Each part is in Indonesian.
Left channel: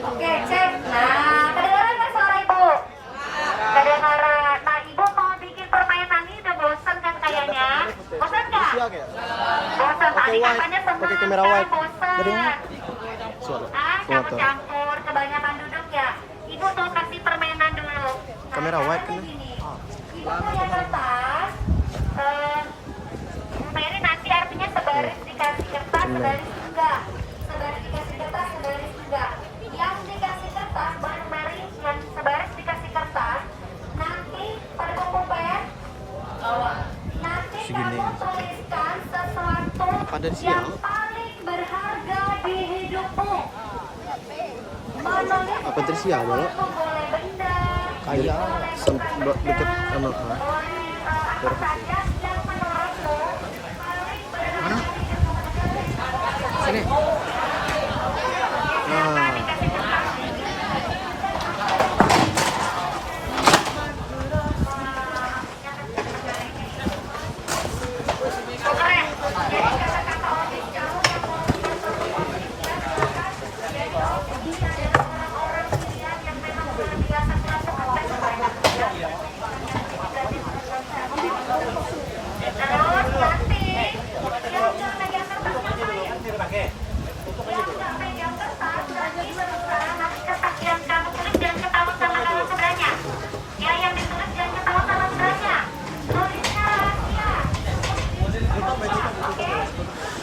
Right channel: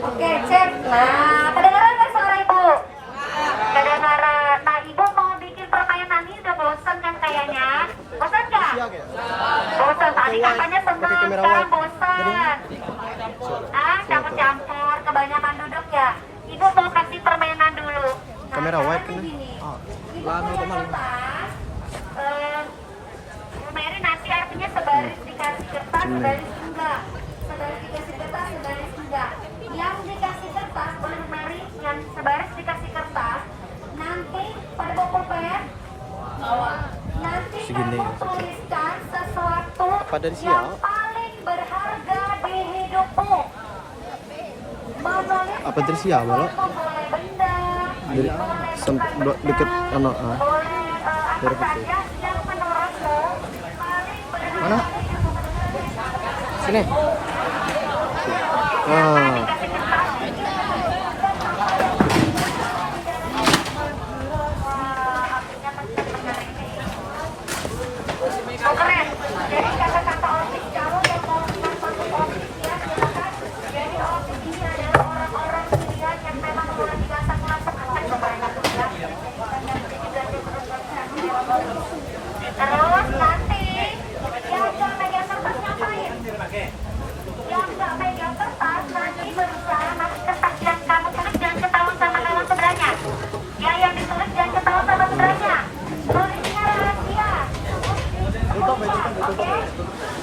Oke, cek. Nah, kedengaran nggak suara ibu? Kedengaran. Nah, ibu mau bikin permainan ini udah bosan kan kayaknya? Bosan nggak? Bosan. Tadi katanya senang, sekarang bosan. Ah, campur-campur, kebanyakan duduk ya. Ibu mau kasih permainan dulu. Nah, Kamera wide kan? gini. Ibu punya kertas. Bu Mary nanti artinya sebaris dikasih kertas, sebaris enggak. Sebaris dikasih kertas, sebaris enggak. Yang dikasih kertas, Bu Mary, yang sebaris dikasih kertas, nanti pada buku pen, nanti segini kamu tuliskan sesuatu dari yang siang paling berharga di hidupmu. Menulis apa dari siang ya? boleh benda, Ayah deket anak mana? Sini. Ah. keren. Jadi kata-kata otis kalau yang mau orang-orang pilihan yang memang boleh dirasakan sebanyak terus nanti yang nggak megang kertas ngapain? Yang nggak megang kertas nanti berusaha ngasih kertas yang kamu tulis jangan ketahuan sama kawan sebenarnya. Ya yang ditulis jangan ketahuan sama sebenarnya. Tulisnya rahasia. Oke?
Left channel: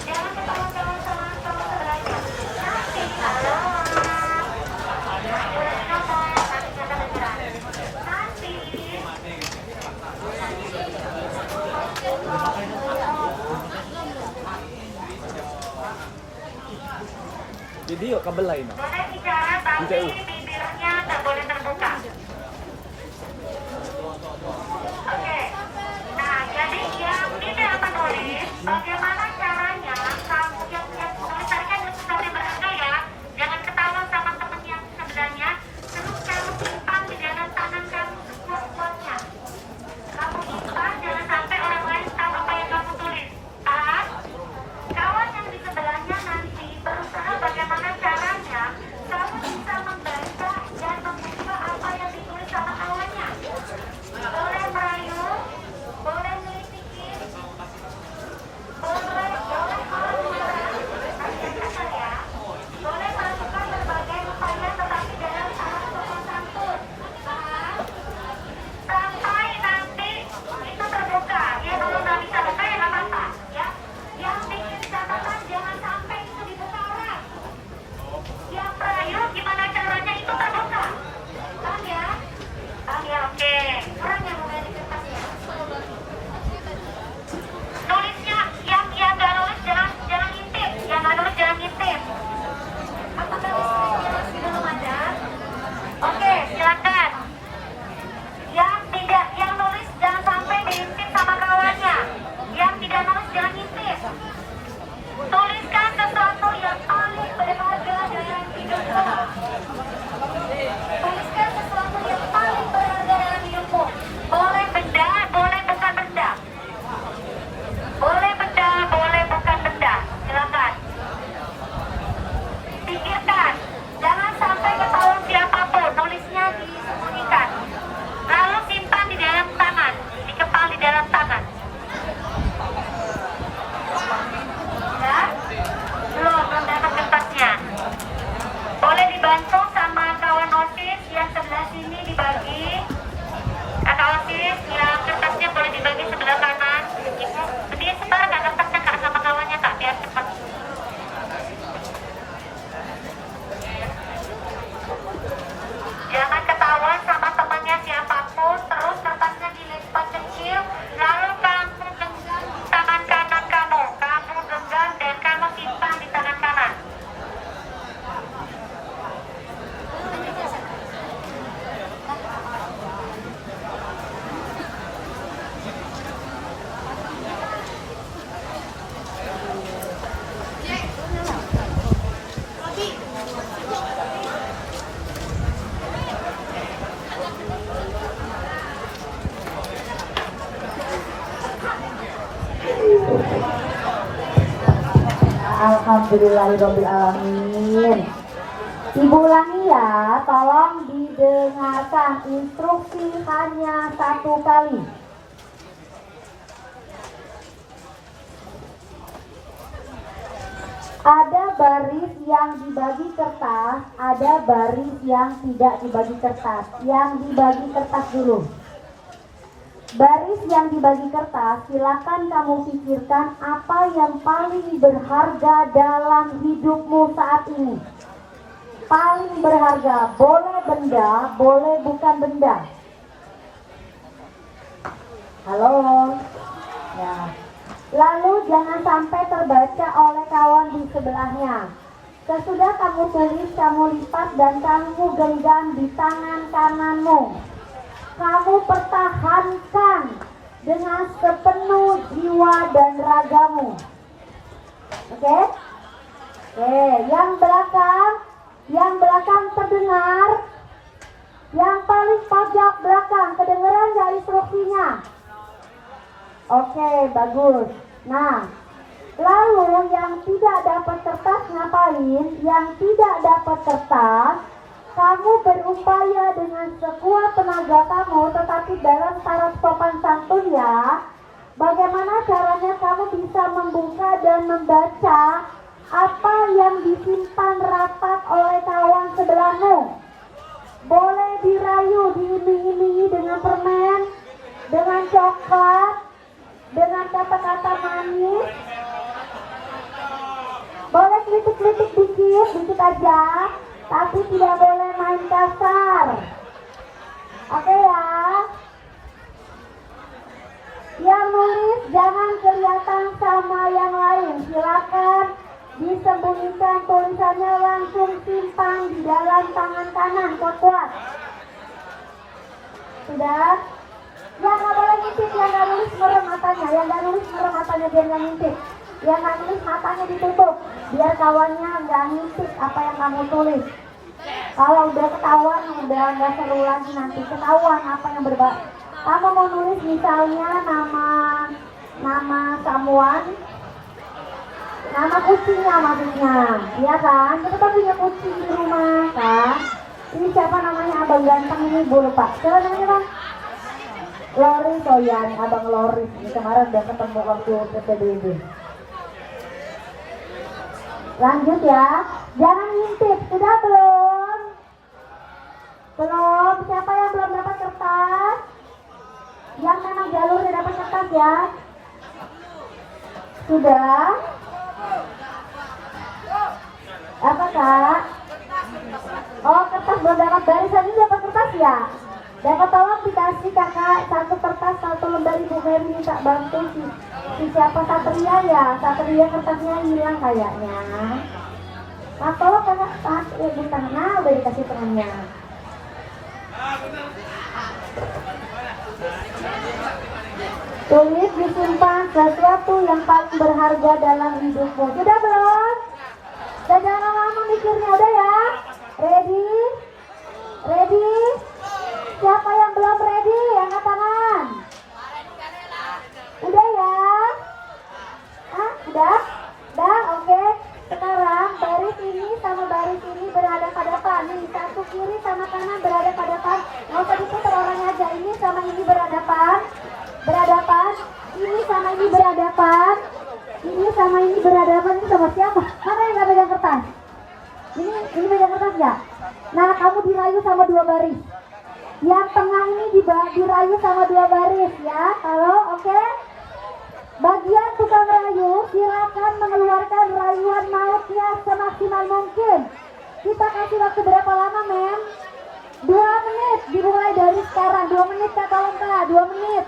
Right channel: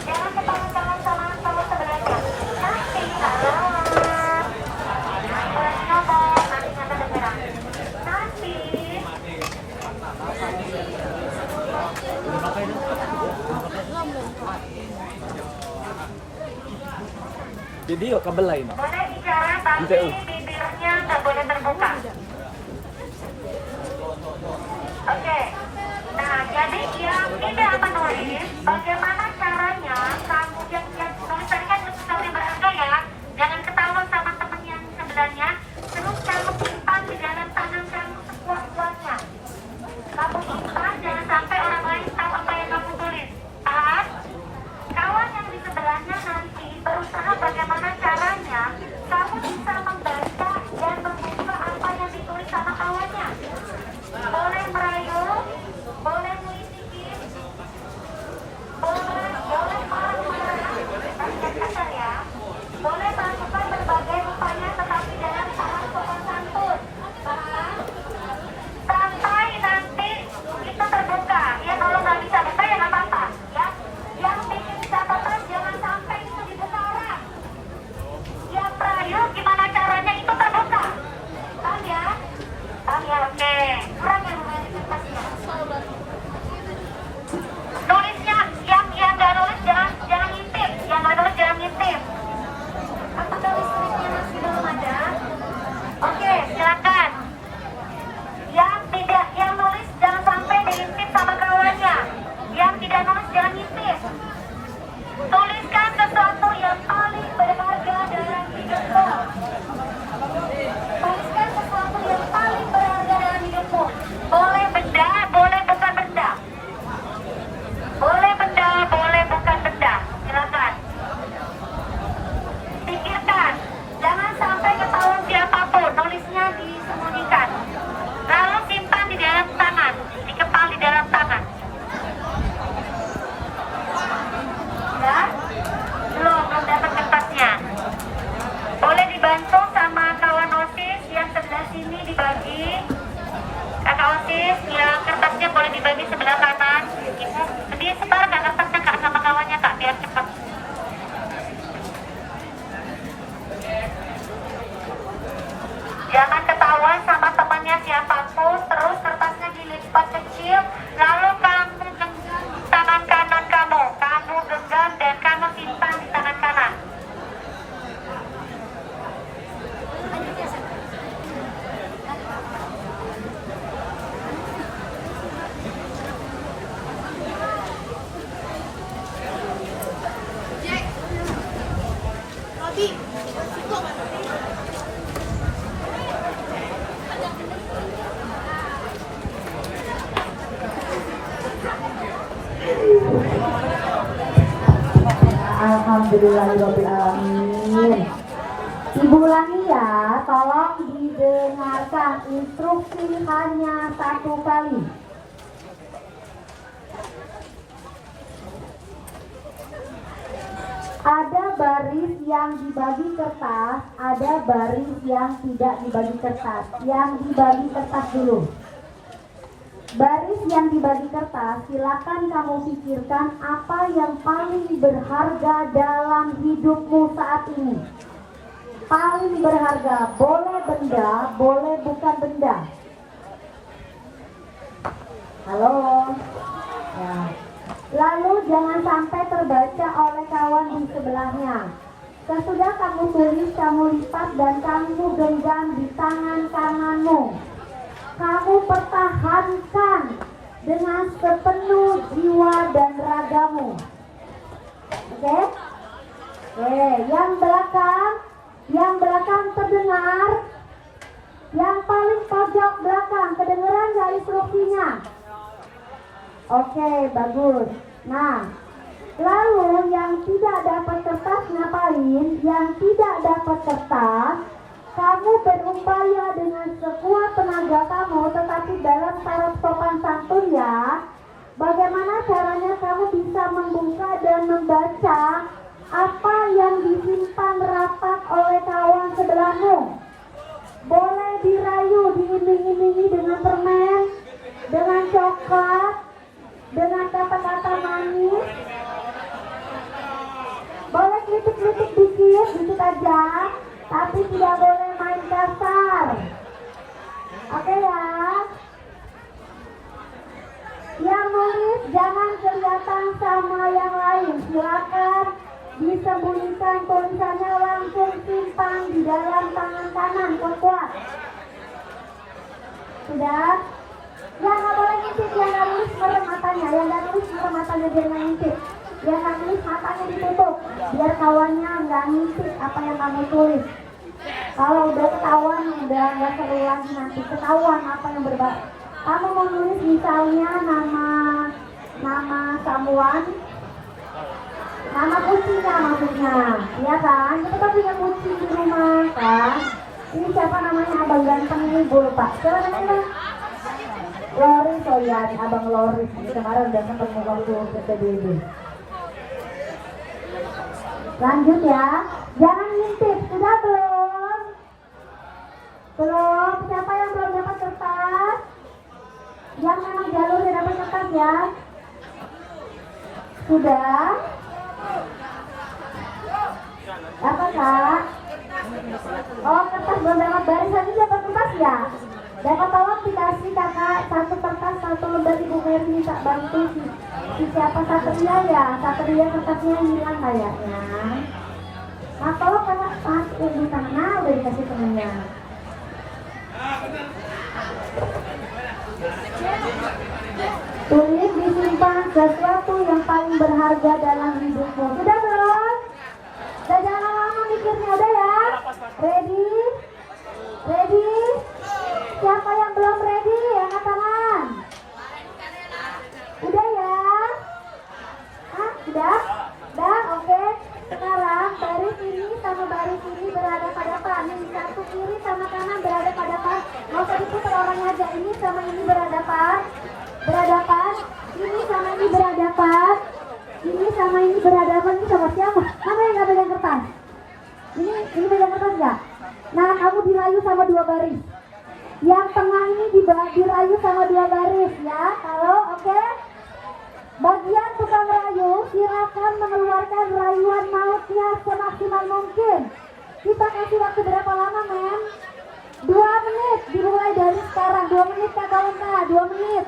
Jangan ketahuan kawan sama sebenarnya. Nanti kalau boleh ngomong nanti kata dengeran. Nanti Video kabel lain. boleh bicara tapi bibirnya nggak boleh terbuka. Oke. Nah, jadi yang tidak menulis, bagaimana caranya kamu yang tulis tadi kan sesuatu berharga ya, jangan ketahuan sama temen yang sebelahnya, terus kamu simpan di dalam tangan kamu sekuat-kuatnya. Kamu simpan, jangan sampai orang lain tahu apa yang kamu tulis. Paham? Kawan yang di sebelahnya nanti berusaha bagaimana caranya kamu bisa membaca dan membuka apa yang ditulis sama kawannya. Boleh merayu, boleh ngelitikin, boleh marah-marah, tapi kasar ya. Boleh melakukan berbagai upaya tetapi dengan cara sopan santun. Paham? Sampai nanti itu terbuka. Ya kalau nggak bisa buka ya nggak apa-apa. Ya, yang bikin catatan jangan sampai itu dibuka orang. Yang merayu gimana caranya itu terbuka. Paham ya? Paham ya? Oke. Kurang ya mulai di kertasnya. Nulisnya yang nggak nulis jangan ngintip. Yang nggak nulis jangan ngintip. Apakah listriknya masih belum ada? Oke, silakan. Yang nulis jangan sampai diintip sama kawannya. Yang tidak nulis jangan ngintip. Tuliskan sesuatu yang paling berharga dalam hidupmu. Tuliskan sesuatu yang paling berharga dalam hidupmu. Boleh benda, boleh bukan benda. Boleh benda, boleh bukan benda. Silakan. Pikirkan. Jangan sampai ketahuan siapapun. Nulisnya disembunyikan. Lalu simpan di dalam tangan. Dikepal di dalam tangan. Ya? Belum dapat kertasnya. Boleh dibantu sama kawan OSIS yang sebelah sini dibagi. Kakak OSIS yang kertasnya boleh dibagi sebelah kanan. Ibu, dia sebar kak kertasnya kak sama kawannya kak biar cepat. Jangan ketahuan sama temannya siapapun. Terus kertasnya dilipat kecil. Lalu kamu genggam di tangan kanan kamu. Kamu genggam dan kamu simpan di tangan kanan. Alhamdulillahirobbilalamin. Ibu ulangi ya, tolong didengarkan instruksi hanya satu kali. Ada baris yang dibagi kertas, ada baris yang tidak dibagi kertas. Yang dibagi kertas dulu. Baris yang dibagi kertas, silakan kamu pikirkan apa yang paling berharga dalam hidupmu saat ini. Paling berharga, boleh benda, boleh bukan benda. Halo. Ya. Lalu jangan sampai terbaca oleh kawan di sebelahnya. Sesudah kamu tulis, kamu lipat dan kamu genggam di tangan kananmu. Kamu pertahankan dengan sepenuh jiwa dan ragamu. Oke? Yang belakang terdengar. Yang paling pojok belakang kedengeran nggak instruksinya? Oke, bagus. Nah, lalu yang tidak dapat kertas ngapain? Yang tidak dapat kertas, kamu berupaya dengan sekuat tenaga kamu, tetapi dalam syarat sopan santun ya. Bagaimana caranya kamu bisa membuka dan membaca apa yang disimpan rapat oleh kawan sebelahmu? Boleh dirayu, diiming-imingi dengan permen, dengan coklat, dengan kata-kata manis. Boleh kritik-kritik dikit aja, tapi tidak boleh main kasar. Oke ya? Yang nulis jangan kelihatan sama yang lain. Silakan disembunyikan tulisannya, langsung simpan di dalam tangan kanan kuat. Sudah? Yang nggak boleh ngintip, yang nggak nulis merem matanya, yang nggak nulis merem matanya biar nggak ngintip. Yang nggak nulis matanya ditutup, biar kawannya nggak ngintip apa yang kamu tulis. Kalau udah ketahuan, udah nggak seru lagi, nanti ketahuan apa yang berbahaya. Kamu mau nulis misalnya nama samuan, nama kucingnya maksudnya, ya kan? Kita kan punya kucing di rumah kan? Ini siapa namanya, abang ganteng ini, gue lupa. Siapa namanya bang? Loris, oh ya, abang Loris. Ini kemarin udah ketemu waktu PBB. Lanjut ya, jangan ngintip. Sudah belum? Belum. Siapa yang belum dapat kertas? Yang memang jalurnya dapat kertas ya. Sudah? Apa kak? Oh, kertas belum dapat, barisan ini dapat kertas ya? Dan tolong dikasih kakak satu kertas, satu lembar. Ibu Mary minta bantu si siapa, Satria ya? Satria kertasnya hilang kayaknya. Nah tolong kakak di tangan, udah dikasih tangannya. Tulis disimpan sesuatu yang paling berharga dalam hidupmu. Sudah belum? Udah jangan lama-lama mikirnya, udah ya? Ready? Ready? Siapa yang belum ready? Angkat tangan. Udah ya? Ah, udah? Udah? Oke. Sekarang baris ini sama baris ini berhadapan-hadapan. Nih, satu kiri sama kanan berhadapan-hadapan. Nggak usah diputar orangnya aja. Ini sama ini berhadapan. Berhadapan. Ini sama ini berhadapan. Ini sama ini berhadapan. Ini sama siapa? Mana yang nggak pegang kertas? Ini pegang kertas ya? Nah, kamu dirayu sama dua baris. Yang tengah ini dirayu sama dua baris ya. Kalau oke? Bagian tukang rayu, silakan mengeluarkan rayuan mautnya semaksimal mungkin. Kita kasih waktu berapa lama, men? 2 menit. Dimulai dari sekarang. 2 menit kakak Lengka. 2 menit.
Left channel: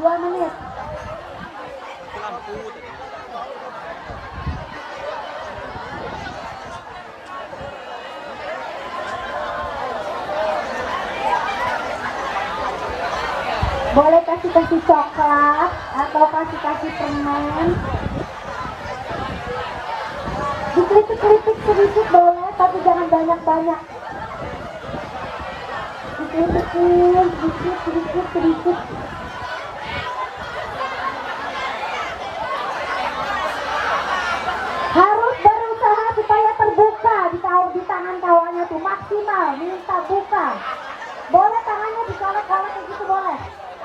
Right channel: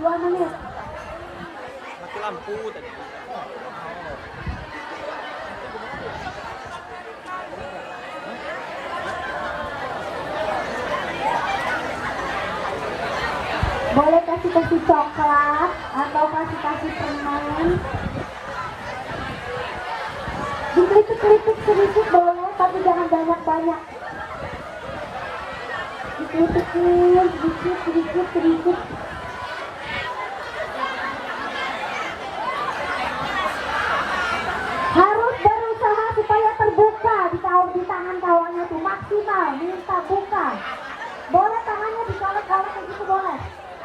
2 menit. Boleh kasih coklat atau kasih permen. Dikritik-kritik sedikit boleh. tapi jangan banyak-banyak. Sedikit. Harus berusaha supaya terbuka di tangan kawannya itu maksimal, minta buka. Boleh tangannya dicolek-colek gitu boleh.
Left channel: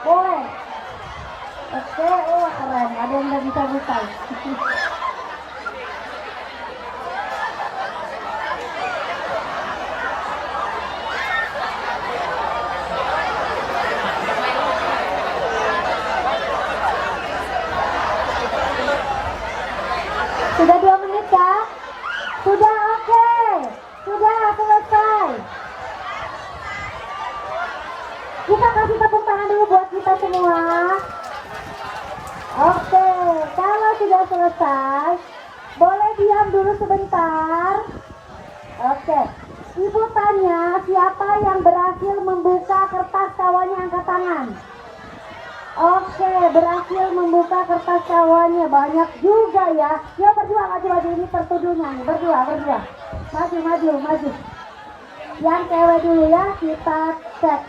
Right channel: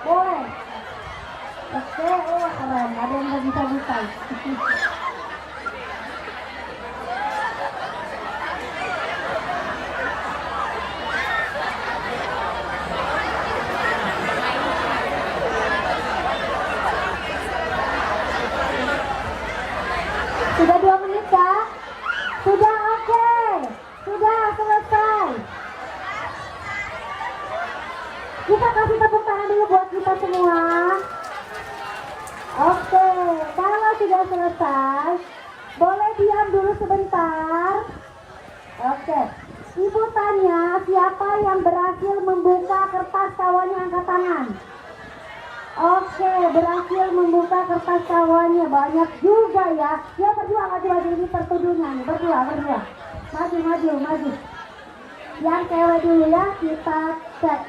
Boleh. Oke, keren. Ada yang nggak bisa buka. Sudah 2 menit kah? Sudah, oke. Sudah selesai. Kita kasih tepuk tangan dulu buat kita semua. Oke, kalau sudah selesai, boleh diam dulu sebentar. Oke, Ibu tanya siapa yang berhasil membuka kertas kawannya, angkat tangan. Oke, berhasil membuka kertas kawannya, banyak juga ya. Ya berdua, maju ini tertuduhan, berdua. Maju. Yang cewek dulu ya, kita cek.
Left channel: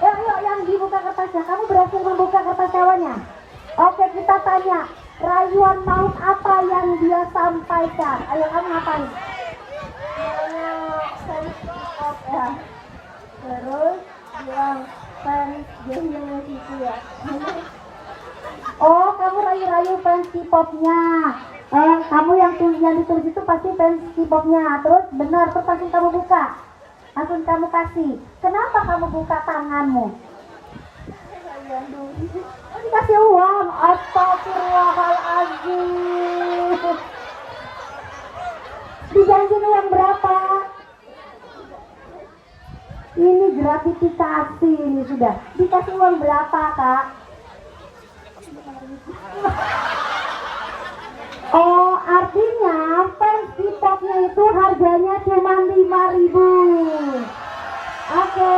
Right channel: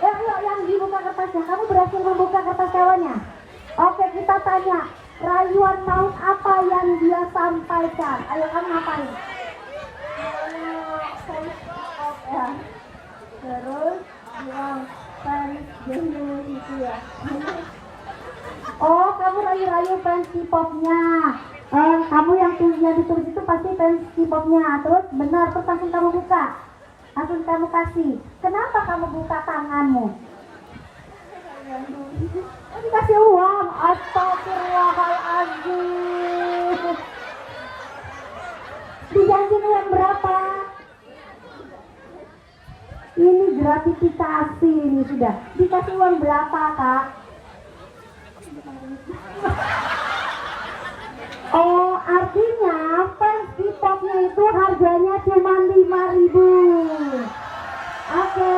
Yuk, yang dibuka kertasnya, kamu berhasil membuka kertas kawannya. Oke, kita tanya, rayuan maut apa yang dia sampaikan? Ayo kamu ngapain? Terus bilang oh, kamu rayu-rayu fans K-popnya. Kamu yang ditulis itu pasti fans K-popnya. Terus benar, terus langsung kamu buka. Langsung kamu kasih. Kenapa kamu buka tanganmu? Oh, dikasih uang. Astagfirullahaladzim. Dijanjin uang berapa? Ini gratifikasi ini sudah. Dikasih uang berapa, Kak? Oh, artinya fans K-popnya itu harganya cuma 5.000. Oke,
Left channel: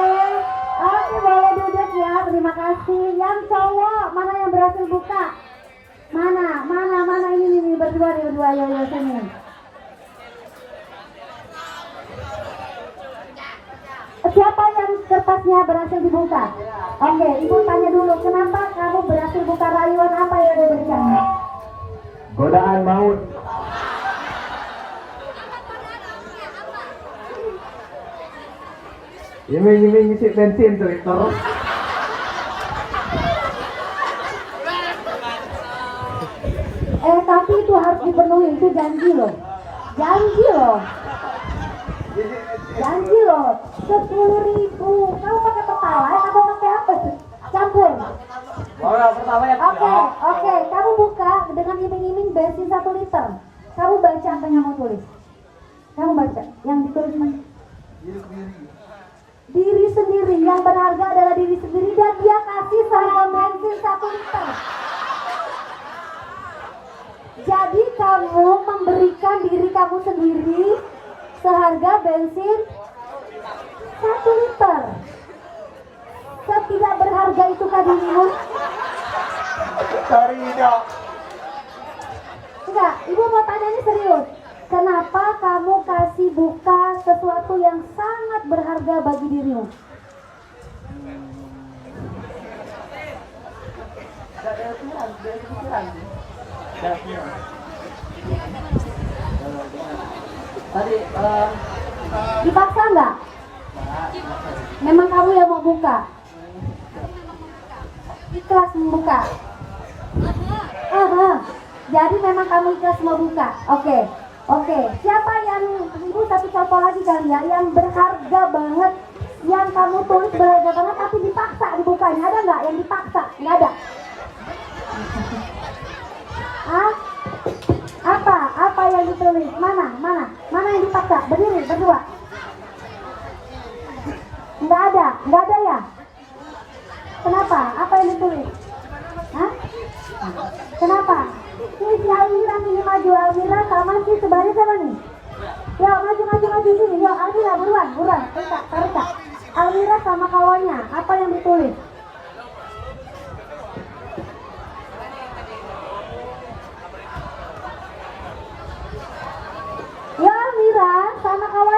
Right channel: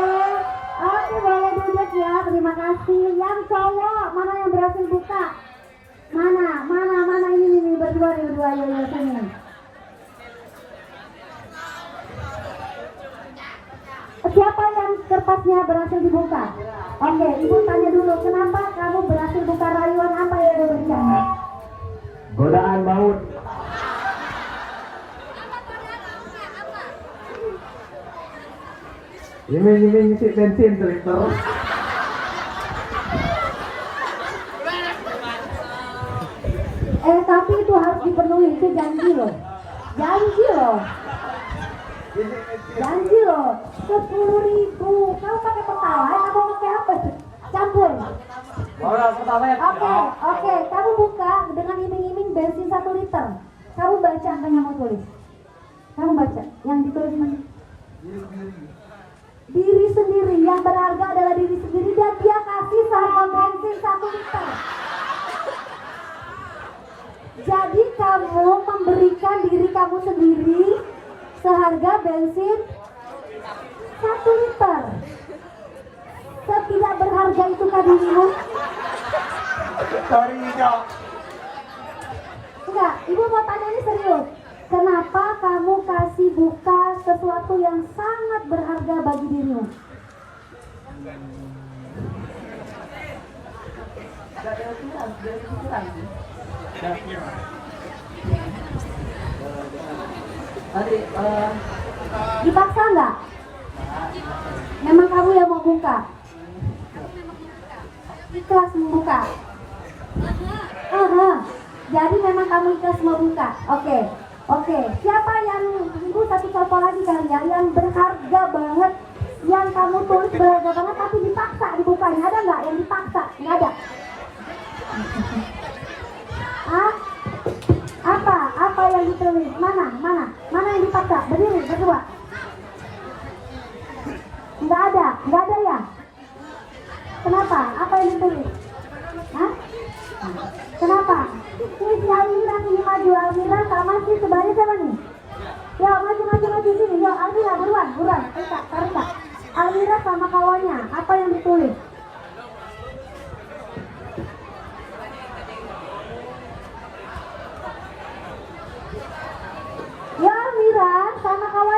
boleh duduk ya. Terima kasih. Yang cowok mana yang berhasil buka? Mana ini berdua ya sini. Siapa yang kertasnya berhasil dibuka? Oke, Ibu tanya dulu, kenapa kamu berhasil buka rayuan apa yang diberikan? Godaan maut. Ini ngisi bensin Twitter. Tapi itu harus dipenuhi, itu janji loh. 10.000. Kamu pakai pertalite atau pakai apa sih? Campur. Oke, kamu buka dengan iming-iming bensin 1 liter. Kamu baca apa yang mau tulis? Kamu baca yang ditulis mana? Diri sendiri, yang berharga adalah diri sendiri, dan dia kasih seharga bensin 1 liter. Jadi kamu memberikan diri kamu sendiri seharga bensin 1 liter. Tidak berharga itu dirimu? Sorry, Dok. Enggak, Ibu mau tanya ini serius. Kenapa kamu kasih buka sesuatu yang sangat berharga bagi dirimu? Dipaksa enggak? Memang kamu yang mau buka? Ikhlas membuka? Jadi memang kamu ikhlas mau buka? Oke. Siapa yang Ibu satu contoh lagi kali ya, yang berharga banget, yang kamu tulis berharga banget tapi dipaksa dibukanya, ada nggak yang dipaksa? Nggak ada. Apa yang ditulis? Mana yang dipaksa? Berdiri berdua. Nggak ada ya? Kenapa? Apa yang ditulis? Kenapa? Tulis ya Almira, sini maju. Almira sama sih sebaris sama nih. Ya maju sini. Yuk Almira buruan. Tarik. Almira sama kawannya. Apa yang ditulis? Ya Almira sama kawannya.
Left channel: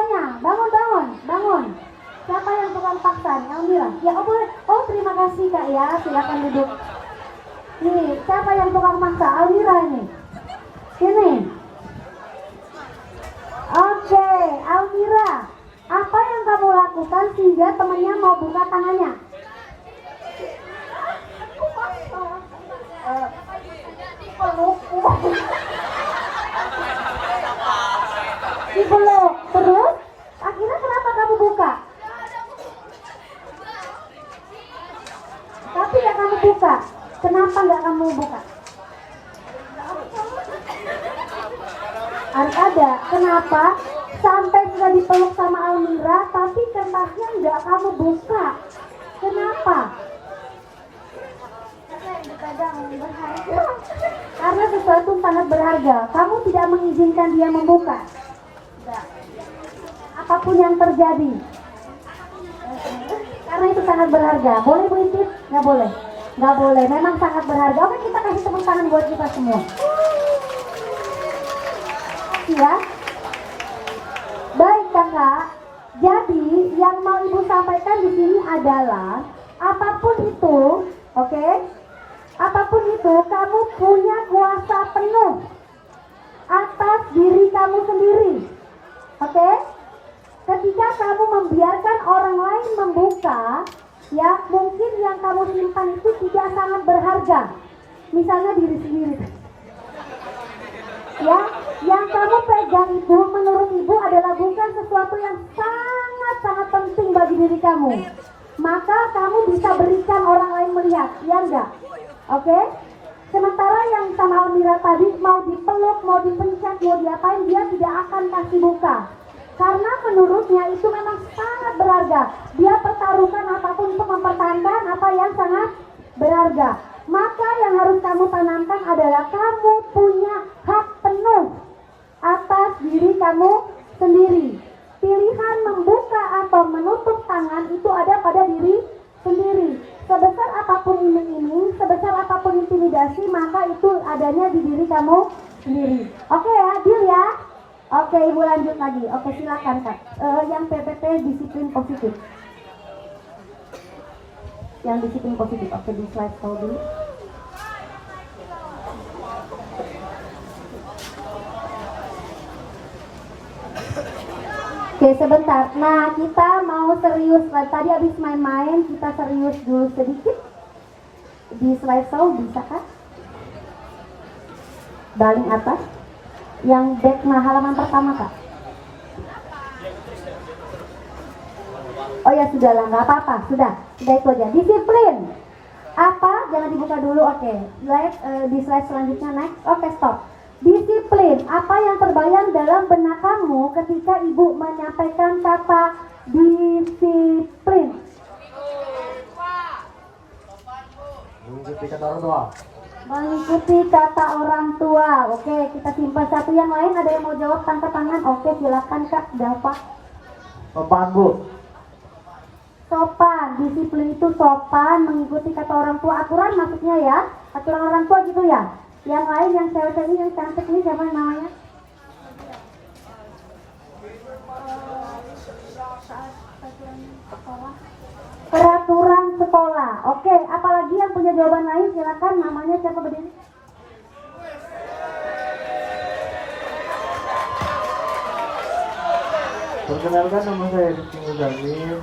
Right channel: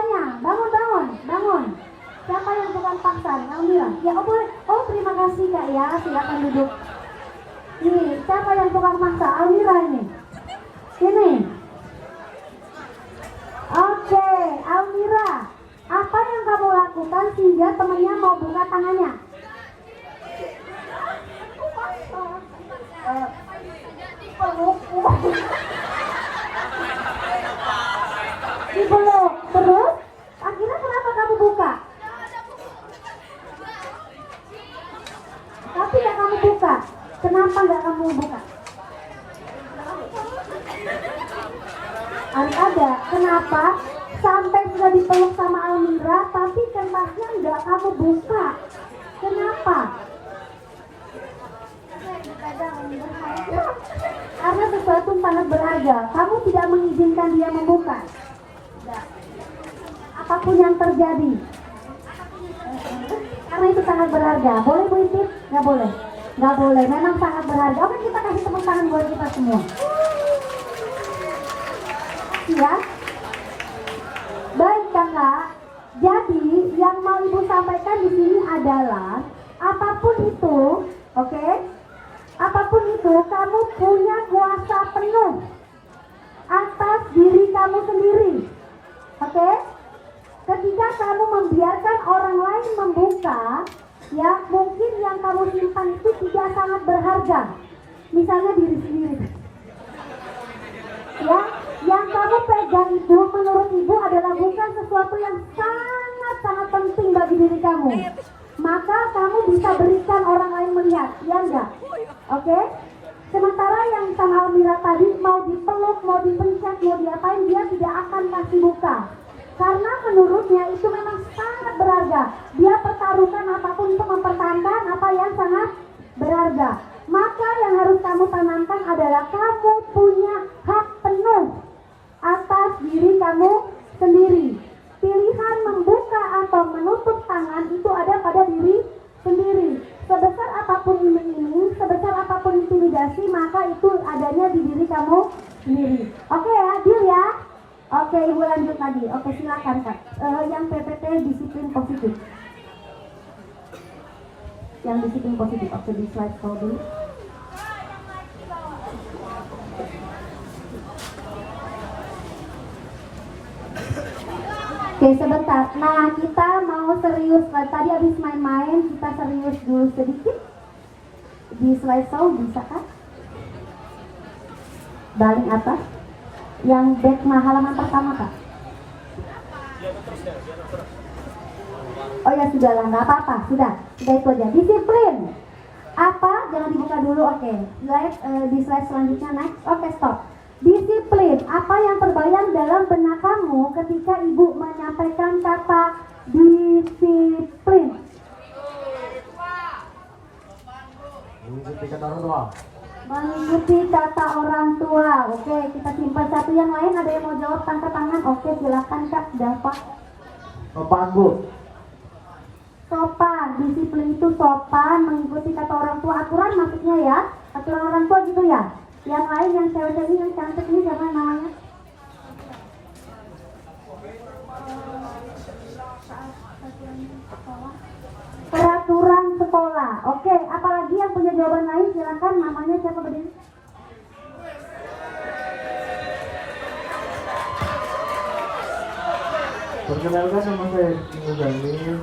silakan, Almira. Ya, oh boleh. Oh, terima kasih Kak ya. Silakan duduk. Nih, siapa yang tukang maksa? Almira ini. Sini. Oke, Almira. Apa yang kamu lakukan sehingga temennya mau buka tangannya? Dipeluk. Terus? Akhirnya kenapa kamu buka? Tapi gak kamu buka. Kenapa gak kamu buka? Ada. Kenapa? Sampai sudah dipeluk sama Almira, tapi kertasnya gak kamu buka. Kenapa? Karena sesuatu sangat berharga. Kamu tidak mengizinkan dia membuka. Apapun yang terjadi, karena itu sangat berharga. Boleh berisik? Nggak boleh. Nggak boleh. Memang sangat berharga. Oke, kita kasih tepuk tangan buat kita semua. Ya. Baik kakak. Jadi yang mau ibu sampaikan di sini adalah apapun itu, oke? Apapun itu, kamu punya kuasa penuh atas diri kamu sendiri, oke? Ketika kamu membiarkan orang lain membuka, ya mungkin yang kamu simpan itu tidak sangat berharga. Misalnya diri sendiri. Ya, yang kamu pegang itu menurut ibu adalah bukan sesuatu yang sangat penting bagi diri kamu. Maka kamu bisa berikan orang lain melihat, ya enggak? Oke? Sementara yang sama Almira tadi mau dipeluk, mau dipencet, mau diapain, dia tidak akan kasih buka. Karena menurutnya itu memang sangat berharga. Dia pertaruhkan apapun untuk mempertahankan apa yang sangat berharga. Maka yang harus kamu tanamkan adalah kamu punya hak penuh atas diri kamu sendiri. Pilihan membuka atau menutup tangan itu ada pada diri sendiri. Sebesar apapun iming-iming, sebesar apapun intimidasi, maka itu adanya di diri kamu sendiri. Oke ya, deal ya? Oke, ibu lanjut lagi. Oke, silakan Kak. Yang PPT disiplin positif. Yang disiplin positif. Oke, di slide dulu. Oke, sebentar. Nah, kita mau serius. Tadi habis main-main, kita serius dulu sedikit. Di slide bisa kan? Balik atas. Yang back halaman pertama Kak. Oh ya sudahlah, nggak apa-apa, sudah itu aja. Disiplin. Apa? Jangan dibuka dulu, oke. Di slide selanjutnya next. Oke, stop. Disiplin. Apa yang terbayang dalam benak kamu ketika ibu menyampaikan kata disiplin? Mengikuti kata orang tua. Mengikuti kata orang tua. Oke, kita simpan satu. Yang lain ada yang mau jawab, angkat tangan. Oke, silakan Kak. Jawab. Panggut. Sopan. Disiplin itu sopan, mengikuti kata orang tua. Aturan maksudnya ya. Aturan orang tua gitu ya. Yang lain yang cewek-cewek yang cantik ini siapa yang namanya? Peraturan sekolah. Oke, apalagi yang punya jawaban lain silakan. Namanya siapa berdiri? Perkenalkan nama saya Muzamil.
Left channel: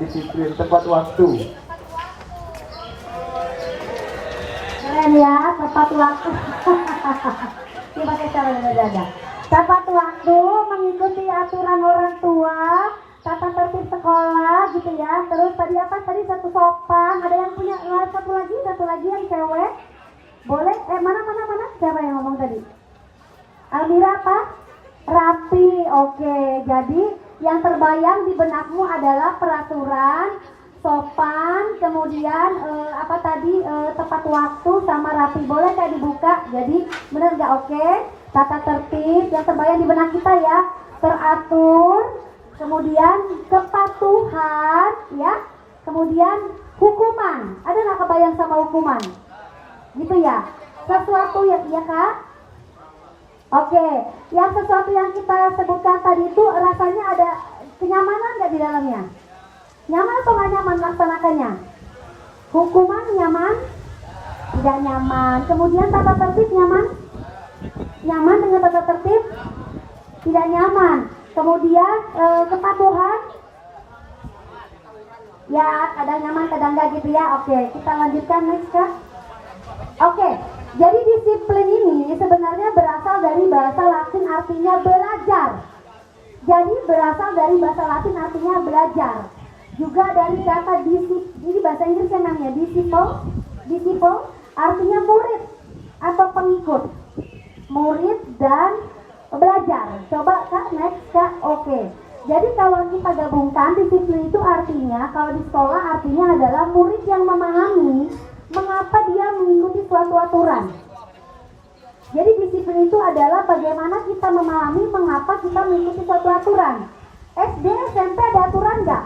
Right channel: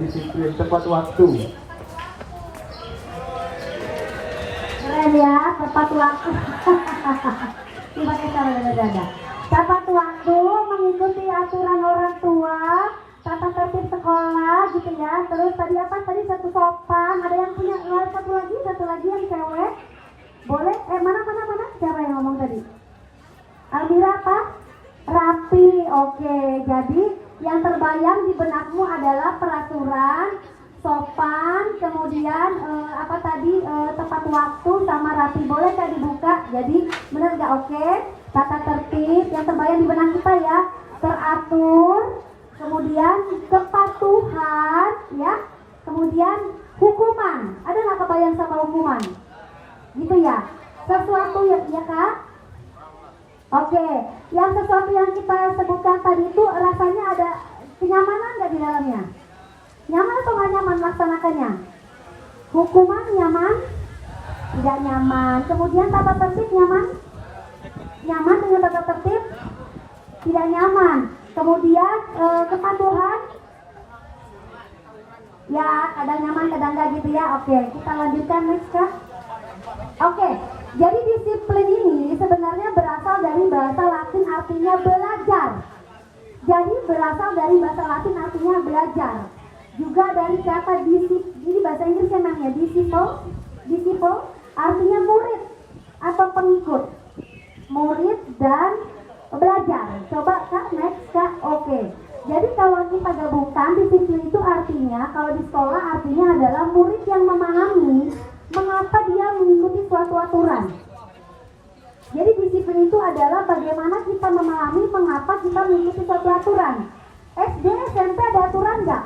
Disiplin tepat waktu. Keren ya, tepat waktu. Terima kasih. Tepat waktu, mengikuti aturan orang tua, tata tertib sekolah gitu ya. Terus tadi apa? Tadi satu sopan. Ada yang punya satu lagi yang cewek. Boleh? Mana? Siapa yang ngomong tadi? Almira apa? Rapi. Oke, jadi yang terbayang di benakmu adalah peraturan, sopan, kemudian tepat waktu sama rapi. Boleh kayak dibuka? Jadi benar nggak? Oke. Tata tertib yang terbayang di benak kita ya. Teratur, kemudian kepatuhan, ya. Kemudian hukuman. Ada nggak kebayang sama hukuman? Gitu ya. Sesuatu ya Kak. Oke, yang sesuatu yang kita sebutkan tadi itu rasanya ada kenyamanan nggak di dalamnya? Nyaman atau nggak nyaman melaksanakannya? Hukuman nyaman? Tidak nyaman. Kemudian tata tertib nyaman? Nyaman dengan tata tertib? Tidak nyaman. Kemudian kepatuhan? Ya, kadang nyaman, kadang enggak gitu ya. Oke, kita lanjutkan next Kak. Oke, jadi disiplin ini sebenarnya berasal dari bahasa Latin artinya belajar. Jadi berasal dari bahasa Latin artinya belajar. Juga dari kata ini bahasa Inggris yang namanya disciple artinya murid atau pengikut. Murid dan belajar. Coba Kak, next Kak. Oke. Jadi kalau kita gabungkan, disiplin itu artinya, kalau di sekolah artinya adalah murid yang memahami mengapa dia mengikuti suatu aturan. Jadi disiplin itu adalah bagaimana kita memahami mengapa kita mengikuti suatu aturan. SD, SMP ada aturan nggak?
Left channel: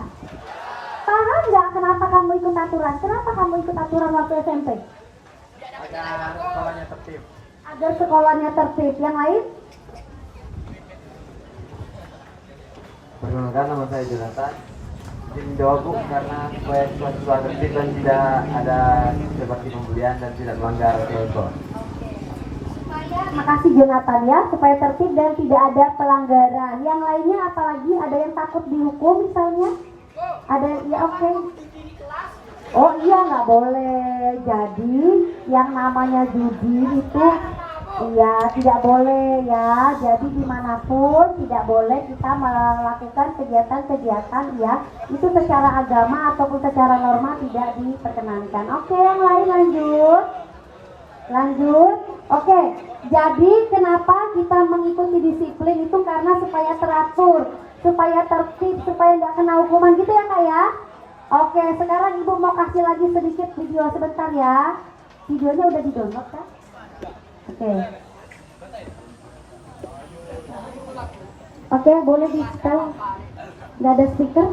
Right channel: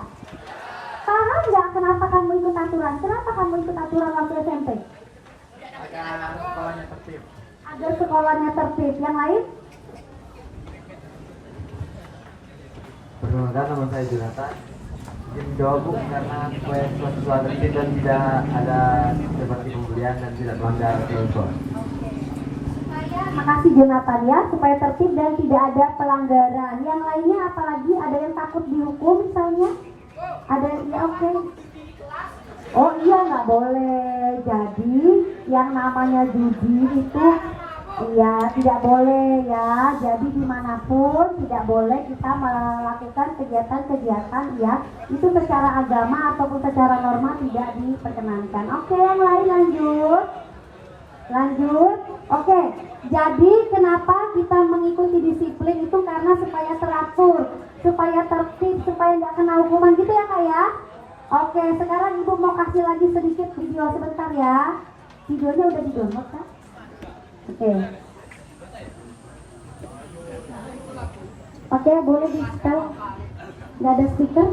Paham nggak kenapa kamu ikut aturan? Kenapa kamu ikut aturan waktu SMP? Agar sekolahnya tertib. Agar sekolahnya tertib. Yang lain? Perkenalkan, nama saya Jonathan. Ingin menjawab Bu, karena saya siswa tertib dan tidak ada seperti pemberian dan tidak melanggar protokol. Terima kasih Jonathan ya, supaya tertib dan tidak ada pelanggaran. Yang lainnya apalagi ada yang takut dihukum misalnya? Ada ya oke. Oh iya nggak boleh. Jadi yang namanya judi itu ya tidak boleh ya. Jadi dimanapun tidak boleh kita melakukan kegiatan-kegiatan ya itu secara agama ataupun secara norma tidak diperkenankan. Oke, yang lain lanjut. Oke, jadi kenapa kita mengikuti disiplin itu karena supaya teratur, supaya tertib, supaya nggak kena hukuman gitu ya Kak ya. Oke, sekarang Ibu mau kasih lagi sedikit video sebentar ya. Videonya udah di-download Kak? Oke, boleh di-setel. Nggak ada speaker?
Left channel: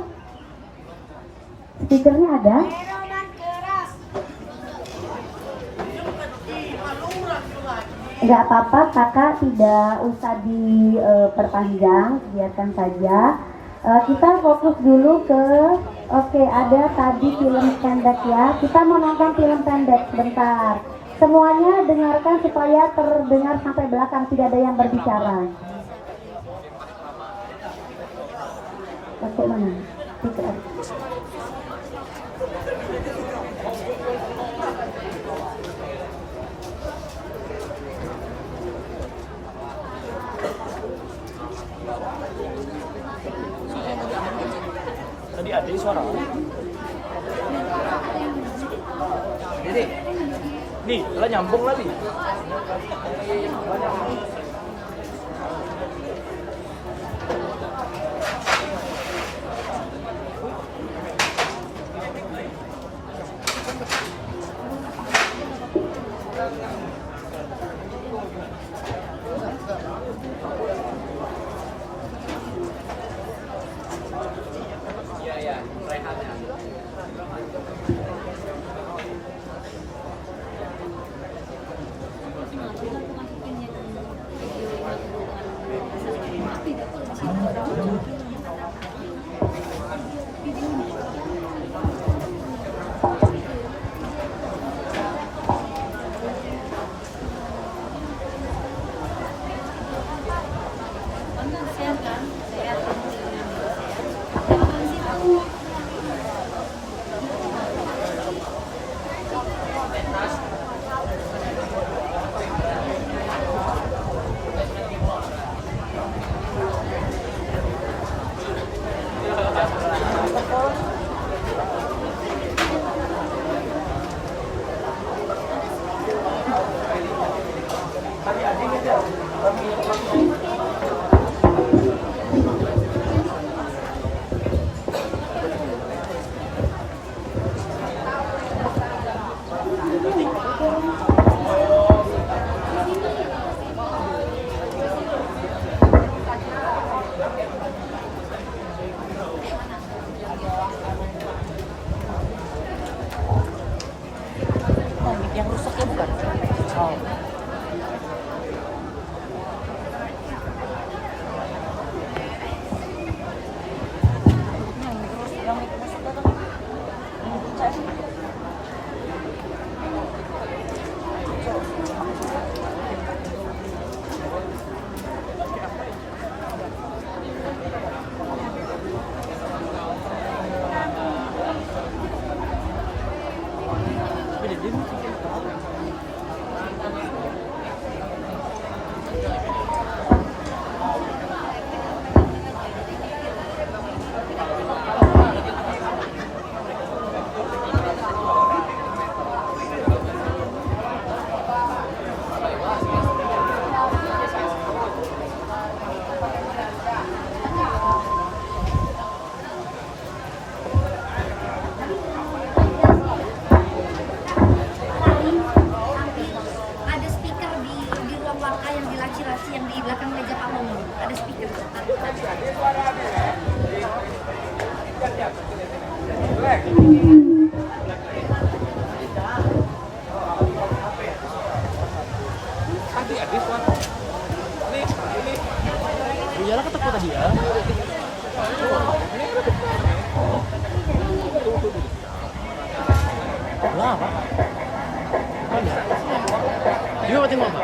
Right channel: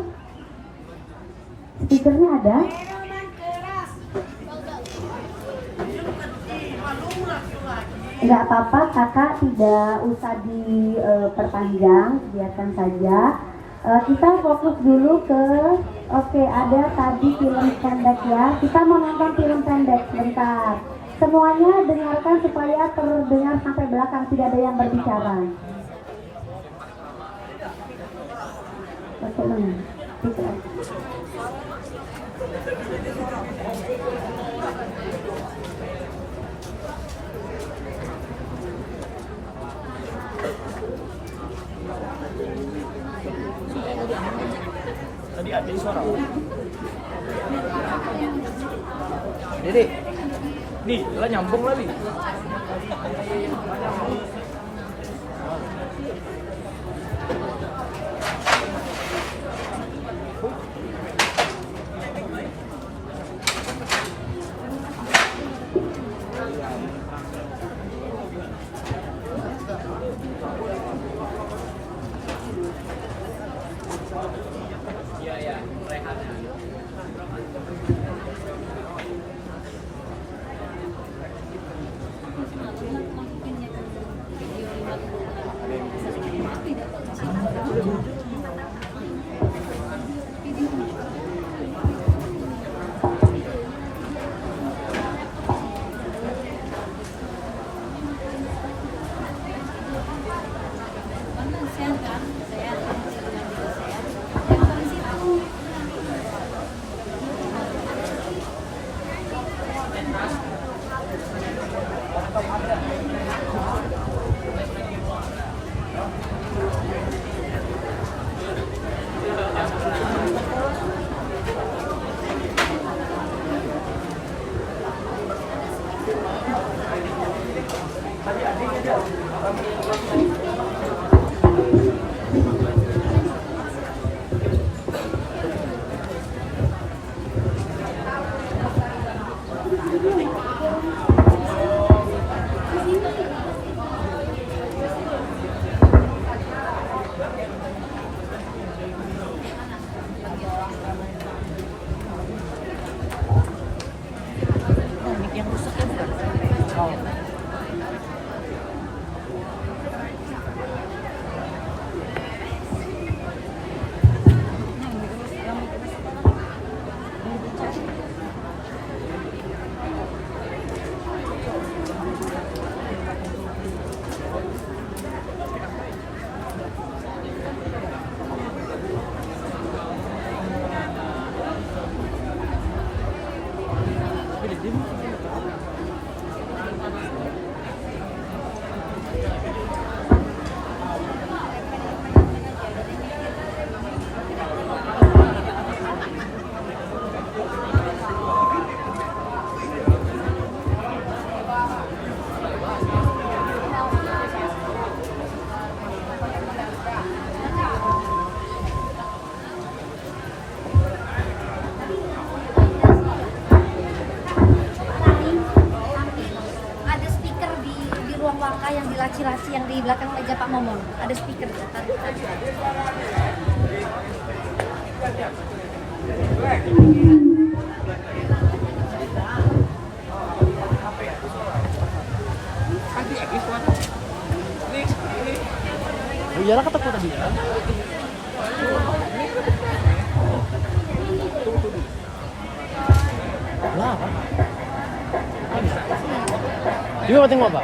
Speakernya ada? Nggak apa-apa, kakak tidak usah diperpanjang, biarkan saja. Kita fokus dulu ke, oke, ada tadi film pendek ya. Kita mau nonton film pendek, bentar. Semuanya dengarkan supaya terdengar sampai belakang, tidak ada yang berbicara. Oke, mana? Tadi ada suara. Jadi, nih, udah nyambung lagi. Share kan, share kan, dengan video share. Iyalah kata tadi ya. Lah apa? Ini mau tengok apa?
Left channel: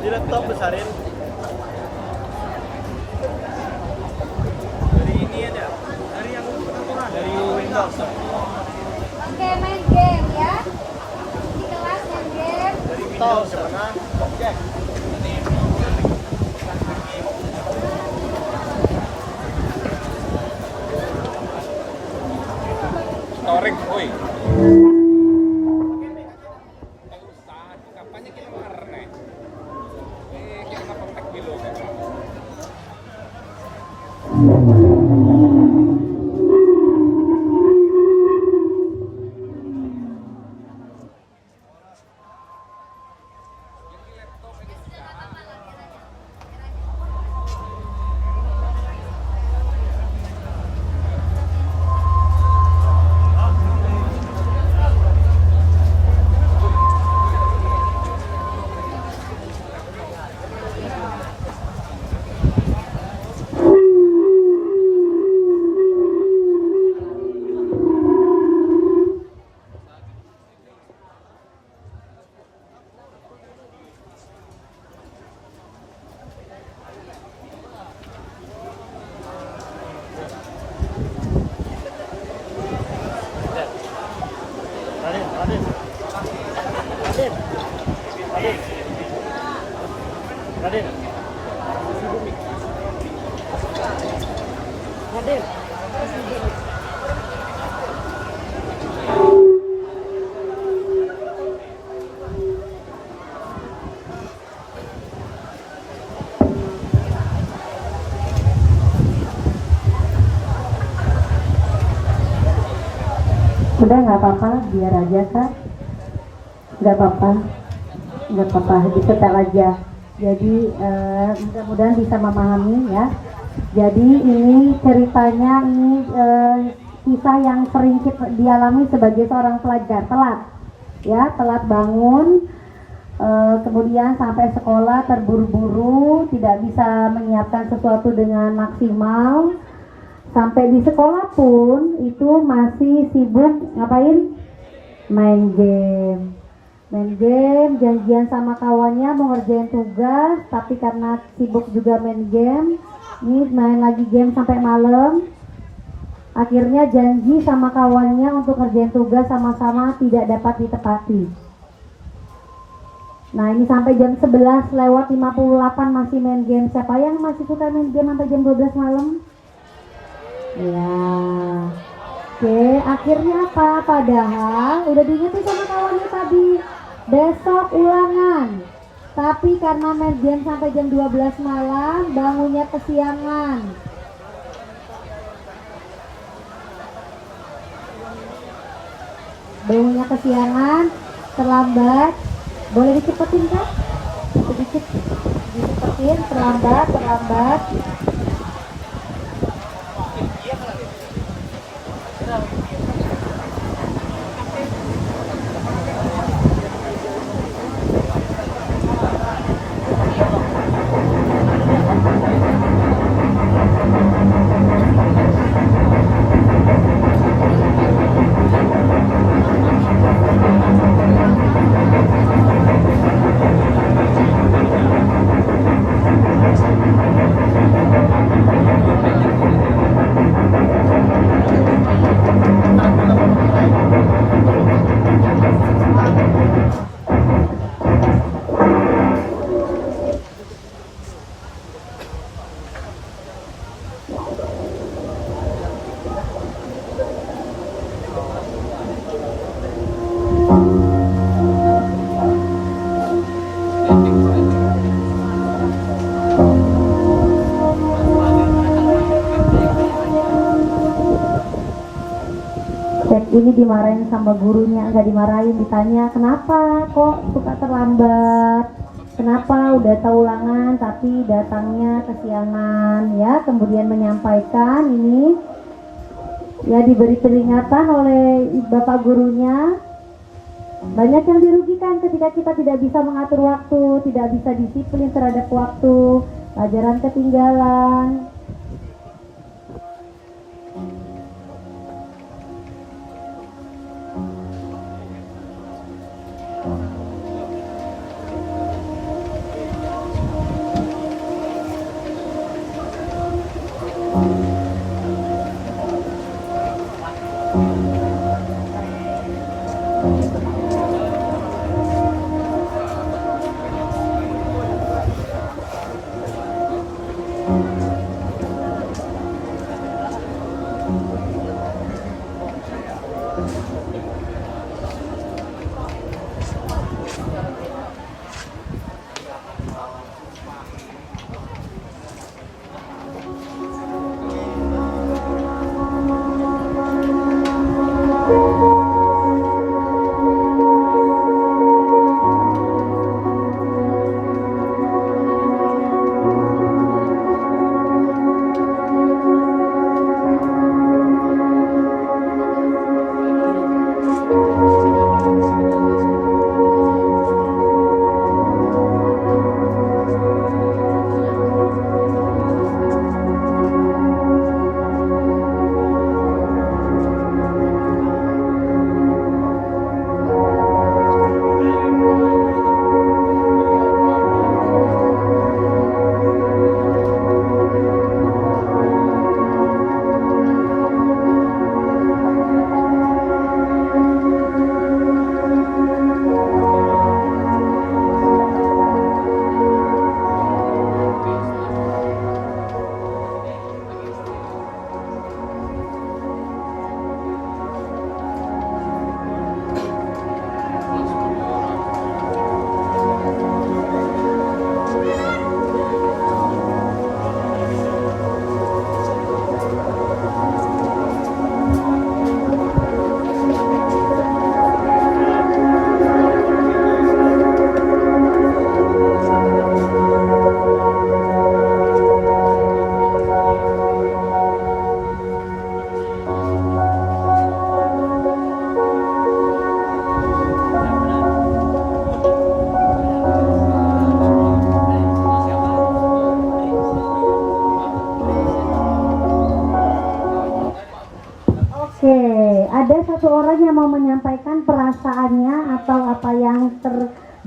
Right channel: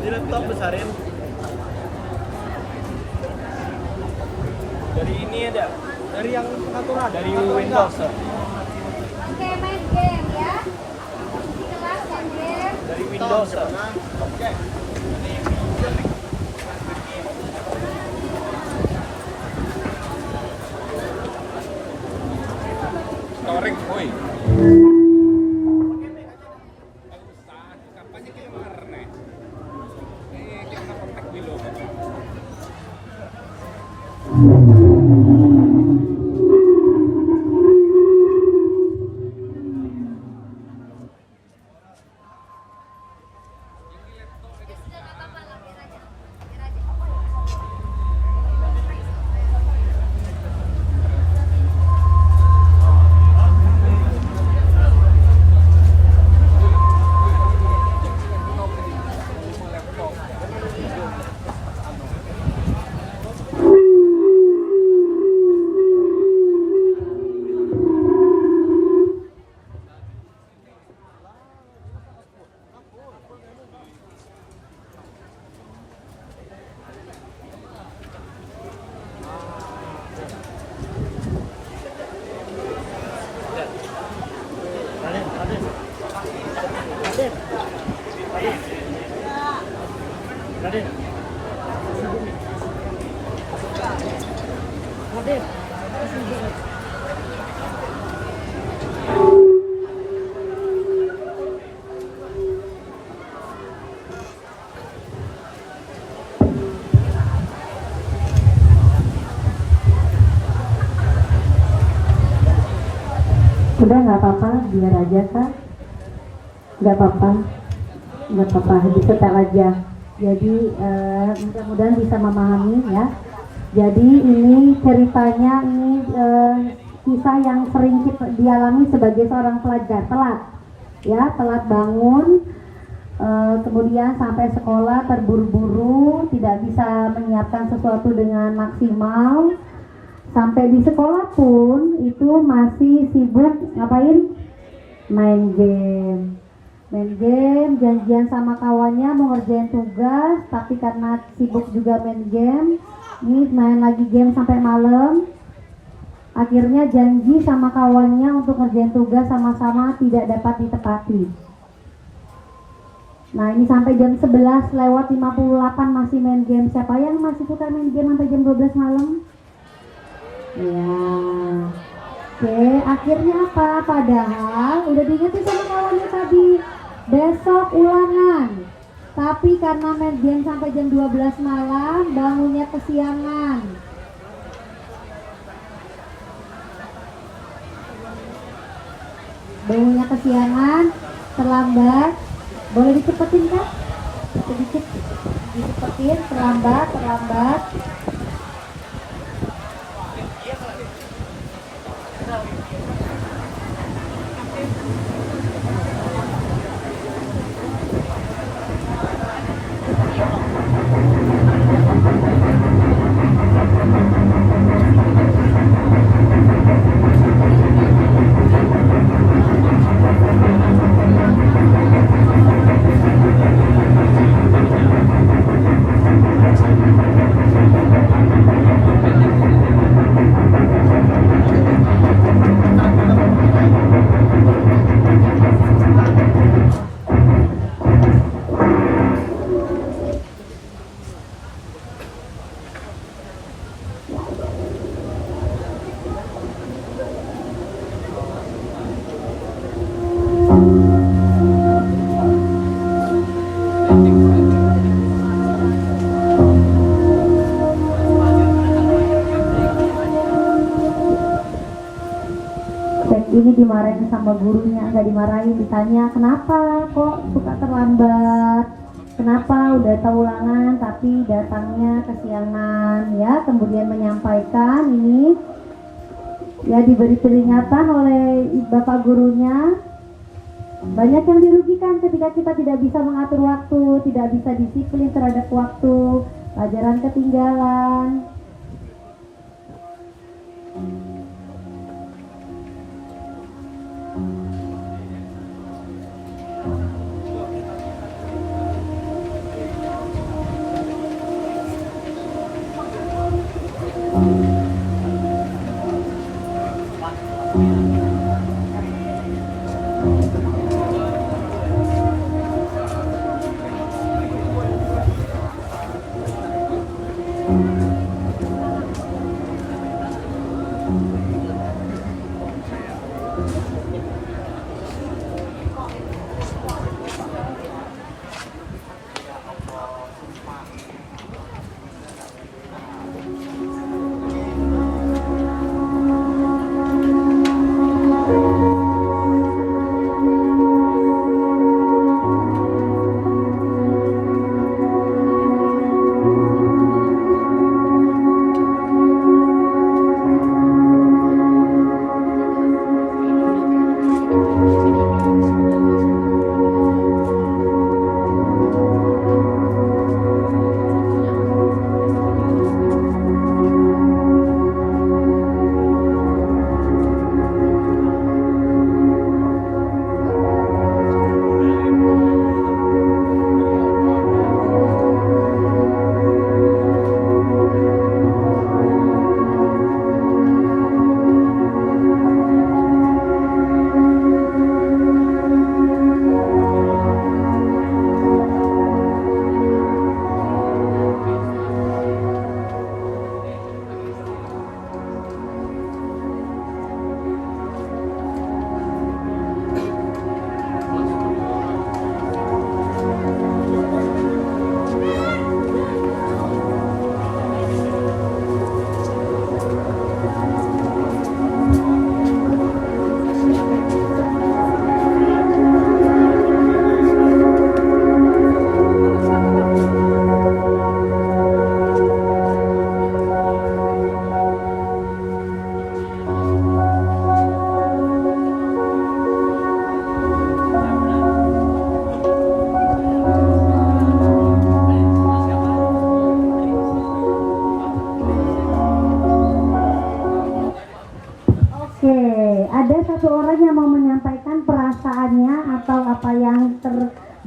Di laptop besarin. Dari ini ada. Dari yang satu dari Windows. Oke, main game ya. Di kelas main game. Dari Windows sama objek. Storing, woi. Raden. Raden. Udah nggak apa-apa, biar aja Kak. Nggak apa-apa, disetel aja. Jadi mudah-mudahan bisa memahami ya. Jadi ini ceritanya ini kisah yang sering dialami sebagai seorang pelajar, telat bangun, kemudian sampai sekolah terburu-buru, tidak bisa menyiapkan sesuatu dengan maksimal. Sampai di sekolah pun itu masih sibuk ngapain? Main game, janjian sama kawannya mau ngerjain tugas, tapi karena sibuk juga main game, ini main lagi game sampai malam. Akhirnya janji sama kawannya untuk ngerjain tugas sama-sama tidak dapat ditepati. Nah ini sampai jam 11 lewat 58 masih main game. Siapa yang masih suka main game sampai jam 12 malam? Ya. Oke, akhirnya apa? Padahal udah diingetin sama kawannya tadi, besok ulangan. Tapi karena main game sampai jam 12 malam, bangunnya kesiangan. Bangunnya kesiangan, terlambat. Boleh dicepetin kan? Sedikit dicepetin, terlambat. Ini dimarahin sama gurunya, nggak dimarahin, ditanya kenapa kok suka terlambat, kenapa udah tahu ulangan tapi datangnya kesiangan ya. Kemudian menyampaikan ini ya, diberi peringatan oleh bapak gurunya. Banyak yang dirugikan ketika kita tidak bisa mengatur waktu, tidak bisa disiplin terhadap waktu, pelajaran ketinggalan.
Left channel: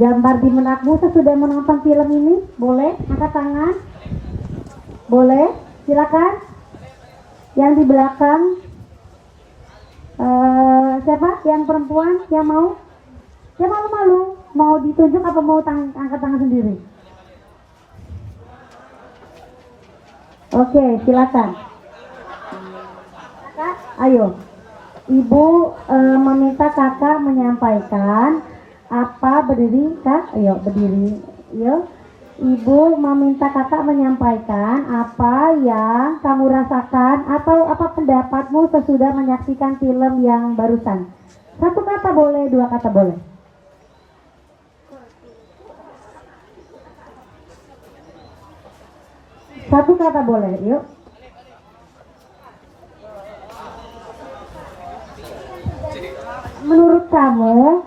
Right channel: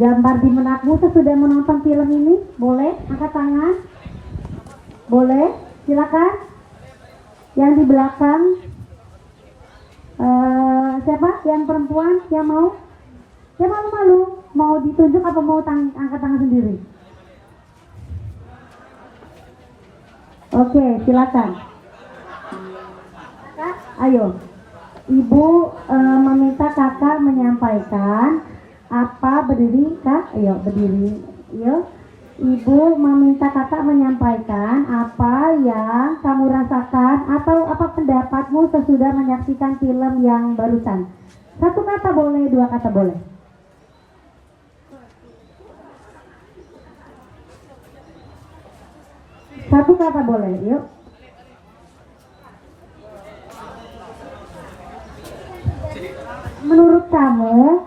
gambar di benakmu sesudah menonton film ini? Boleh angkat tangan? Boleh, silakan. Yang di belakang, siapa? Yang perempuan yang mau? Yang malu-malu? Mau ditunjuk apa mau angkat tangan sendiri? Oke, silakan. Kak, ayo. Ibu meminta kakak menyampaikan apa, berdiri kak? Ayo berdiri. Ayo. Ibu meminta kakak menyampaikan apa yang kamu rasakan atau apa pendapatmu sesudah menyaksikan film yang barusan. Satu kata boleh, dua kata boleh. Satu kata boleh, yuk. Menurut kamu,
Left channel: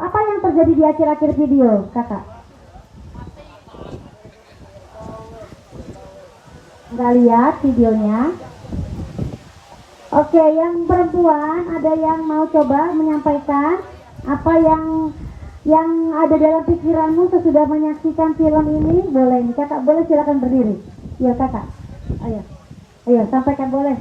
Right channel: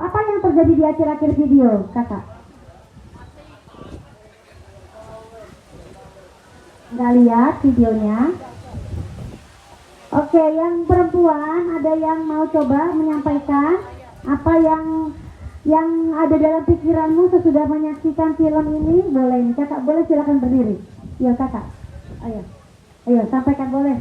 apa yang terjadi di akhir-akhir video, kakak? Nggak lihat videonya? Oke, yang perempuan ada yang mau coba menyampaikan apa yang ada dalam pikiranmu sesudah menyaksikan film ini? Boleh, kakak boleh, silakan berdiri. Iya kakak, ayo sampaikan boleh.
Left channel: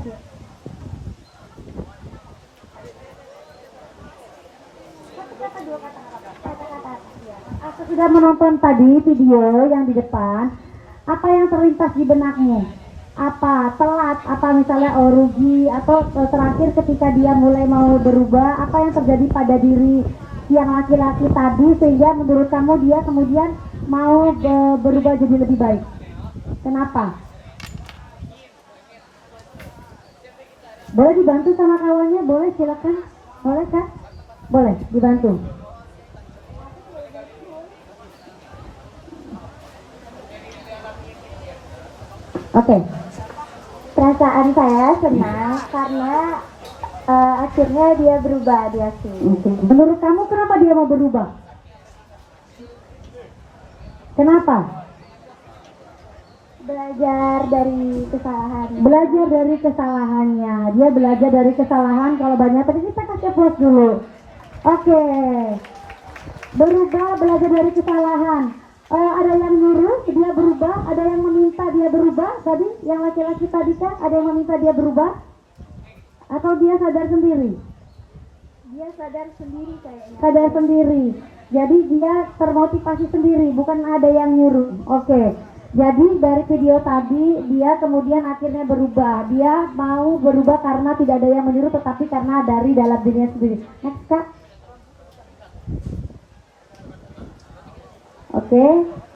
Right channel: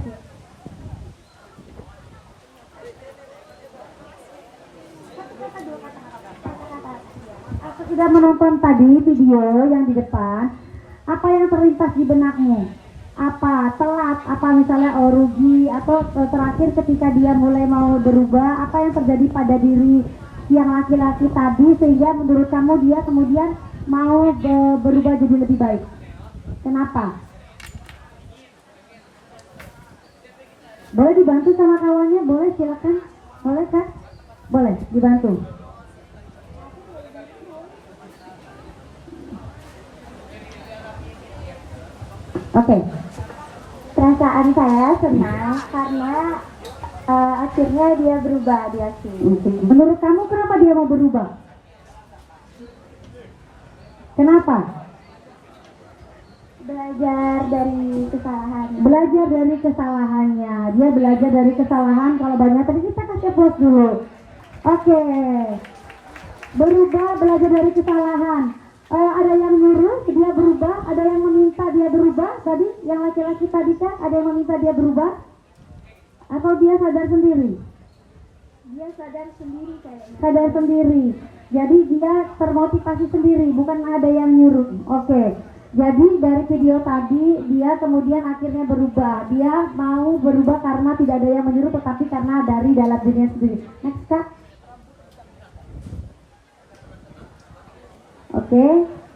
Aku sudah menonton tadi video yang di depan. Apa yang terlintas di benakmu? Apa telat? Apa misalnya rugi? Atau terakhir ketika dia mulai mau berubah? Apa yang terjadi pada diri yang laki-laki tadi sehingga menurut kamu dia kemudian mau berubah jadi lebih baik? Kenapa? Boleh dibantu sama kawannya? Boleh, silakan. Boleh kak? Boleh dibantu. Oke. Perasaan saya senang karena akhirnya dia berubah, dia sih. Oke. Menurut kamu kenapa dia mau berubah? Kenapa? Belajar dari kesalahan. Belajar dari kesalahannya. Dia belajar dari kesalahan. Kalau banyak tadi kita kasih plus dulu. Oke. Berubah, belajar dari kesalahan. Ada yang nyuruh dia berubah, ada yang meminta dia berubah. Tadi yang laki-laki tadi kan ada yang meminta dia berubah, atau dia sadar sendiri? Dia sadar sendiri kayaknya. Sadar sendiri. Jadi dia termotivasi sendiri, bukan ada yang nyuruh. Oke. Jadi dari video tadi dia kemudian akhirnya berubah. Dia mau berubah karena tidak ada yang menyuruh, tetapi karena dari dalam dirinya sendiri. Next kak. Oke,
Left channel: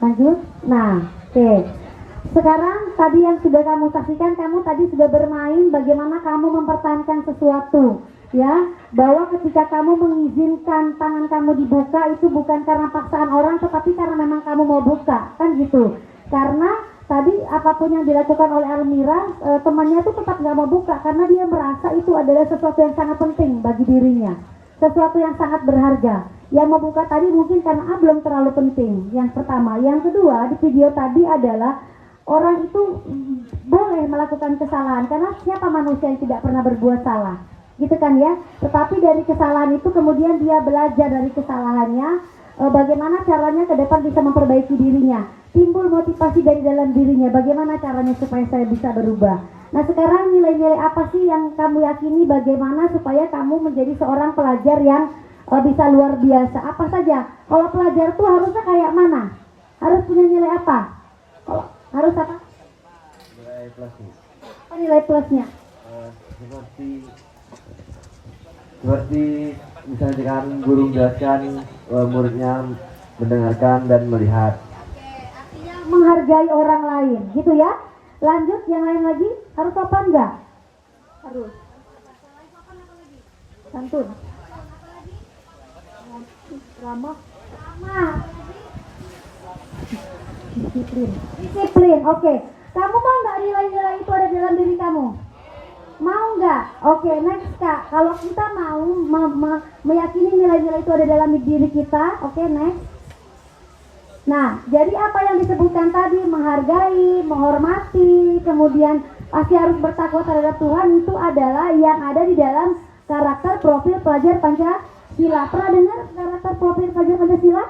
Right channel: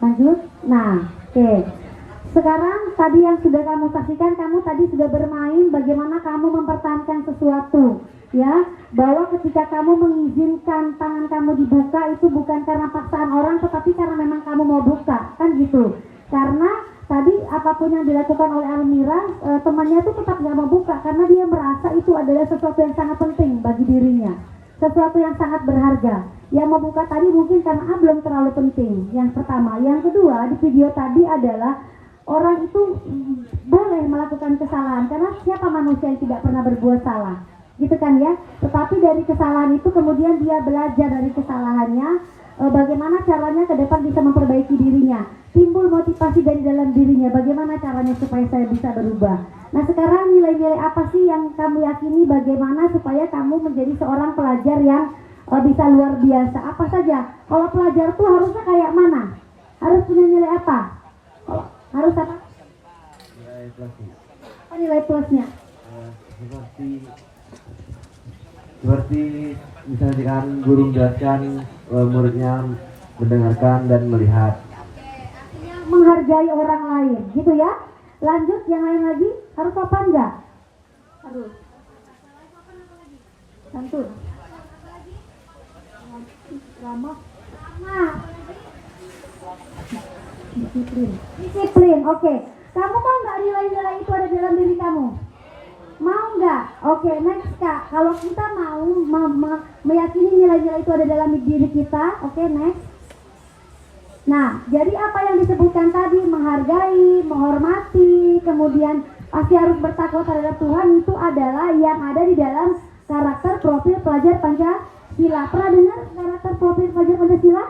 lanjut. Nah, oke. Sekarang tadi yang sudah kamu saksikan, kamu tadi sudah bermain bagaimana kamu mempertahankan sesuatu, ya. Bahwa ketika kamu mengizinkan tangan kamu dibuka itu bukan karena paksaan orang, tetapi karena memang kamu mau buka, kan gitu. Karena tadi apapun yang dilakukan oleh Almira, temannya itu tetap nggak mau buka karena dia merasa itu adalah sesuatu yang sangat penting bagi dirinya, sesuatu yang sangat berharga. Yang mau buka tadi mungkin karena belum terlalu penting. Yang pertama, yang kedua di video tadi adalah orang itu boleh melakukan kesalahan karena siapa manusia yang tidak pernah berbuat salah, gitu kan ya. Tetapi dari kesalahan itu kemudian dia belajar dari kesalahannya, bagaimana caranya ke depan bisa memperbaiki dirinya. Timbul motivasi dari dalam dirinya, bagaimana caranya supaya saya bisa berubah. Nah sekarang nilai-nilai apa sih yang kamu yakini bagaimana supaya kamu menjadi seorang pelajar yang bisa luar biasa? Apa saja? Kalau pelajar itu harusnya kayak mana? Harus punya nilai apa? Harus apa? Nilai plusnya. Apa nilai plusnya? Seperti misalnya kan guru menjelaskan, muridnya mendengarkan dan melihat. Menghargai orang lain, gitu ya. Lanjut, yang lain lagi, harus sopan nggak? Harus. Santun. Ramah. Disiplin, oke. Kamu mau nggak nilai-nilai itu ada dalam diri kamu? Mau nggak? Oke, next kak. Kalau kita mau meyakini nilai-nilai itu ada dalam diri kita, oke, next. Nah, jadi apa yang disebutkan tadi, menghargai, menghormati, kemudian pasti harus bertakwa terhadap Tuhan, itu adalah yang ada di dalam karakter profil pelajar Pancasila. Pernah dengar karakter profil pelajar Pancasila?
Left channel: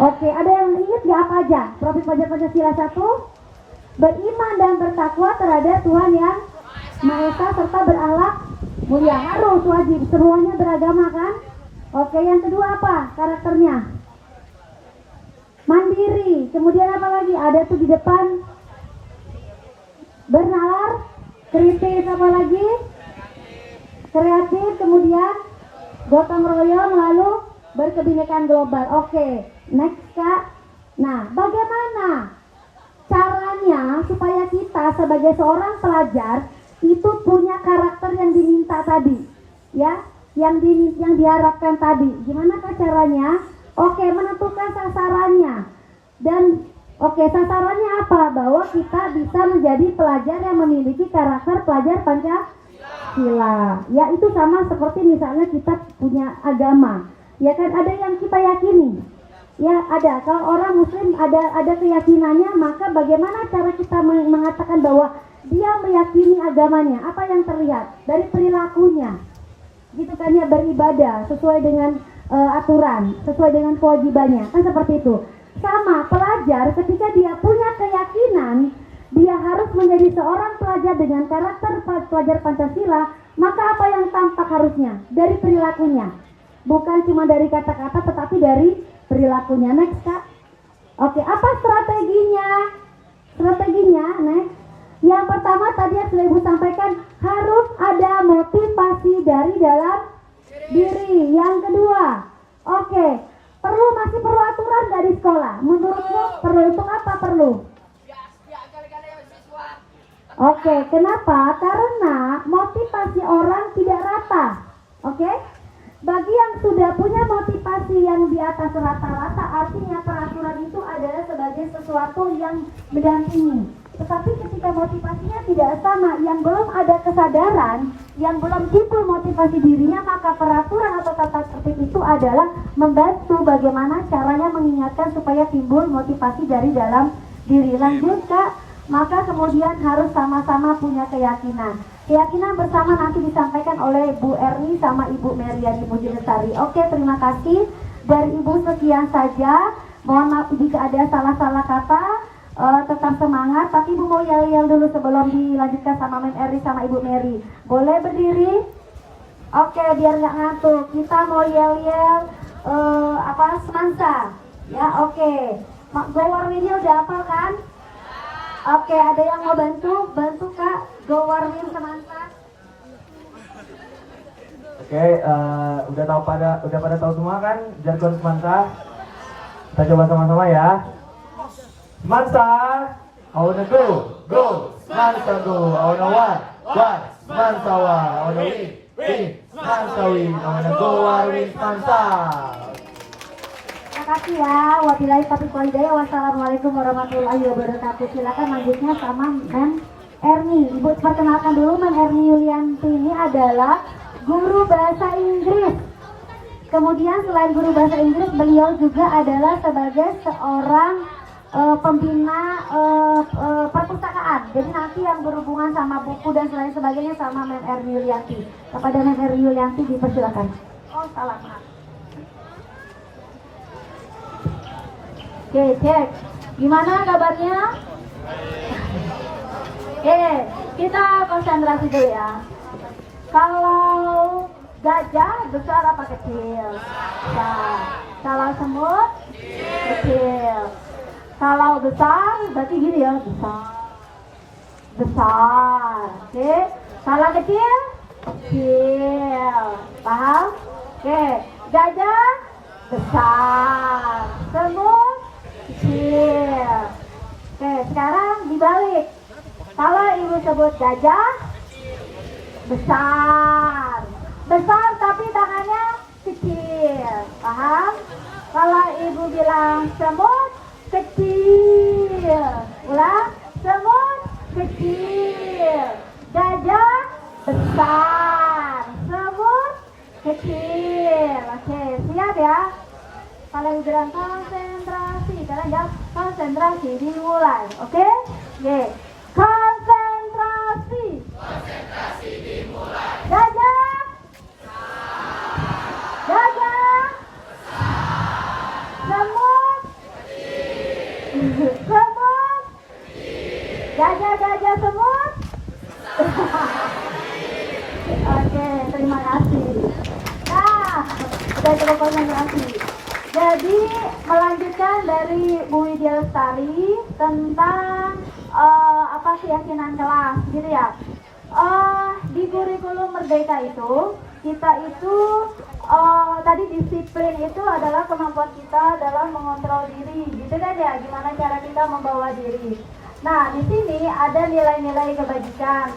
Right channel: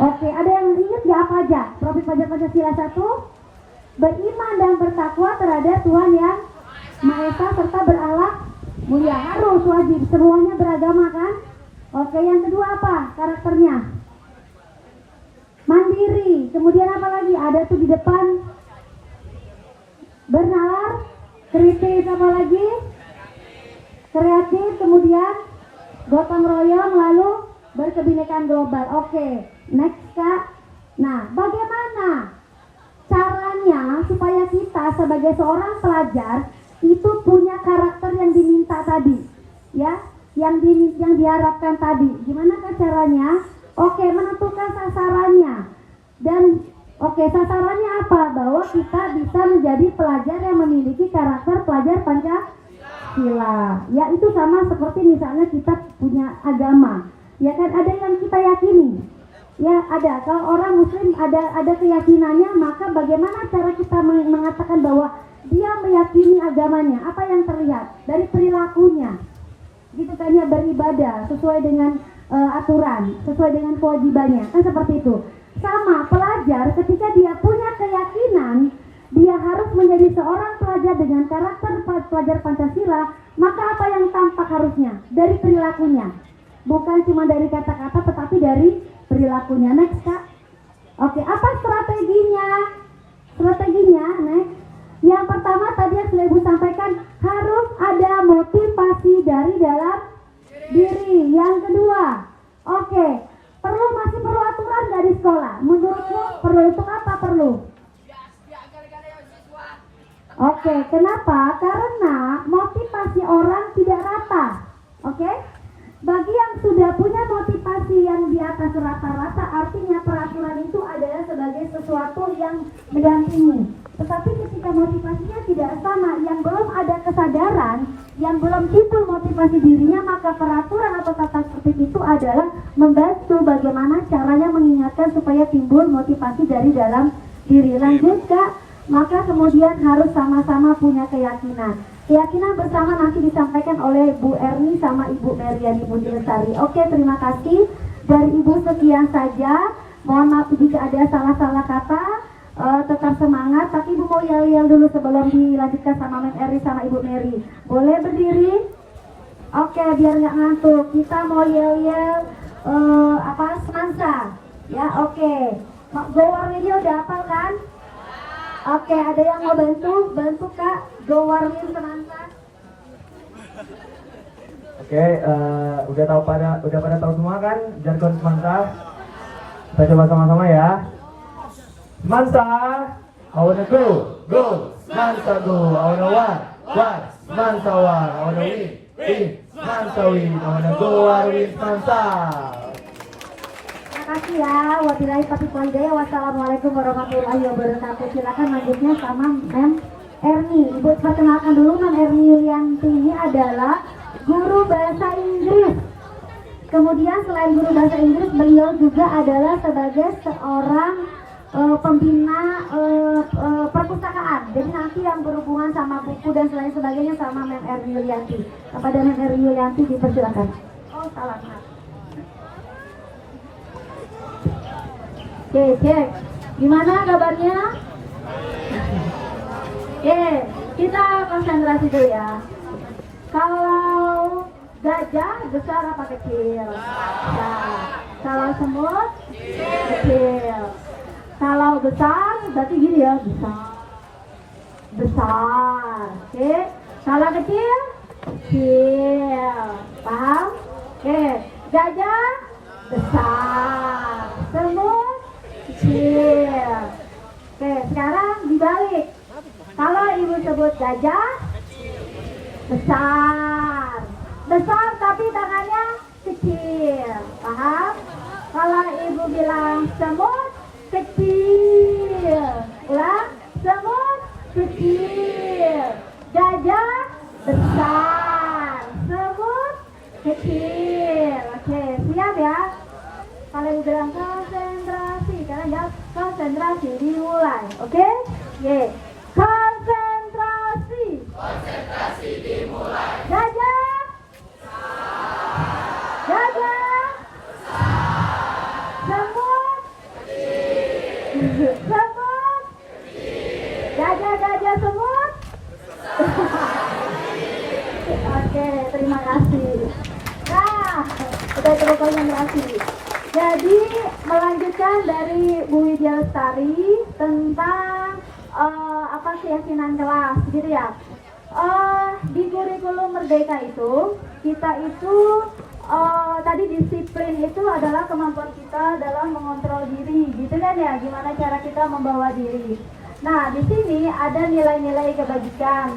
Oke, ada yang ingat nggak apa aja? Profil pelajar Pancasila 1, beriman dan bertakwa terhadap Tuhan yang Maha Esa serta berakhlak mulia. Harus wajib, semuanya beragama kan? Oke, yang kedua apa karakternya? mandiri. Kemudian apa lagi? Ada tuh di depan. Benar. Kritis, apa lagi? Kreatif. Kemudian gotong royong, lalu berkebinekaan global. Oke, next Kak. Nah, bagaimana caranya supaya kita sebagai seorang pelajar itu punya karakter yang diminta tadi, ya, yang diharapkan tadi. Gimana caranya? Oke, menentukan sasarannya. Dan oke, sasarannya apa? Bahwa kita bisa menjadi pelajar yang memiliki karakter pelajar Pancasila. Ya, itu sama seperti misalnya kita punya agama. Ya kan, ada yang kita yakini. Ya, ada. Kalau orang muslim ada keyakinannya, maka bagaimana cara kita mengatakan bahwa dia meyakini agamanya? Apa yang terlihat dari perilakunya? Gitu kan, ya, beribadah sesuai dengan aturan, sesuai dengan kewajibannya. Kan seperti itu. Sama pelajar, ketika dia punya keyakinan dia harus menjadi seorang pelajar dengan karakter pelajar Pancasila, maka apa yang tampak harusnya? Dari perilakunya. Bukan cuma dari kata-kata, tetapi dari perilakunya. Next, Kak. Oke, apa strateginya? Strateginya, next. Yang pertama tadi yang sudah Ibu sampaikan, harus ada motivasi dari dalam diri. Yang kedua, oke, masih perlu aturan dari sekolah. Menurutmu perlu? Untuk apa perlu? Oke, kenapa? Karena motivasi orang tidak rata. Oke? Bagi yang sudah punya motivasi yang di atas rata-rata, artinya peraturan itu adalah sebagai sesuatu yang mendampingi. Tetapi ketika motivasinya tidak sama, yang belum ada kesadaran, yang belum timbul motivasi dirinya, maka peraturan atau tata tertib itu adalah membantu bagaimana caranya mengingatkan supaya timbul motivasi dari dalam diri. Lanjut, Kak. Maka kemudian harus sama-sama punya keyakinan. Keyakinan bersama nanti disampaikan oleh Bu Erni sama Ibu Meriani Mujilestari. Oke, terima kasih. Dari Ibu sekian saja. Mohon maaf jika ada salah-salah kata. Tetap semangat. Tapi Ibu mau yel-yel dulu sebelum dilanjutkan sama Men Eri sama Ibu Meri. Boleh berdiri? Oke, biar nggak ngantuk. Kita mau yel-yel stanza. Ya, oke. Go Warwinnya udah hafal kan? Oke, ada yang mau bantu Kak, Go Warwin Semansa. Oke, udah pada tahu semua kan jargon Semansa? Kita coba sama-sama ya. Semansa, I wanna go, Semansa go, I wanna one, Semansa one, I wanna win, Semansa win, I wanna go Warwin Semansa. Terima kasih ya. Wabillahi taufiq wal hidayah. Wassalamualaikum warahmatullahi wabarakatuh. Silakan lanjutnya sama Men Erni. Ibu perkenalkan dulu, Men Erni Yulianti ini adalah guru bahasa Inggris. Kemudian selain guru bahasa Inggris, beliau juga adalah sebagai seorang pembina perpustakaan. Jadi nanti yang berhubungan sama buku dan selain sebagainya sama Men Erni Yulianti. Kepada Men Erni Yulianti dipersilakan. Oh, salah, maaf. Oke, cek. Gimana kabarnya? Oke, kita konsentrasi dulu ya. Kalau gajah besar apa kecil? Besar. Kalau semut? Kecil. Kalau besar berarti gini ya, besar. Oke. Kalau kecil? Kecil. Paham? Oke. Gajah besar. Semut kecil. Oke, sekarang dibalik. Kalau ibu sebut gajah besar, tapi tangannya kecil. Paham? Kalau ibu bilang semut kecil, ulang, semut kecil, gajah besar, semut kecil. Oke, siap ya? Kalau dibilang konsentrasi, kalian jawab konsentrasi, dimulai. Oke? Ye. Konsentrasi. Konsentrasi dimulai. Gajah. Gajah. Semut. Semut. Gajah semut. Oke, terima kasih. Nah, udah cukup konsentrasi. Jadi melanjutkan dari Bu Widya Lestari tentang keyakinan kelas, gitu ya. Di kurikulum Merdeka itu kita itu tadi disiplin itu adalah kemampuan kita dalam mengontrol diri, gitu kan ya, gimana cara kita membawa diri. Nah, di sini ada nilai-nilai kebajikan.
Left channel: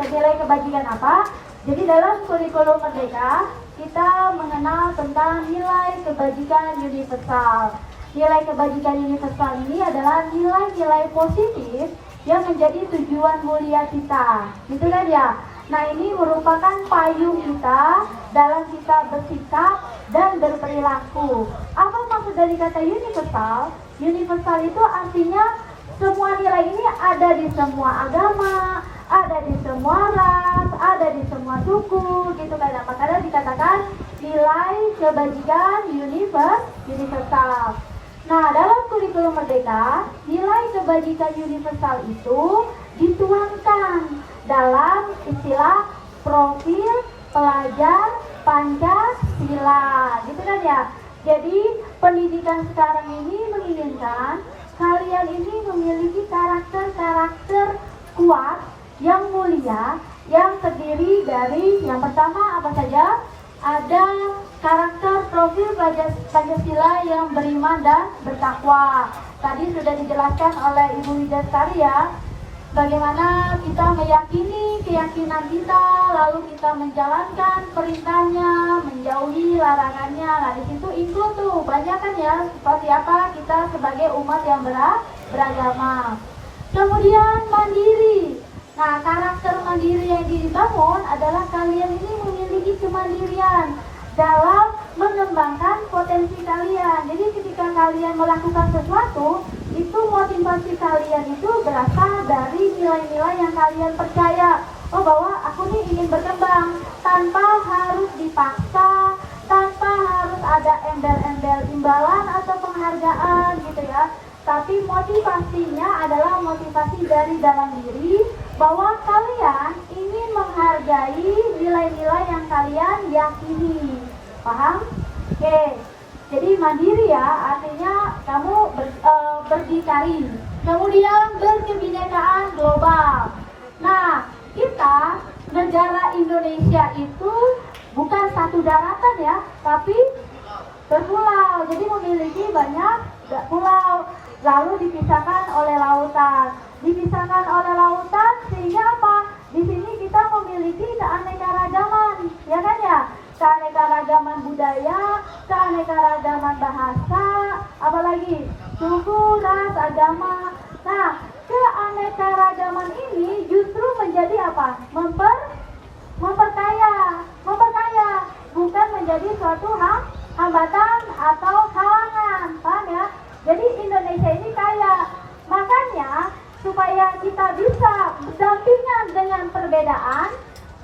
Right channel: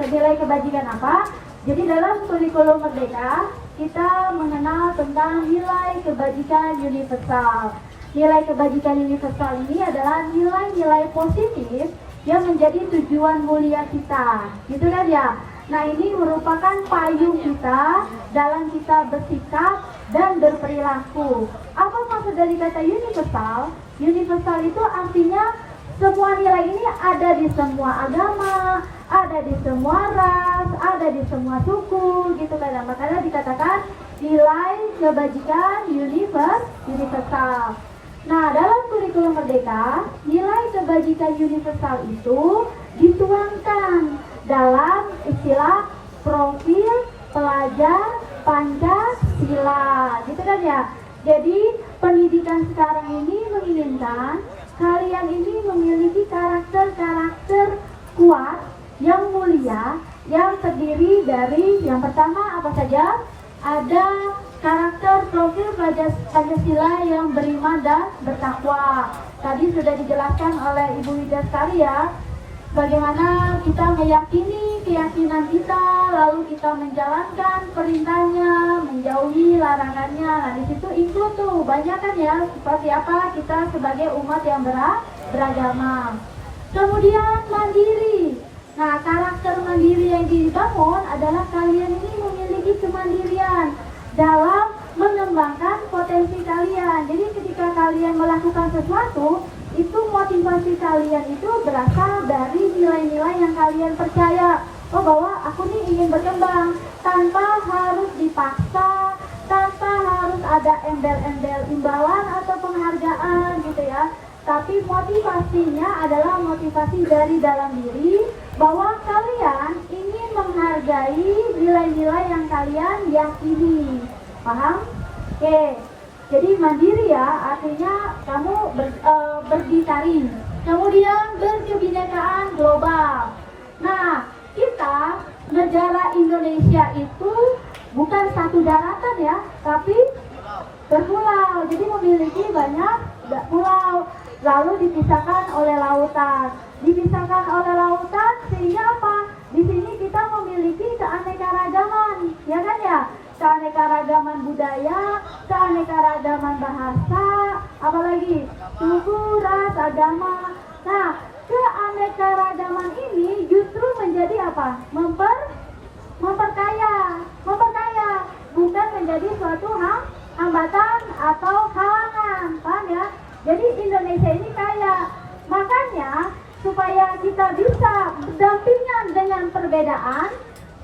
Nilai kebajikan apa? Jadi dalam kurikulum Merdeka kita mengenal tentang nilai kebajikan universal. Nilai kebajikan universal ini adalah nilai-nilai positif yang menjadi tujuan mulia kita, gitu kan ya. Nah, ini merupakan payung kita dalam kita bersikap dan berperilaku. Apa maksud dari kata universal? Universal itu artinya semua nilai ini ada di semua agama, ada di semua ras, ada di semua suku, gitu kan. Makanya dikatakan nilai kebajikan universal. Nah, dalam kurikulum Merdeka, nilai kebajikan universal itu dituangkan dalam istilah profil pelajar Pancasila, gitu kan ya. Jadi pendidikan sekarang ini menginginkan kalian ini memiliki karakter-karakter kuat, yang mulia, yang terdiri dari yang pertama apa saja? Ada karakter profil Pancasila yang beriman dan bertakwa. Tadi sudah dijelaskan oleh Ibu Widya Lestari ya, bagaimana kita meyakini keyakinan kita, lalu kita menjalankan perintahnya, menjauhi larangannya. Nah, di situ include tuh banyak kan ya, seperti apa kita sebagai umat yang beragama. Kemudian mandiri. Nah, karakter mandiri yang dibangun adalah kalian ini memiliki kemandirian dalam mengembangkan potensi kalian. Jadi ketika kalian melakukan sesuatu, itu motivasi kalian itu berasal dari nilai-nilai yang kalian percaya. Oh, bahwa aku nih ingin berkembang tanpa harus dipaksa, tanpa harus ada embel-embel imbalan atau penghargaan, gitu ya. Tapi motivasinya adalah motivasi dari dalam diri, bahwa kalian ingin menghargai nilai-nilai yang kalian yakini. Paham? Oke. Jadi mandiri ya, artinya kamu berdikari. Kemudian berkebinekaan global. Nah, kita negara Indonesia itu bukan satu daratan ya, tapi berpulau. Jadi memiliki banyak pulau, lalu dipisahkan oleh lautan. Dipisahkan oleh lautan sehingga apa? Di sini kita memiliki keanekaragaman, ya kan ya? Keanekaragaman budaya, keanekaragaman bahasa, apalagi suku, ras, agama. Nah, keanekaragaman ini justru menjadi apa? Memperkaya, bukan menjadi suatu hambatan atau halangan, paham ya? Jadi Indonesia ini kaya, makanya supaya kita bisa berdampingan dengan perbedaan,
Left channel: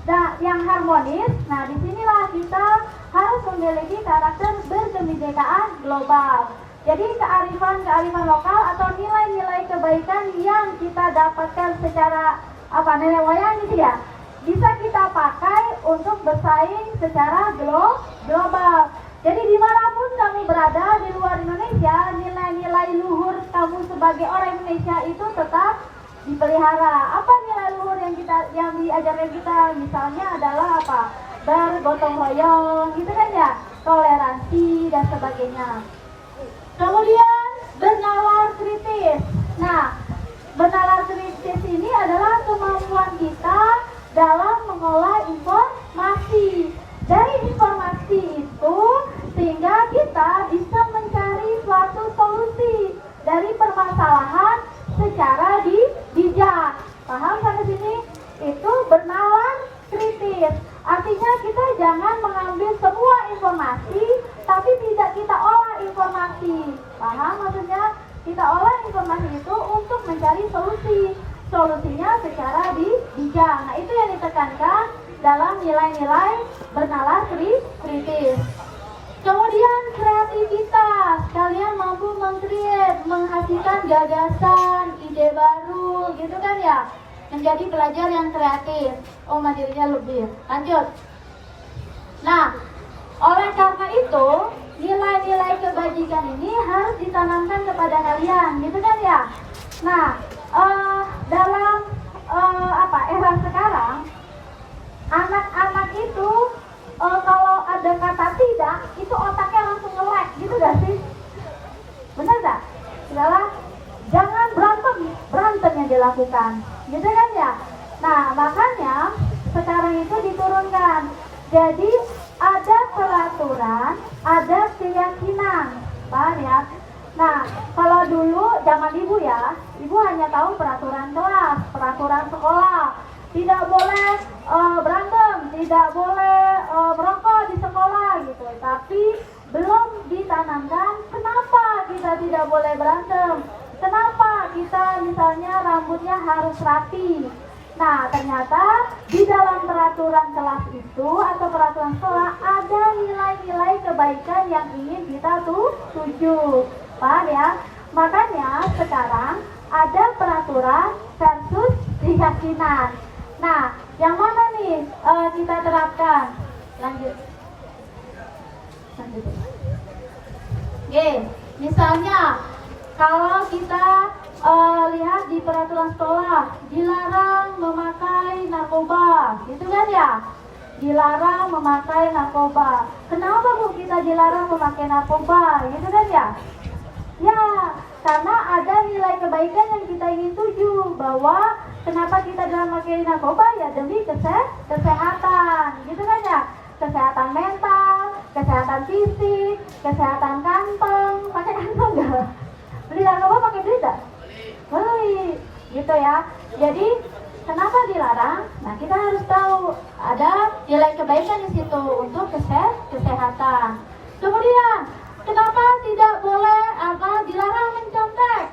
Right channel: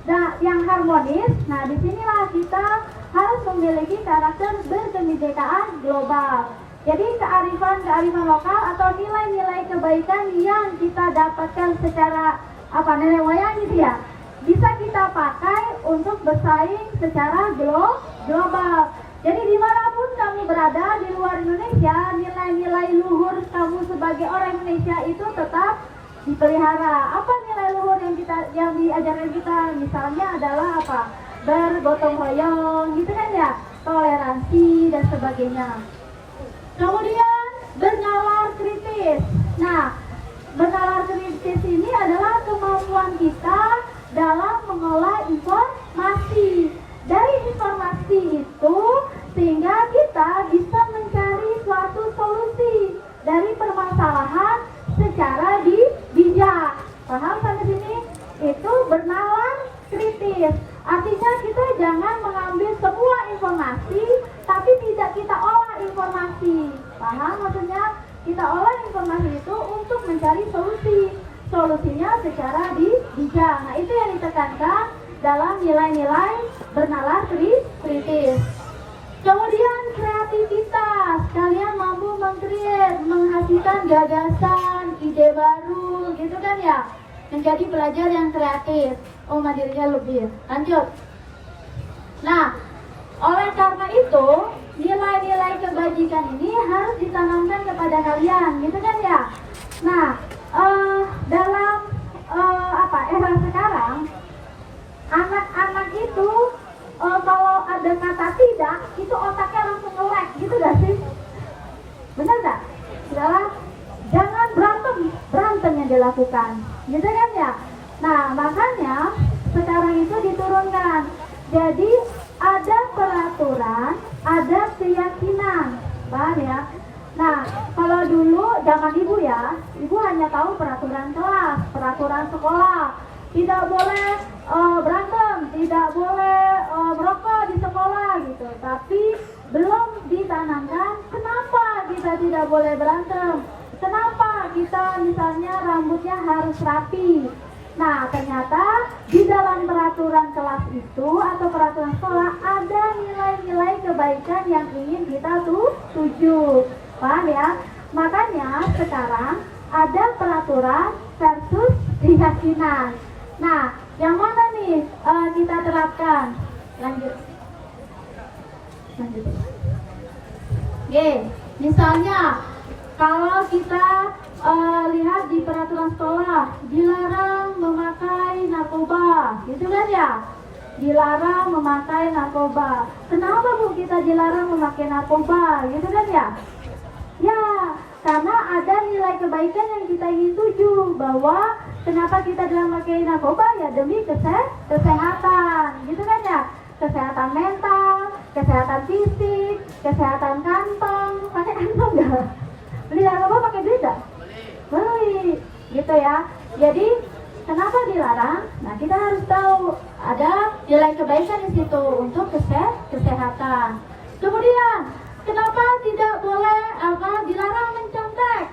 nah, yang harmonis. Nah, disinilah kita harus memiliki karakter berkebinekaan global. Jadi kearifan lokal atau nilai-nilai kebaikan yang kita dapatkan secara nenek moyang gitu ya, bisa kita pakai untuk bersaing secara global. Jadi dimanapun kamu berada di luar Indonesia, nilai-nilai luhur kamu sebagai orang Indonesia itu tetap dipelihara. Apa nilai luhur yang diajarkan kita? Misalnya adalah apa? Bergotong royong, gitu kan ya? Toleransi dan sebagainya. Kemudian bernalar kritis. Nah, bernalar kritis ini adalah kemampuan kita dalam mengolah informasi. Dari informasi itu sehingga kita bisa mencari suatu solusi dari permasalahan secara bijak. Paham sampai sini? Itu bernalar kritis. Artinya kita jangan mengambil semua informasi tapi tidak kita olah informasi. Paham maksudnya? Kita olah informasi itu untuk mencari solusinya secara bijak. Nah, itu yang ditekankan dalam nilai-nilai bernalar kritis. Kemudian kreativitas, kalian mampu menghasilkan gagasan, ide baru, gitu kan ya, menjadi pelajar yang kreatif. Oh, mandirinya lebih. Lanjut. Nah, oleh karena itu nilai-nilai kebajikan ini harus ditanamkan kepada kalian, gitu kan ya? Nah, dalam era sekarang, anak-anak itu kalau ada kata tidak, itu otaknya langsung nge-lag, gitu gak sih? Benar gak? Segala jangan berantem yang dilakukan, gitu kan ya? Nah, makanya sekarang itu diturunkan. Jadi ada peraturan, ada keyakinan, paham ya? Nah, kalau dulu zaman ibu ya, ibu hanya tahu peraturan kelas, peraturan sekolah, tidak boleh berantem, tidak boleh merokok di sekolah gitu. Tapi belum ditanamkan kenapa kita tidak boleh berantem, kenapa kita misalnya rambutnya harus rapi. Nah, ternyata di dalam peraturan kelas itu atau peraturan sekolah ada nilai-nilai kebaikan yang ingin kita tuju. Paham ya? Makanya sekarang ada peraturan versus keyakinan. Nah, yang mana nih kita terapkan? Lanjut. Misalnya kalau kita lihat di peraturan sekolah, dilarang memakai narkoba, gitu kan ya? Dilarang memakai narkoba. Kenapa Bu kita dilarang memakai narkoba, gitu kan ya? Ya, karena ada nilai kebaikan yang kita ingin tuju, bahwa kenapa kita jangan memakai narkoba ya demi kesehatan, gitu kan ya? Kesehatan mental, kesehatan fisik, kesehatan kantong. Pakai kantong nggak? Beli narkoba pakai duit nggak? Boleh, gitu ya. Jadi kenapa dilarang? Nah, kita harus tahu ada nilai kebaikan di situ untuk kesehatan. Kemudian kenapa tidak boleh dilarang mencontek?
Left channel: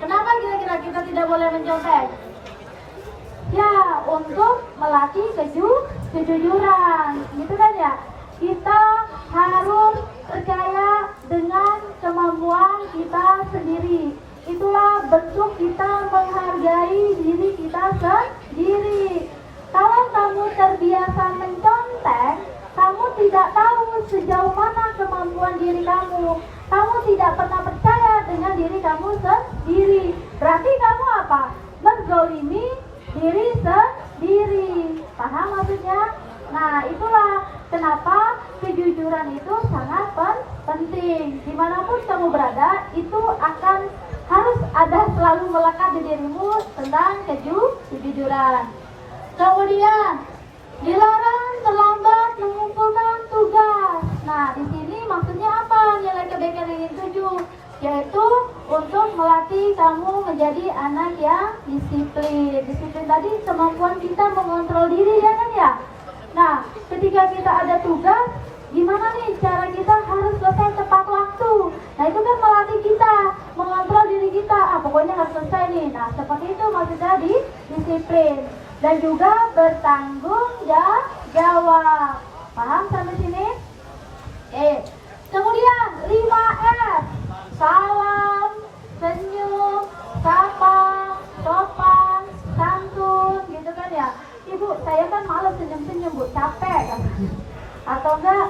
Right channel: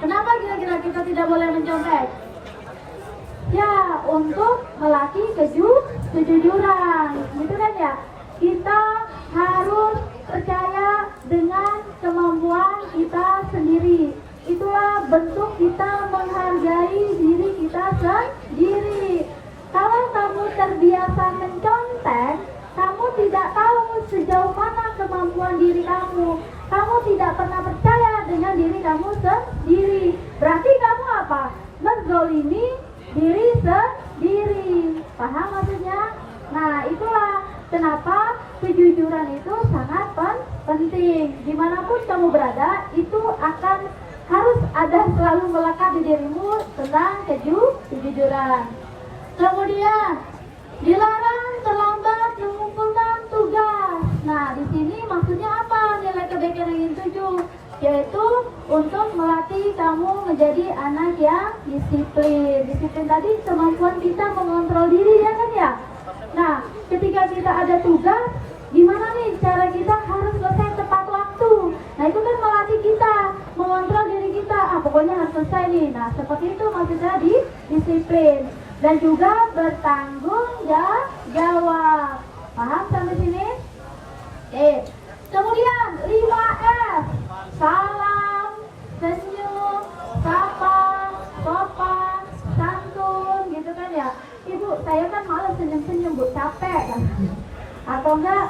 Kenapa kira-kira kita tidak boleh mencontek? Ya, untuk melatih kejujuran, gitu kan ya? Kita harus percaya dengan kemampuan kita sendiri. Itulah bentuk kita menghargai diri kita sendiri. Kalau kamu terbiasa mencontek, kamu tidak tahu sejauh mana kemampuan diri kamu. Kamu tidak pernah percaya dengan diri kamu sendiri. Berarti kamu apa? Menzolimi diri sendiri. Paham maksudnya? Nah, itulah kenapa kejujuran itu sangat penting. Dimanapun kamu berada, itu akan harus ada selalu melekat di dirimu tentang kejujuran. Kemudian dilarang terlambat mengumpulkan tugas. Nah, di sini maksudnya apa? Nilai kebaikan yang dituju, yaitu untuk melatih kamu menjadi anak yang disiplin. Disiplin tadi kemampuan kita mengontrol diri, ya kan ya? Nah, ketika kita ada tugas, gimana nih cara kita harus selesai tepat waktu? Nah, itu kan melatih kita mengontrol diri kita. Pokoknya harus selesai nih. Nah, seperti itu maksudnya di disiplin. Dan juga bertanggung jawab. Paham sampai sini? Kemudian 5S. Salam, senyum, sapa, sopan, santun, gitu kan ya? Ibu, saya kan malas senyum-senyum, Bu, capek kan? Atau enggak,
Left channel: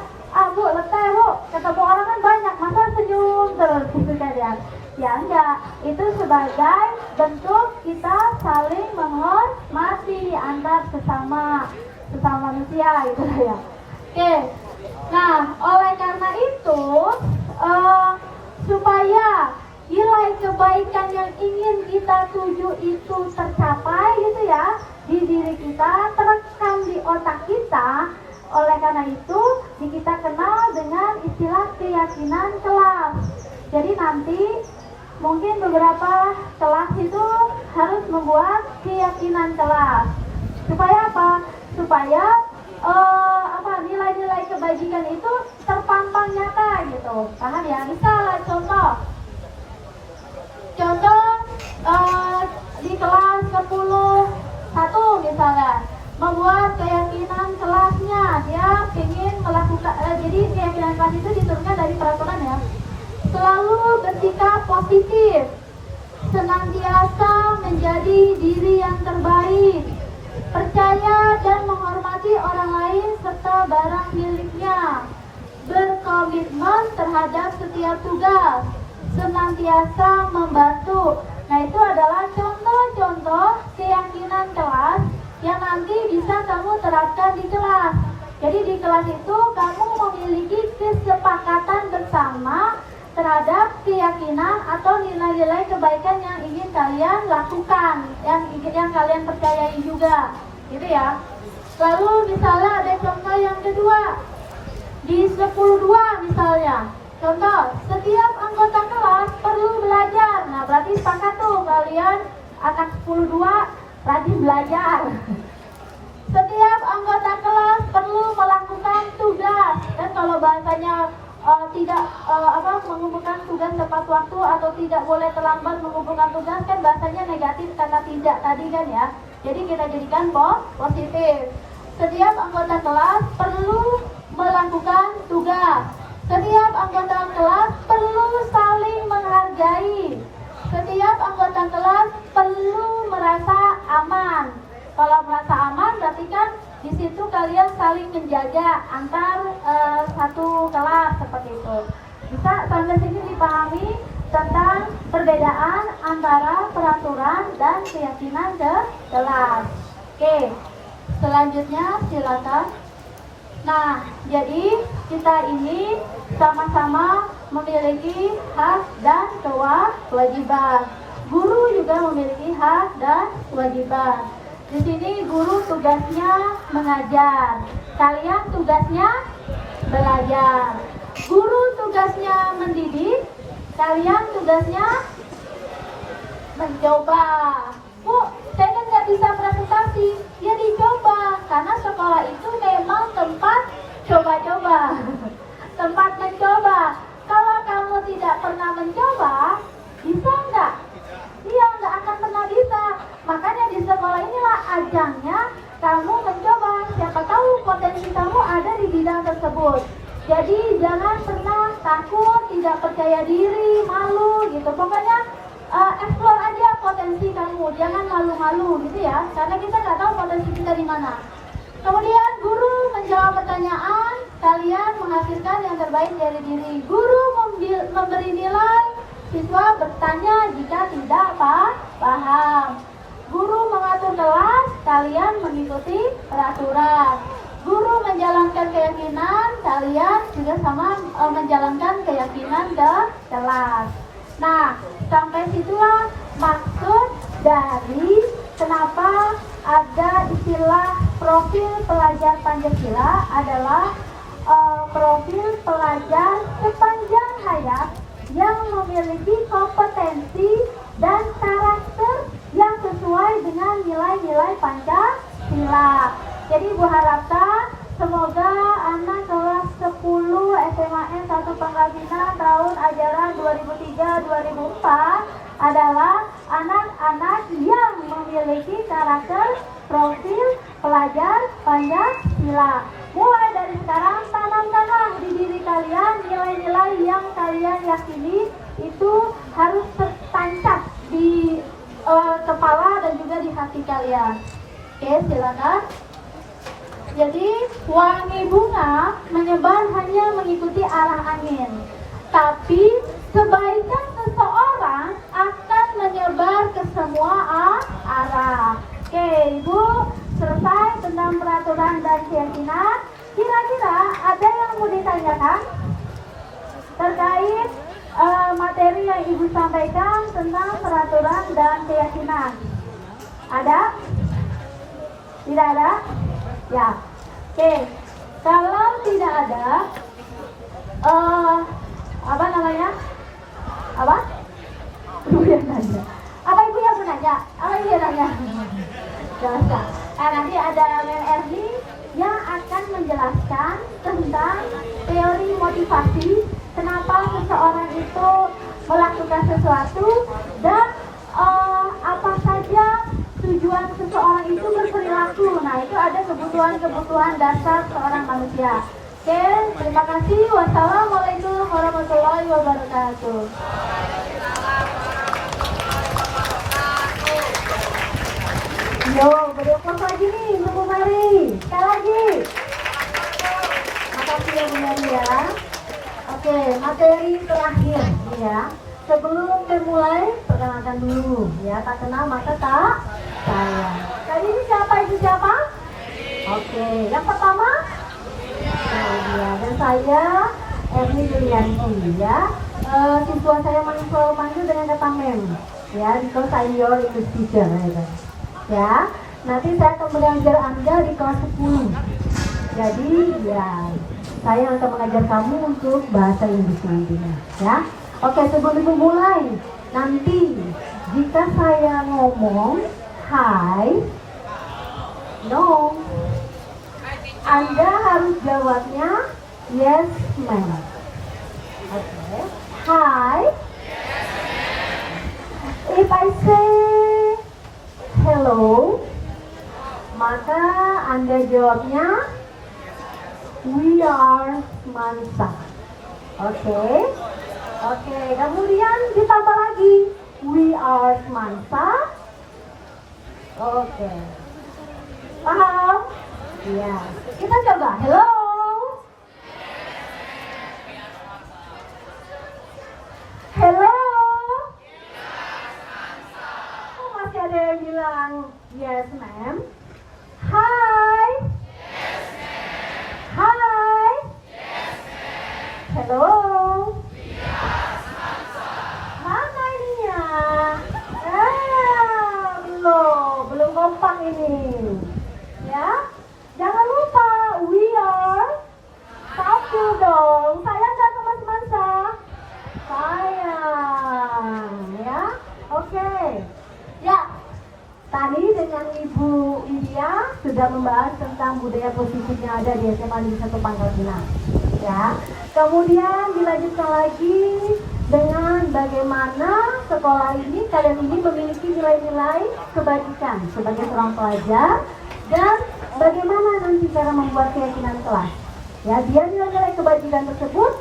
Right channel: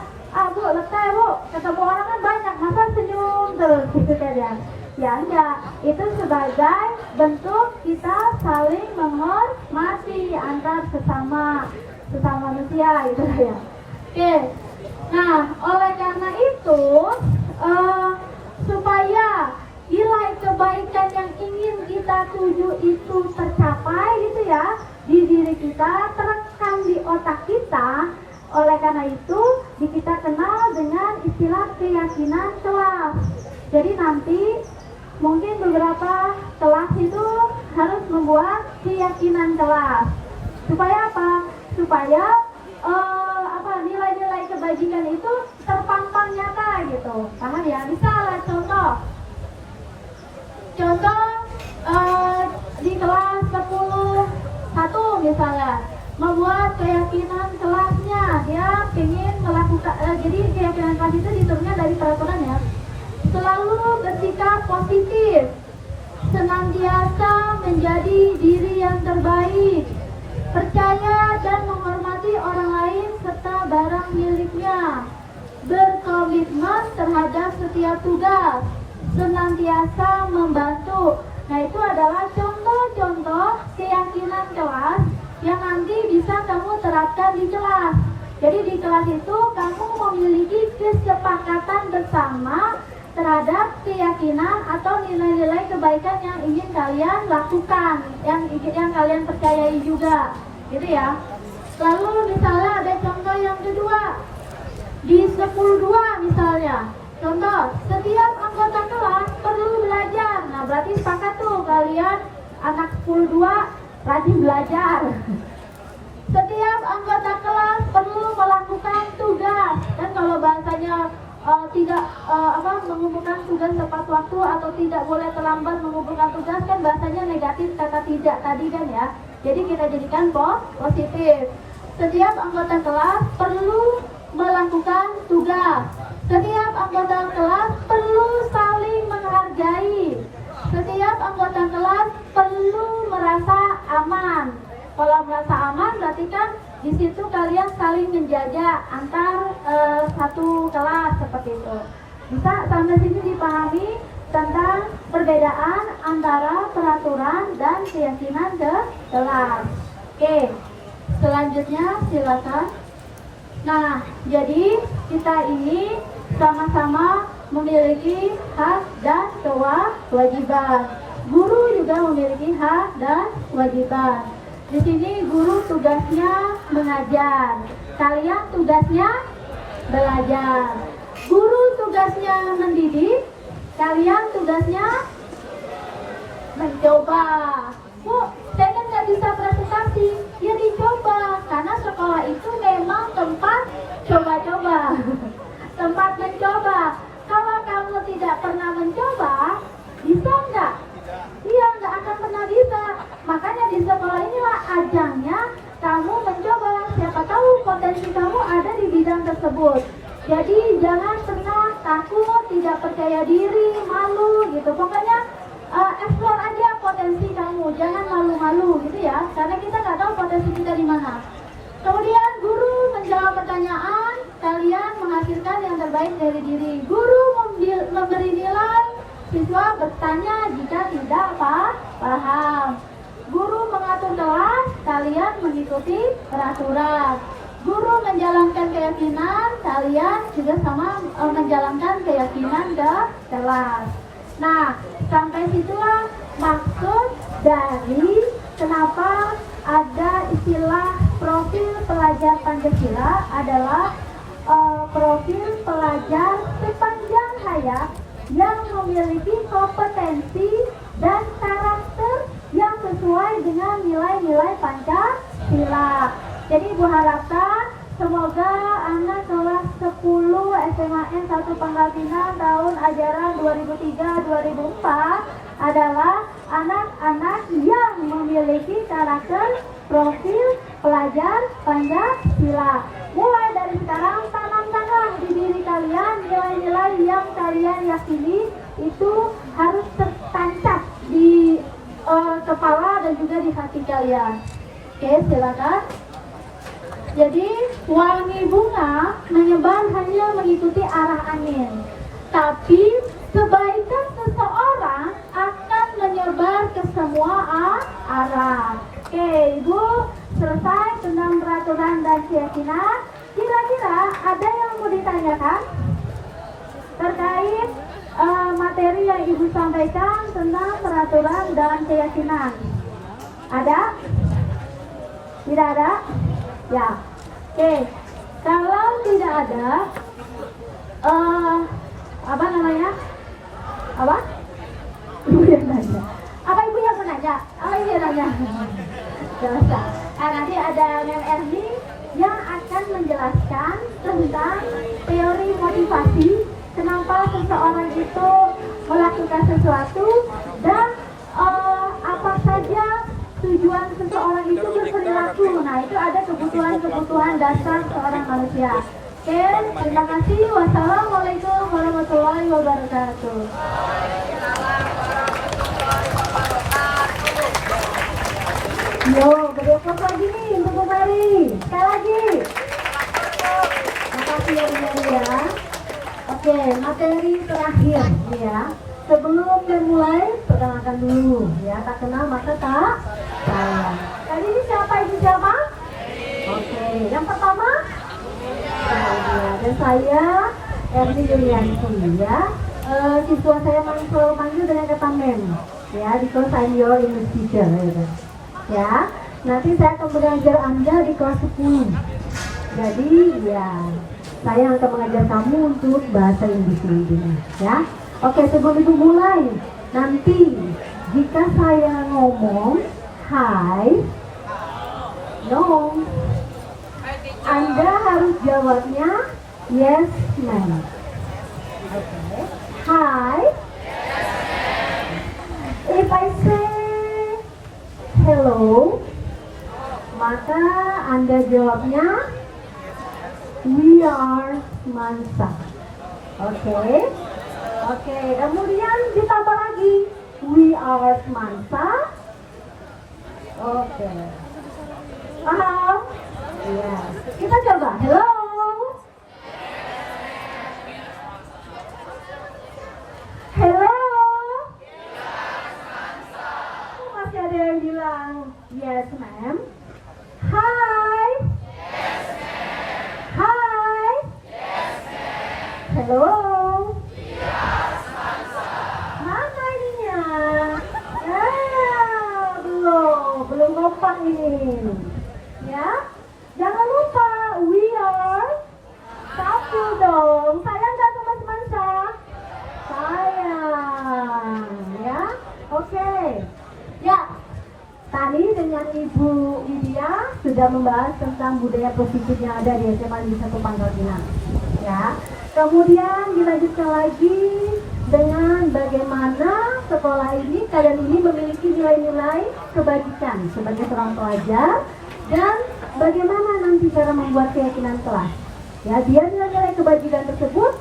Bu, letih Bu, ketemu orang kan banyak, masa senyum terus, gitu kan ya? Ya enggak, itu sebagai bentuk kita saling menghormati antar sesama manusia, gitu lah ya. Nah, oleh karena itu, supaya nilai kebaikan yang ingin kita tuju itu tercapai, gitu ya, di diri kita, terekam di otak kita. Oleh karena itu, kita kenal dengan istilah keyakinan kelas. Jadi nanti mungkin beberapa kelas itu harus membuat keyakinan kelas. Supaya apa? Supaya nilai-nilai kebajikan itu terpampang nyata gitu. Paham ya? Misalnya contoh di kelas 10-1 misalnya, membuat keyakinan kelasnya, dia ingin melakukan, jadi keyakinan kelas itu diturunkan dari peraturan ya, selalu bersikap positif, senantiasa menjadi diri yang terbaik, percaya dan menghormati orang lain serta barang miliknya, berkomitmen komitmen terhadap setiap tugas, senantiasa membantu. Nah, itu adalah contoh-contoh keyakinan kelas yang nanti bisa kamu terapkan di kelas. Jadi di kelas itu kamu memiliki kesepakatan bersama terhadap keyakinan atau nilai-nilai kebaikan yang ingin kalian lakukan, yang kalian percayai juga, gitu ya. Lalu misalnya ada contoh yang kedua di 10.2 misalnya. Contoh, setiap anggota kelas perlu belajar. Nah, berarti sepakat tuh kalian anak 10.2 rajin belajar. Setiap anggota kelas perlu melakukan tugas. Dan kalau bahasanya tidak mengumpulkan tugas tepat waktu atau tidak boleh terlambat mengumpulkan tugas, kan bahasanya negatif kata tidak tadi kan ya. Jadi kita jadikan positif. Setiap anggota kelas perlu melakukan tugas. Setiap anggota kelas perlu saling menghargai. Setiap anggota kelas perlu merasa aman. Kalau merasa aman berarti kan di situ kalian saling menjaga antar satu kelas seperti itu. Bisa sampai sini dipahami tentang perbedaan antara peraturan dan keyakinan ke kelas. Oke, selanjutnya silakan. Nah, jadi kita ini sama-sama memiliki hak dan kewajiban. Guru juga memiliki hak dan kewajiban. Di sini guru tugasnya mengajar, kalian tugasnya belajar. Guru tugasnya mendidik, kalian tugasnya mencoba. Kok saya kan nggak bisa presentasi? Ya dicoba, karena sekolah itu memang tempat coba-coba, tempat mencoba. Kalau kamu tidak pernah mencoba, bisa nggak? Iya, nggak akan pernah bisa. Makanya di sekolah inilah ajangnya kamu mencoba. Siapa tahu potensi kamu ada di bidang tersebut. Jadi jangan pernah takut, tidak percaya diri, malu gitu. Pokoknya explore aja potensi kamu. Jangan malu-malu gitu ya. Karena kita nggak tahu potensi kita di mana. Kemudian guru menjawab pertanyaan, kalian menghasilkan yang terbaik dari diri. Guru memberi nilai, siswa bertanya jika tidak paham. Guru mengatur kelas, kalian mengikuti peraturan. Guru menjalankan keyakinan, kalian juga sama menjalankan keyakinan ke kelas. Nah, sampai situlah maksud dari kenapa ada istilah profil pelajar Pancasila adalah profil pelajar sepanjang hayat yang memiliki kompetensi dan karakter yang sesuai dengan nilai-nilai Pancasila. Jadi Ibu harapkan semoga anak kelas 10 SMAN 1 Pangkal Pinang tahun ajaran 2003-2004 adalah anak-anak yang memiliki karakter profil pelajar Pancasila. Mulai dari sekarang tanamkanlah di diri kalian nilai-nilai yang kalian yakini itu harus tertancap di kepala dan juga di hati kalian. Oke, silakan. Jadi wangi bunga menyebar hanya mengikuti arah angin, tapi kebaikan seseorang akan menyebar ke semua arah. Oke, Ibu selesai tentang peraturan dan keyakinan. Kira-kira ada yang mau ditanyakan terkait materi yang Ibu sampaikan tentang peraturan dan keyakinan? Ada? Tidak ada? Ya. Oke. Kalau tidak ada, apa namanya? Apa? Ibu yang nanya. Apa Ibu yang menanya? Apa Ibu yang nanya? Jelaskan. Nah, nanti ada MRD yang akan menjelaskan tentang teori motivasi, kenapa seseorang itu melakukan sesuatu dan apa saja tujuan seseorang itu berperilaku. Nah, itu ada kebutuhan-kebutuhan dasar seorang manusia. Oke, terima kasih. Wassalamualaikum warahmatullahi wabarakatuh. Yo, berdoa lagi nih, Bu Mari. Sekali lagi. Makasih ya Bu Mari ya. Oke, materi terakhir nih ya. Sebelum memulai, perkenalkan dulu ya. Tak kenal maka tak sayang. Kali ini siapa itu siapa? Oke, yang pertama dan saya Erni Yulianti ya. Siswa saya manggil dengan kata mem ya, because I'm your English teacher gitu. Ya, nanti saya akan mengajar Anda di kelas 10. Jadi ya, saya akan mengajar kamu untuk bahasa Inggris nantinya ya. Oke, sebelum ibu mulai, nanti jika saya ngomong hi, no, Anda harus jawabnya yes ma'am. Oke, hi. If I say hello, maka Anda jawabnya we are Mansa. Oke. Oke, kemudian ditambah lagi we are Mansa. Oke. Paham? Iya. Kita coba. Hello. Hello. Oh, masih ada yang bilang yes ma'am. Hi. Hi. Hello. Mana ininya? Belum kompak ini. Ya, jangan lupa we are satu dong. Sayang nggak teman-teman sayang, ya. Oke. Ya, tadi dengan Ibu Lydia sudah membahas tentang budaya positif yang ada di SMA Negeri 1 Pangkal Pinang. Ya. Kemudian dilanjutkan lagi dengan bagaimana sekolah ini, kalian ini memiliki nilai-nilai kebajikan sebagai seorang pelajar dan bagaimana nanti cara membuat keyakinan kelas. Ya, biar nilai-nilai kebajikan tersebut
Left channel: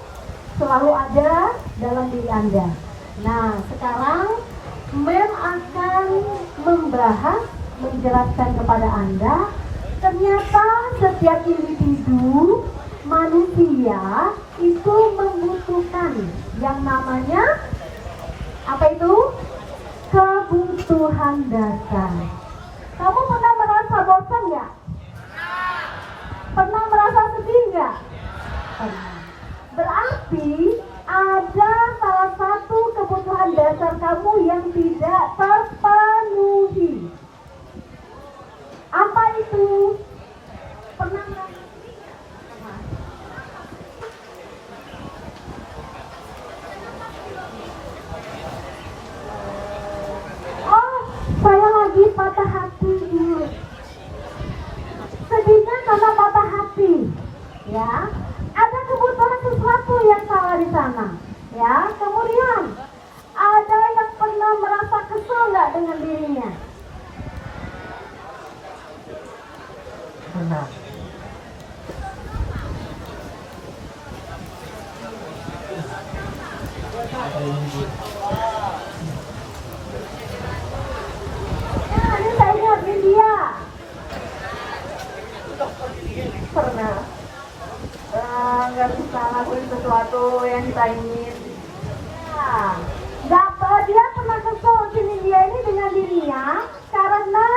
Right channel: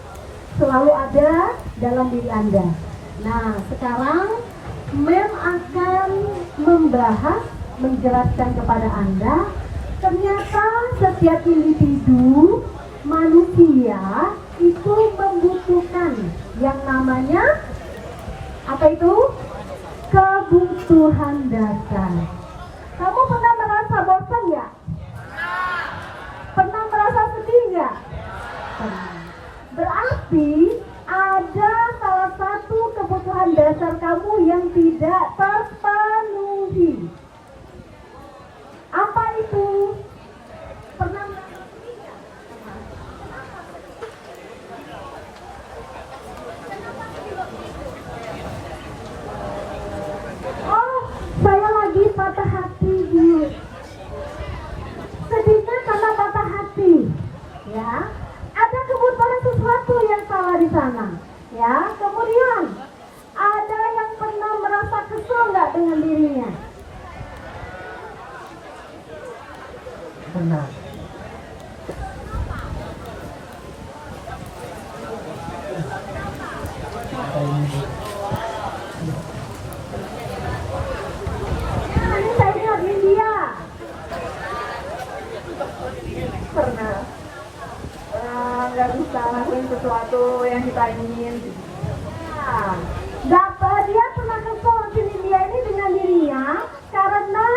selalu ada dalam diri Anda. Nah, sekarang Mem akan membahas, menjelaskan kepada Anda, ternyata setiap individu manusia itu membutuhkan yang namanya apa itu? Kebutuhan dasar. Kamu pernah merasa bosan ya? Pernah merasa sedih nggak? Berarti ada salah satu kebutuhan dasar kamu yang tidak terpenuhi. Apa itu? Pernah merasa saya lagi patah hati dulu. Sedihnya karena patah hati. Ya, ada kebutuhan sesuatu yang salah di sana. Ya, kemudian ada yang pernah merasa kesel nggak dengan dirinya? Benar. Nanti saya lihat Lydia. Pernah nggak bisa lakuin sesuatu yang kita ingin. Nah, dapat dia pernah kesel si Lydia ini dengan dirinya karena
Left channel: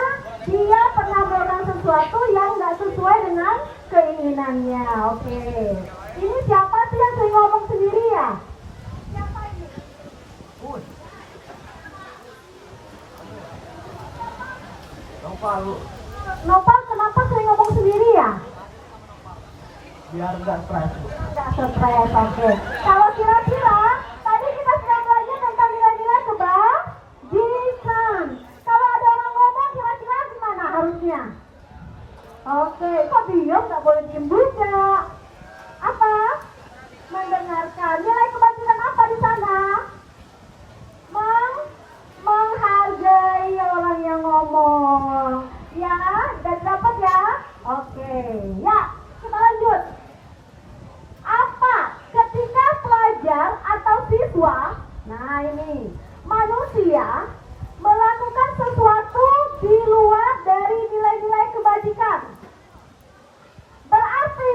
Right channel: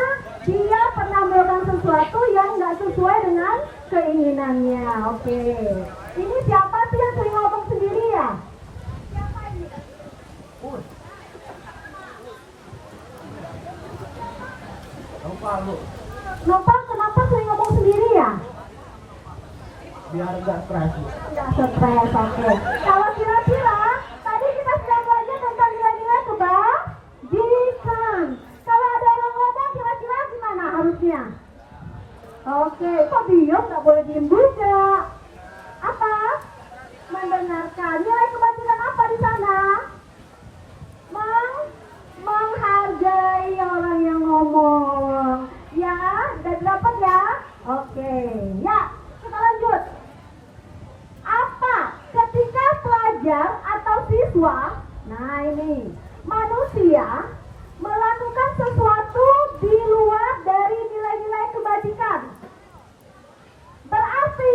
dia pernah melakukan sesuatu yang nggak sesuai dengan keinginannya. Oke, ini siapa sih yang sering ngomong sendiri ya? Siapa ini? Nopal, kenapa sering ngomong sendiri ya? Biar nggak stres. Nggak stres, oke. Kalau kira-kira tadi kita sedang belajar tentang nilai-nilai kebajikan. Kalau ada orang ngomong kira-kira gimana harusnya? Oke, kok diam? Nggak boleh diem juga. Apa? Mendengarkan. Nilai kebajikan apa di sana? Menghargai orang yang ngomong. Ya, udah dapat ya? Oke, ya. Kita lanjut. Apa ketika pelajar atau siswa, nah ini, manusia melakukan sesuatu di luar dari nilai-nilai kebajikan, berarti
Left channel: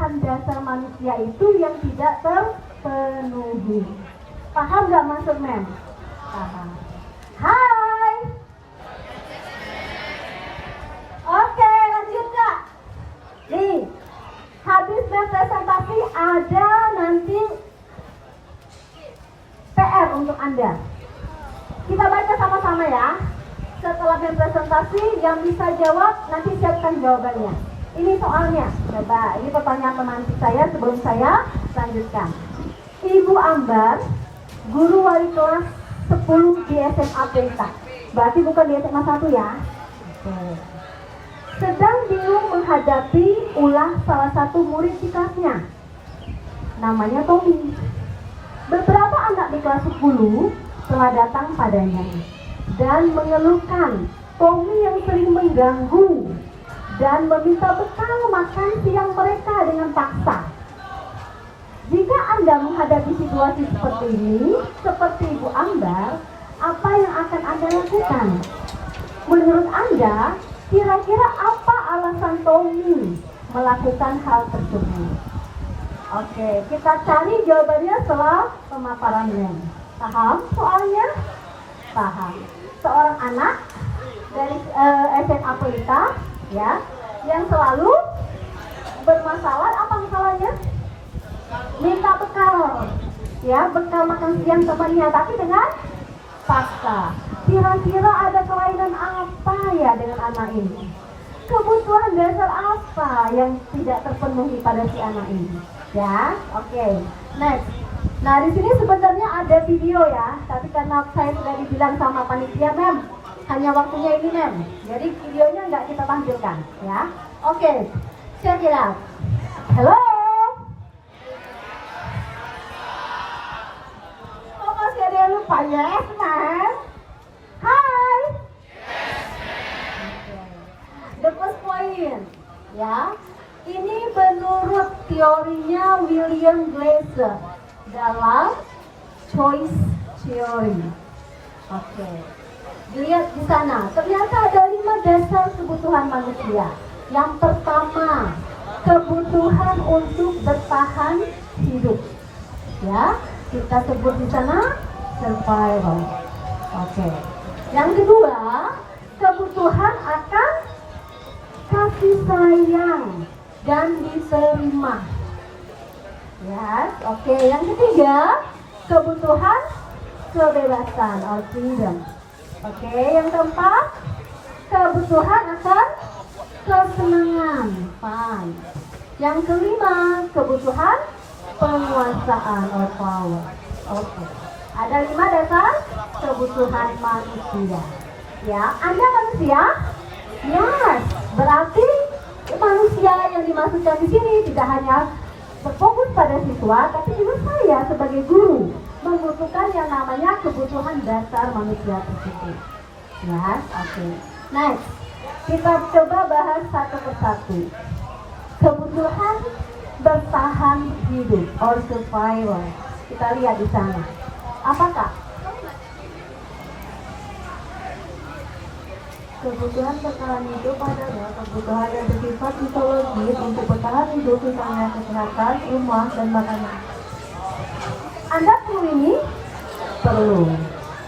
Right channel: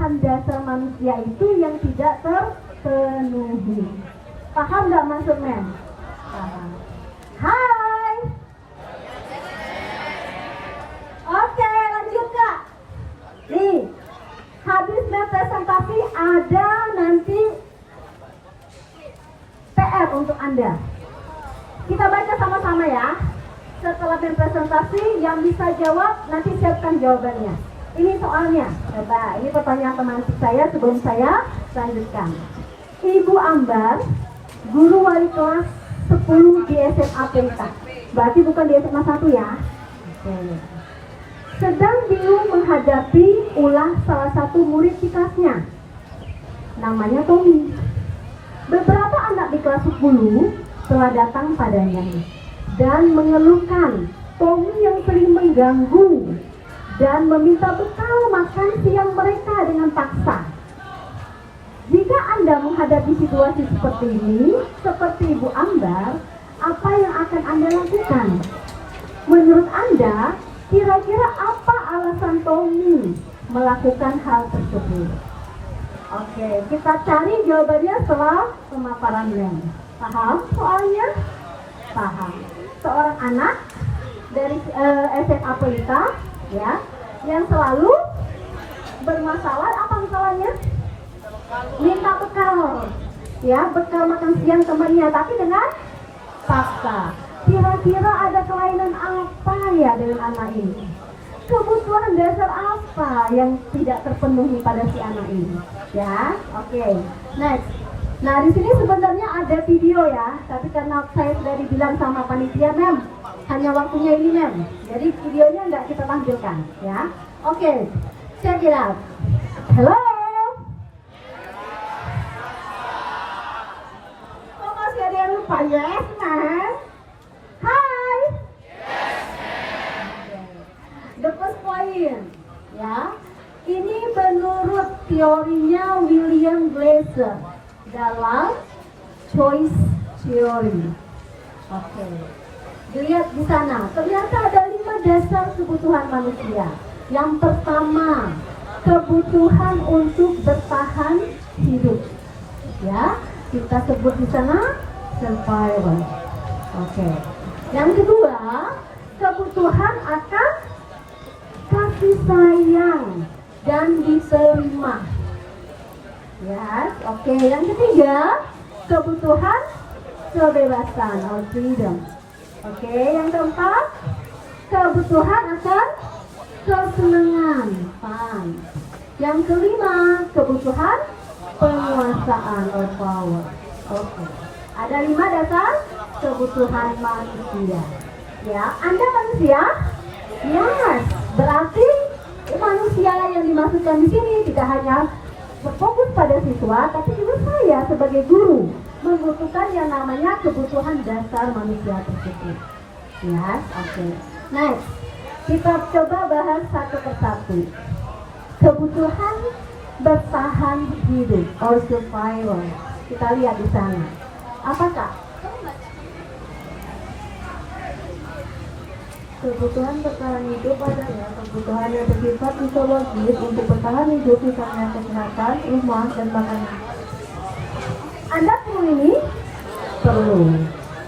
kebutuhan dasar manusia itu yang tidak terpenuhi. Paham nggak maksud Mem? Paham. Hai. Oke, lanjut Kak. Nih, habis presentasi ada nanti PR untuk Anda. Kita baca sama-sama ya. Setelah presentasi yang bisa jawab nanti siapkan jawabannya. Ini soalnya. Coba, ini pertanyaan teman saya sebelum saya lanjutkan. Ibu Ambar, guru wali kelas 10 di SMA PK. Berarti bukan di SMA 1 ya. Oke. Sedang bingung menghadapi ulah salah satu murid di kelasnya. Namanya Tommy. Beberapa anak di kelas 10 telah datang padanya dan mengeluhkan Tommy yang sering mengganggu dan meminta bekal makan siang mereka dengan paksa. Jika Anda menghadapi situasi seperti ini, seperti Ibu Ambar, apa yang akan Anda lakukan? Menurut Anda, kira-kira apa alasan Tommy melakukan hal tersebut? Oke, kita cari jawabannya setelah pemaparannya. Paham soalnya? Paham. Seorang anak dari SMA Pelita, ya, yang selalu bermasalah. Apa masalahnya? Minta bekal, ya, bekal makan siang temannya, tapi dengan paksa. Kira-kira ada kelainan apa ya dengan anak ini? Kebutuhan dasar apa yang tidak terpenuhi pada si anak ini? Ya, oke. Next. Nah, di sini sebenarnya ada video ya, tapi karena saya sudah dibilang sama panitia, Mem, hanya waktunya ini, Mem. Jadi videonya nggak kita tampilkan, ya. Oke, check it out. Hello. Kok masih ada yang lupa? Yes, Mem. Hai. The first point, ya, ini menurut teorinya William Glasser dalam choice theory. Oke, dilihat di sana. Ternyata ada 5 dasar kebutuhan manusia. Yang pertama, kebutuhan untuk bertahan hidup. Ya, kita sebut di sana survival. Oke. Yang kedua, kebutuhan akan kasih sayang dan diterima. Ya, oke. Yang ketiga, kebutuhan kebebasan or freedom. Oke, yang keempat, kebutuhan akan kesenangan, fun. Yang kelima, kebutuhan penguasaan or power. Oke. Ada 5 dasar kebutuhan manusia. Ya, Anda manusia? Yes. Berarti manusia yang dimaksudkan di sini tidak hanya berfokus pada siswa, tapi juga saya sebagai guru membutuhkan yang namanya kebutuhan dasar manusia tersebut. Ya, oke. Next, kita coba bahas satu persatu. Kebutuhan bertahan hidup or survival. Kita lihat di sana. Apakah? Kebutuhan bertahan hidup adalah kebutuhan yang bersifat fisiologis untuk bertahan hidup, misalnya kesehatan, rumah, dan makanan. Anda perlu ini? Perlu.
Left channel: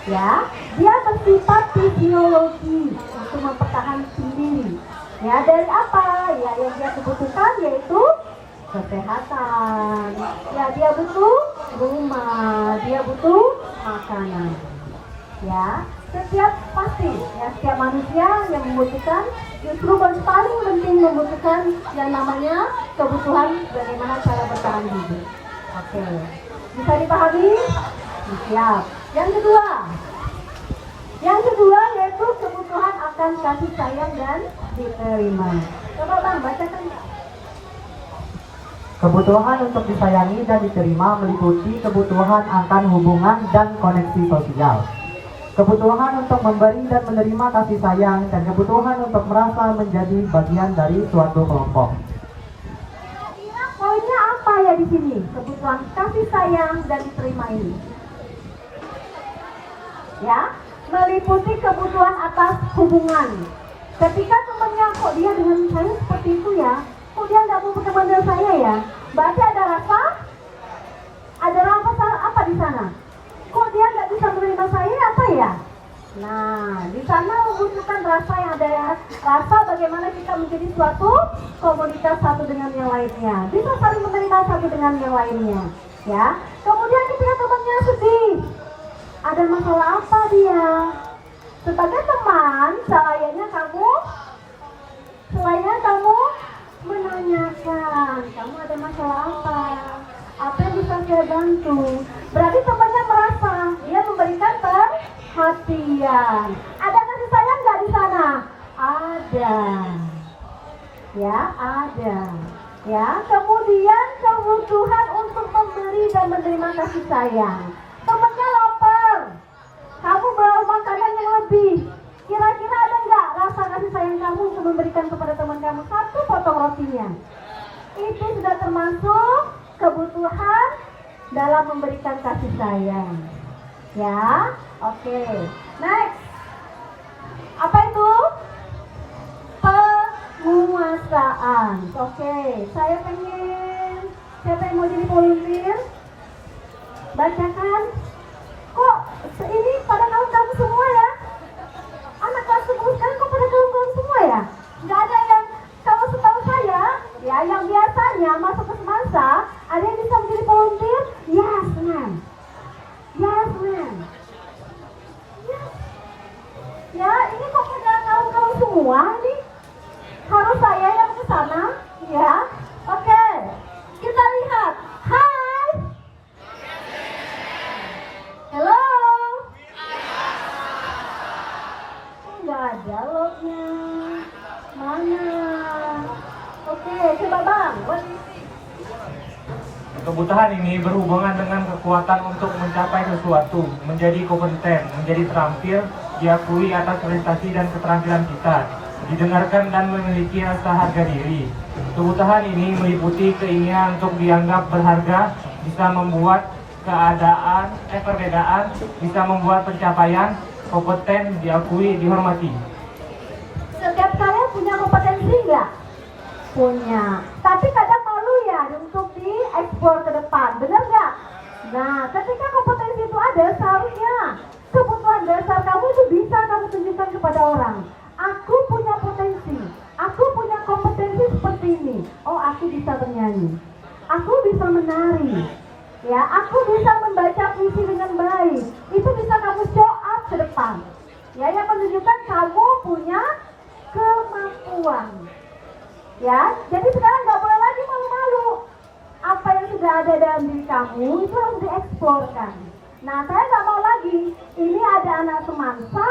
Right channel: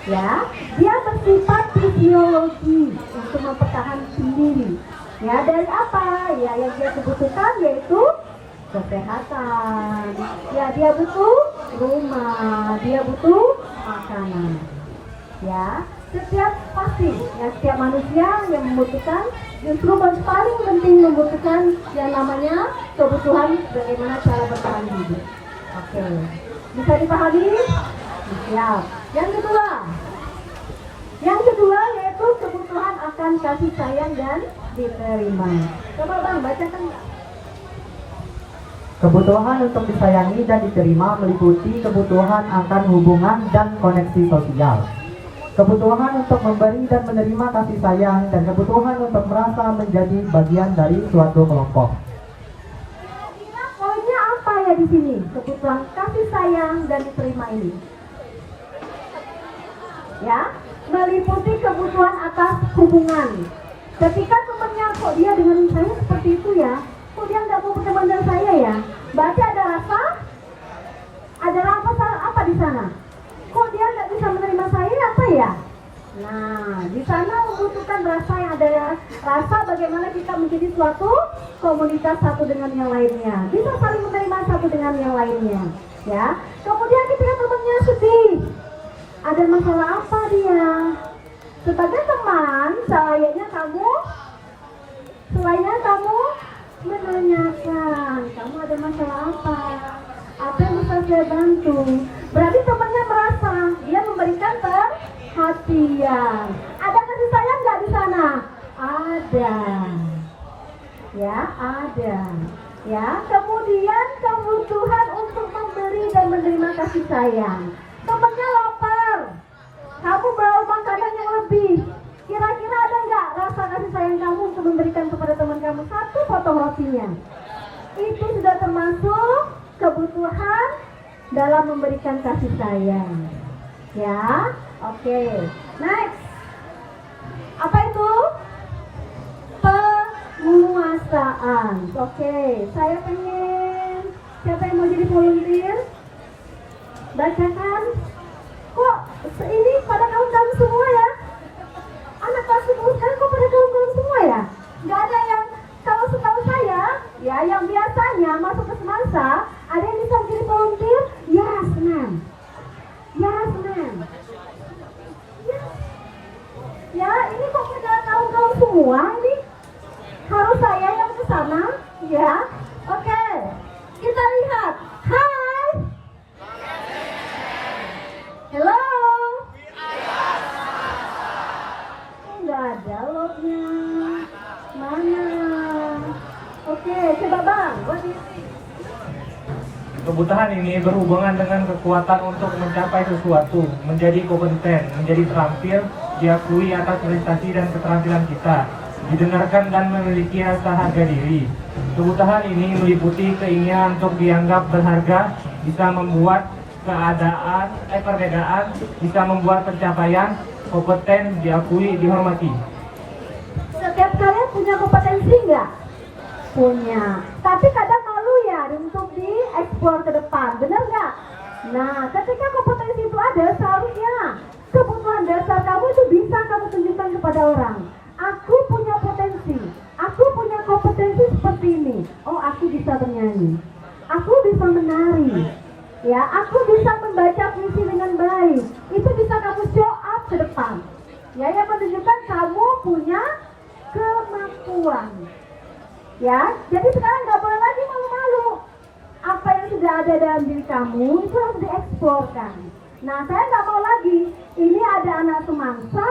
Ya, dia bersifat fisiologi untuk mempertahankan diri. Ya, dari apa? Ya, yang dia kebutuhkan yaitu kesehatan. Ya, dia butuh rumah, dia butuh makanan. Ya, setiap manusia yang membutuhkan, justru paling penting membutuhkan yang namanya kebutuhan bagaimana cara bertahan hidup. Oke, bisa dipahami? Siap. Yang kedua yaitu kebutuhan akan kasih sayang dan diterima. Coba Bang, bacakan. Kebutuhan untuk disayangi dan diterima meliputi kebutuhan akan hubungan dan koneksi sosial. Kebutuhan untuk memberi dan menerima kasih sayang, dan kebutuhan untuk merasa menjadi bagian dari suatu kelompok. Kira-kira poinnya apa ya di sini? Kebutuhan kasih sayang dan diterima ini. Ya, meliputi kebutuhan atas hubungan. Ketika temannya kok dia dengan saya seperti itu ya, kok dia nggak mau berteman dengan saya ya? Berarti ada rasa? Ada apa di sana? Kok dia nggak bisa menerima saya apa ya? Nah, di sana membutuhkan rasa yang ada rasa bagaimana kita menjadi suatu komunitas satu dengan yang lainnya. Bisa saling menerima satu dengan yang lainnya, ya. Kemudian ketika temannya sedih, ada masalah apa dia? Sebagai teman, selainnya kamu menanyakan, kamu ada masalah apa? Apa yang bisa saya bantu? Berarti temannya merasa dia memberikan perhatian. Ada kasih sayang nggak di sana? Ada. Ya, ada. Ya, kemudian kebutuhan untuk memberi dan menerima kasih sayang. Temannya lapar. Kamu bawa makanan yang lebih. Kira-kira ada nggak rasa kasih sayang kamu untuk memberikan kepada teman kamu satu potong rotinya? Itu sudah termasuk kebutuhan dalam memberikan kasih sayang. Ya, oke. Next. Apa itu? Penguasaan. Oke, saya pengen. Siapa yang mau jadi volunteer? Bacakan. Kok ini pada kaum-kaum semua ya? Anak kelas 10 sekarang kok pada kaum-kaum semua ya? Nggak ada yang, kalau setahu saya, ya yang biasanya masuk ke semasa, ada yang bisa menjadi volunteer? Yes, ma'am. Yes, ma'am. Ya, ini kok pada kaum-kaum semua ini? Harus saya yang ke sana? Ya, oke. Kita lihat. Hai. Hello. Nggak ada lognya. Mana? Oke, coba Bang. What do you think? Kebutuhan ini berhubungan dengan kekuatan untuk mencapai sesuatu, menjadi kompeten, menjadi terampil, diakui atas prestasi dan keterampilan kita, didengarkan dan memiliki rasa harga diri. Kebutuhan ini meliputi keinginan untuk dianggap berharga, bisa membuat perbedaan, bisa membuat pencapaian, kompeten, diakui, dihormati. Setiap kalian punya kompetensi nggak? Punya. Tapi kadang malu ya untuk diekspor ke depan, bener nggak? Nah, ketika kompetensi itu ada, seharusnya kebutuhan dasar kamu itu bisa kamu tunjukkan kepada orang. Aku punya potensi, aku punya kompetensi seperti ini. Oh, aku bisa bernyanyi, aku bisa menari, ya, aku bisa membaca puisi dengan baik. Itu bisa kamu show up ke depan, ya, yang menunjukkan kamu punya kemampuan. Ya, jadi sekarang nggak boleh lagi malu-malu. Apa yang sudah ada dalam diri kamu itu harus dieksporkan. Nah, saya nggak mau lagi. Ini ada anak semangsa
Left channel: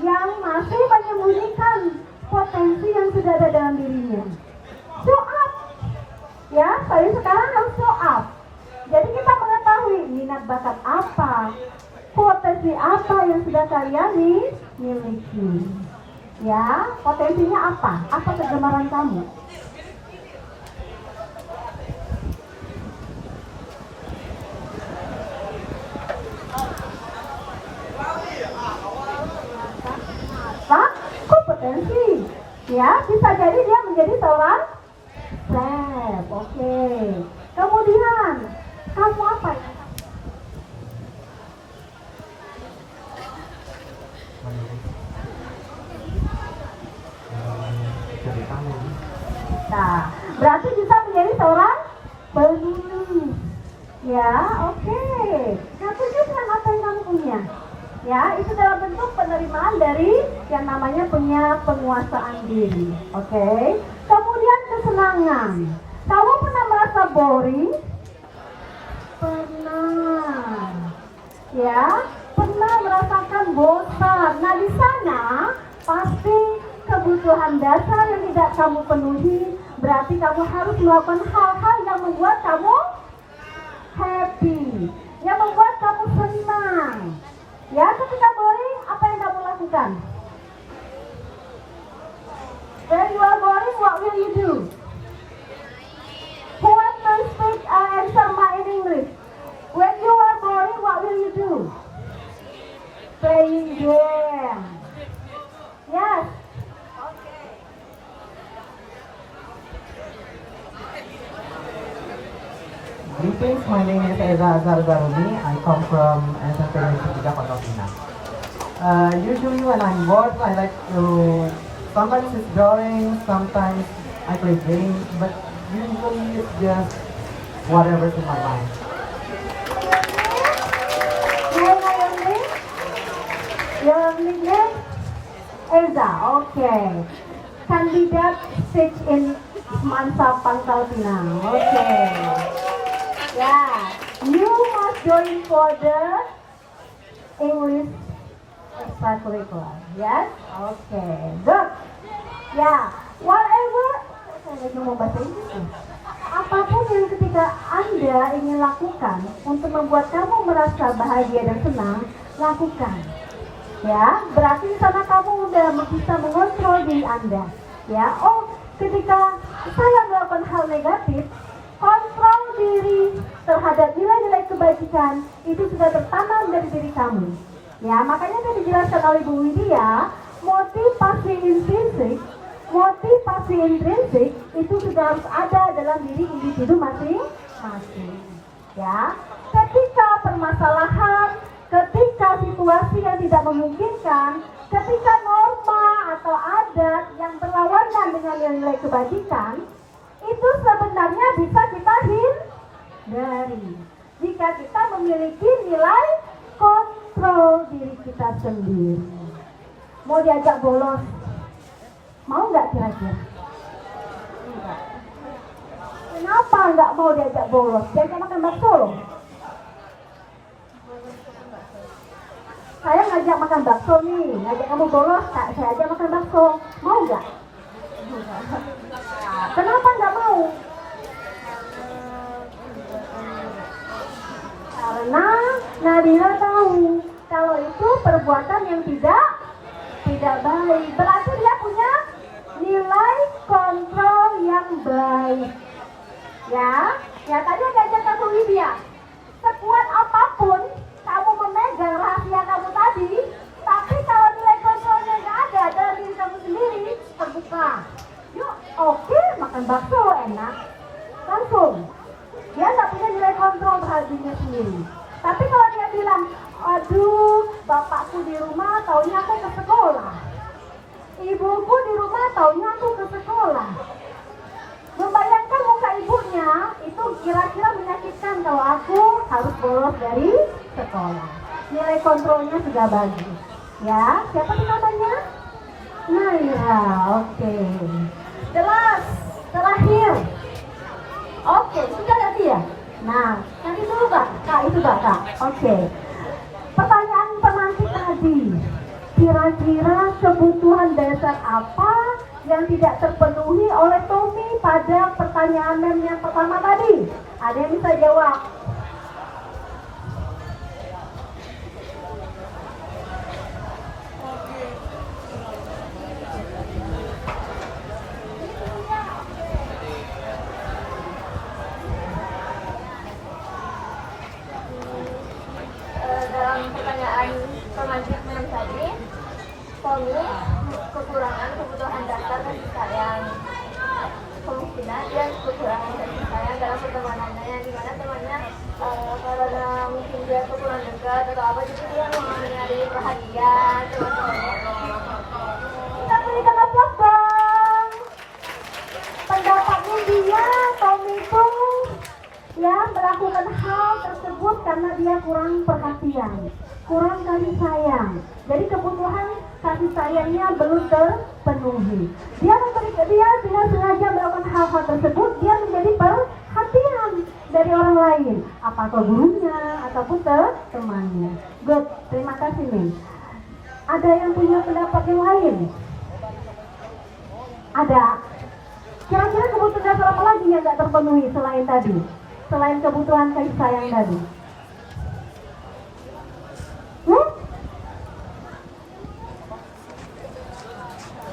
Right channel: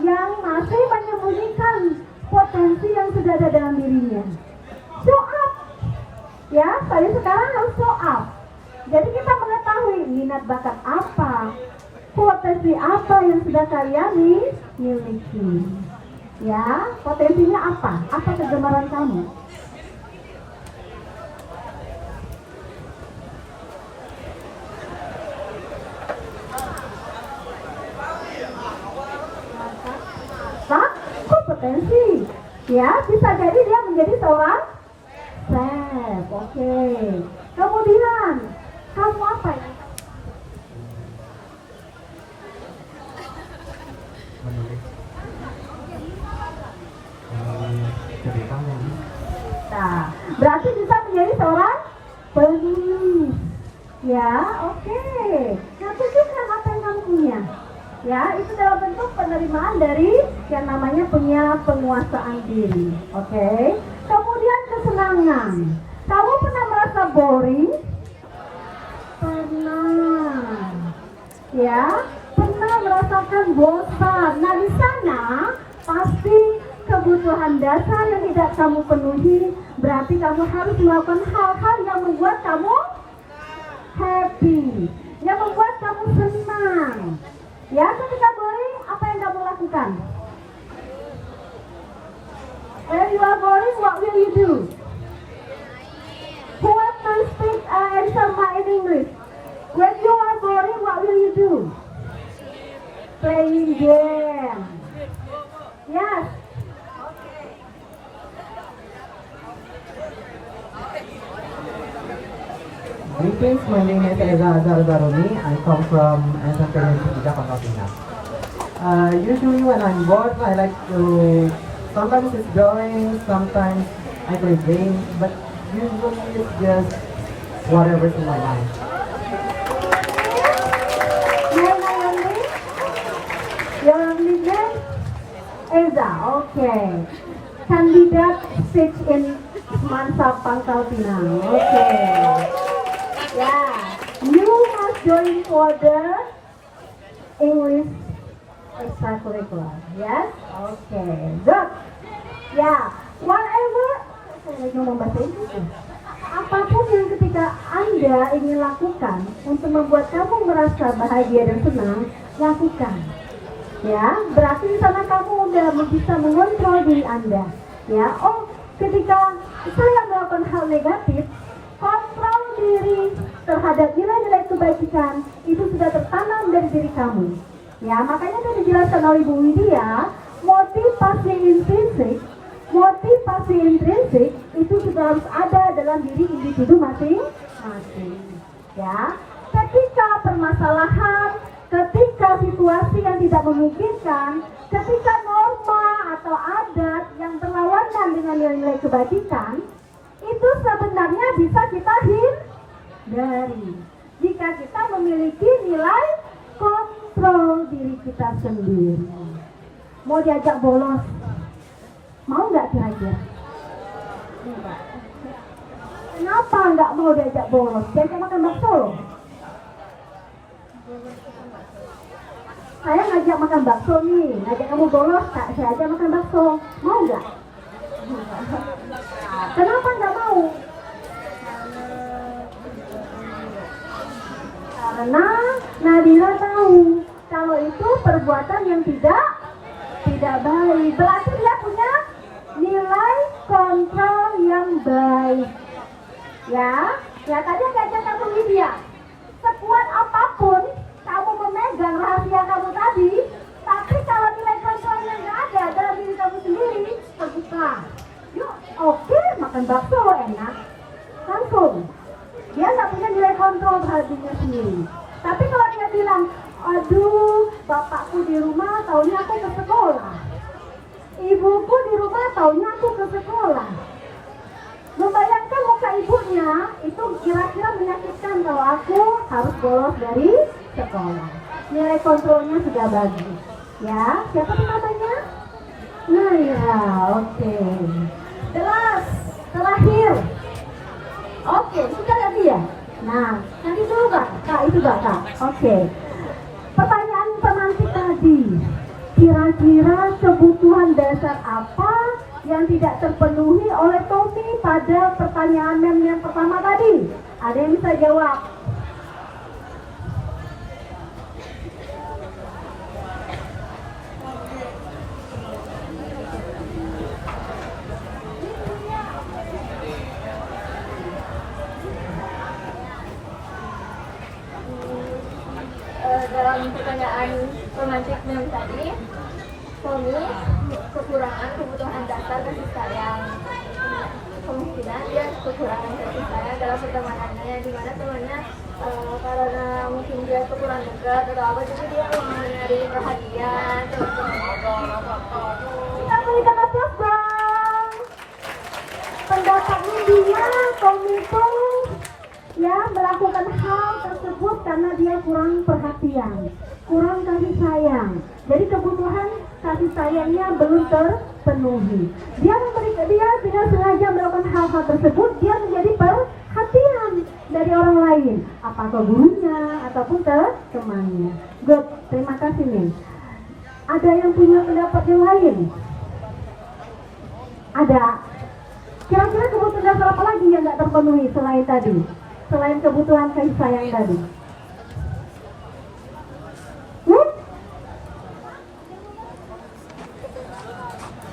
yang masih menyembunyikan potensi yang sudah ada dalam dirinya. Show up. Ya, saya sekarang harus show up. Jadi kita mengetahui minat bakat apa, potensi apa yang sudah kalian miliki. Ya, potensinya apa? Apa kegemaran kamu? Kompetensi. Ya, bisa jadi dia menjadi seorang chef. Oke. Kemudian, kamu apa ya? Nah, berarti bisa menjadi seorang penulis. Ya, oke. Nah, tunjukkan apa yang kamu punya. Ya, itu dalam bentuk penerimaan dari yang namanya punya penguasaan diri. Oke. Kemudian kesenangan. Kamu pernah merasa boring? Pernah. Ya, pernah merasakan bosan. Nah, di sana pasti kebutuhan dasar yang tidak kamu penuhi, berarti kamu harus melakukan hal-hal yang membuat kamu happy, yang membuat kamu senang. Ya, ketika boring, apa yang kamu lakukan? When you are boring, what will you do? Who wants to speak answer my in English? When you are boring, what will you do? Playing game. Yes. Greetings, my name is Eza Azhar Daruni. I come from SMP University Pondokina. Usually when I'm bored, I like to sometimes it's drawing, sometimes I play games, but usually it's just whatever's in my mind. Your nickname? Eza, okay. Candidate stage in Semansa Pangkal Pinang. Okay. Yeah. You must join for the English extracurricular. Yes? Okay. Good. Yeah. Whatever. Saya lagi ngomong bahasa Inggris. Apapun yang ketika Anda ingin lakukan untuk membuat kamu merasa bahagia dan senang, lakukan. Ya, berarti di sana kamu udah bisa mengontrol diri Anda. Ya, oh, ketika saya melakukan hal negatif, kontrol diri terhadap nilai-nilai kebajikan itu sudah tertanam dari diri kamu. Ya, makanya tadi dijelaskan oleh Bu Widya, motivasi intrinsik itu sudah harus ada dalam diri individu masing-masing. Ya, ketika permasalahan, ketika situasi yang tidak memungkinkan, ketika norma atau adat yang berlawanan dengan nilai-nilai kebajikan, itu sebenarnya bisa kita hindari jika kita memiliki nilai kontrol diri kita sendiri. Mau diajak bolos, mau nggak kira-kira? Enggak. Kenapa nggak mau diajak bolos? Diajak makan bakso loh. Saya ngajak makan bakso nih, ngajak kamu bolos, saya ajak makan bakso, mau nggak? Kenapa nggak mau? Karena Nadia tahu kalau itu perbuatan yang tidak baik. Berarti dia punya nilai kontrol yang baik. Ya tadi ngajak kamu Lydia. Sekuat apapun kamu memegang rahasia kamu tadi, tapi kalau nilai kontrolnya nggak ada dalam diri kamu sendiri, terbuka. Yuk, oke, makan bakso enak, langsung. Dia nggak punya nilai kontrol terhadap dirinya sendiri. Tapi kalau dia bilang, aduh, bapakku di rumah taunya aku ke sekolah, ibuku di rumah taunya aku ke sekolah. Membayangkan muka ibunya itu kira-kira menyakitkan kalau aku harus bolos dari sekolah. Nilai kontrolnya sudah bagus. Ya, siapa namanya? Naira, oke. Jelas, terakhir. Oke, sudah ya dia. Nah, nanti dulu Kak, itu Kak. Oke. Pertanyaan pemantik tadi. Kira-kira kebutuhan dasar apa yang tidak terpenuhi oleh Tommy pada pertanyaan mem yang pertama tadi? Ada yang bisa jawab? Dalam pertanyaan pemantik mem tadi, Tommy kekurangan kebutuhan dasar kasih sayang, kemungkinan dia kekurangan kasih sayang dalam pertemanannya, yang dimana temannya karena mungkin dia kurang dekat atau apa, jadi dia mencari perhatian. Kita berikan aplaus dong. Pendapatnya dia, Tommy itu ya melakukan hal tersebut karena dia kurang perhatian, kurang kasih sayang. Jadi kebutuhan kasih sayangnya belum terpenuhi. Dia dengan sengaja melakukan hal-hal tersebut, dia menjadi perhatian dari orang lain, apakah gurunya ataupun temannya. Good, terima kasih nih. Ada yang punya pendapat yang lain? Ada. Kira-kira kebutuhan dasar apa lagi yang nggak terpenuhi selain tadi? Selain kebutuhan kasih sayang tadi?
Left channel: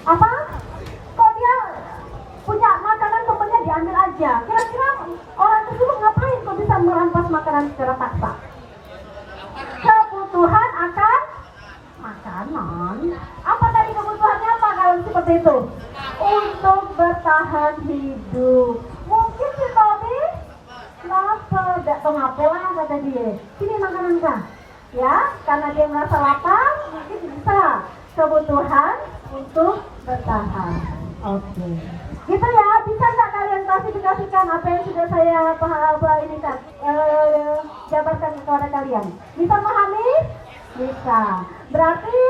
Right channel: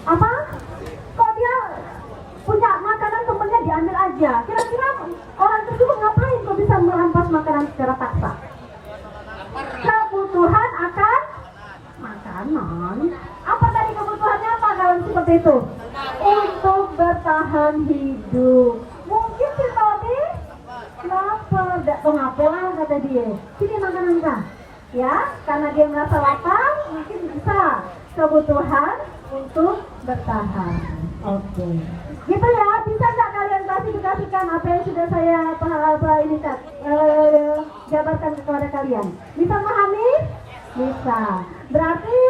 Apa? Kok dia punya makanan temennya diambil aja? Kira-kira orang tersebut ngapain kok bisa merampas makanan secara paksa? Kebutuhan akan makanan. Apa dari kebutuhannya apa kalau seperti itu? Untuk bertahan hidup. Mungkin si Tommy lapar, tong apa lah kata dia. Sini makanan Pak. Ya, karena dia merasa lapar, mungkin bisa kebutuhan untuk bertahan. Oke. Gitu ya, bisa nggak kalian klasifikasikan apa yang sudah saya jabarkan kepada kalian? Bisa memahami? Bisa. Berarti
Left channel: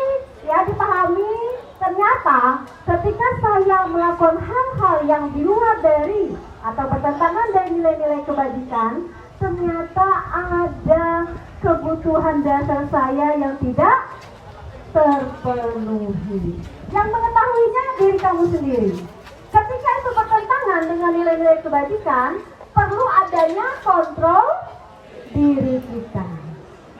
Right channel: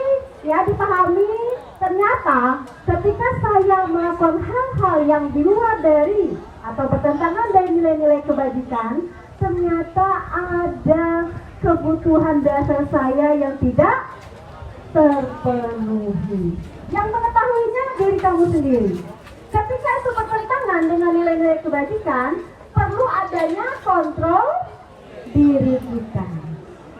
ya dipahami, ternyata ketika saya melakukan hal-hal yang di luar dari atau bertentangan dari nilai-nilai kebajikan, ternyata ada kebutuhan dasar saya yang tidak terpenuhi. Yang mengetahuinya diri kamu sendiri. Ketika itu bertentangan dengan nilai-nilai kebajikan, perlu adanya kontrol diri kita.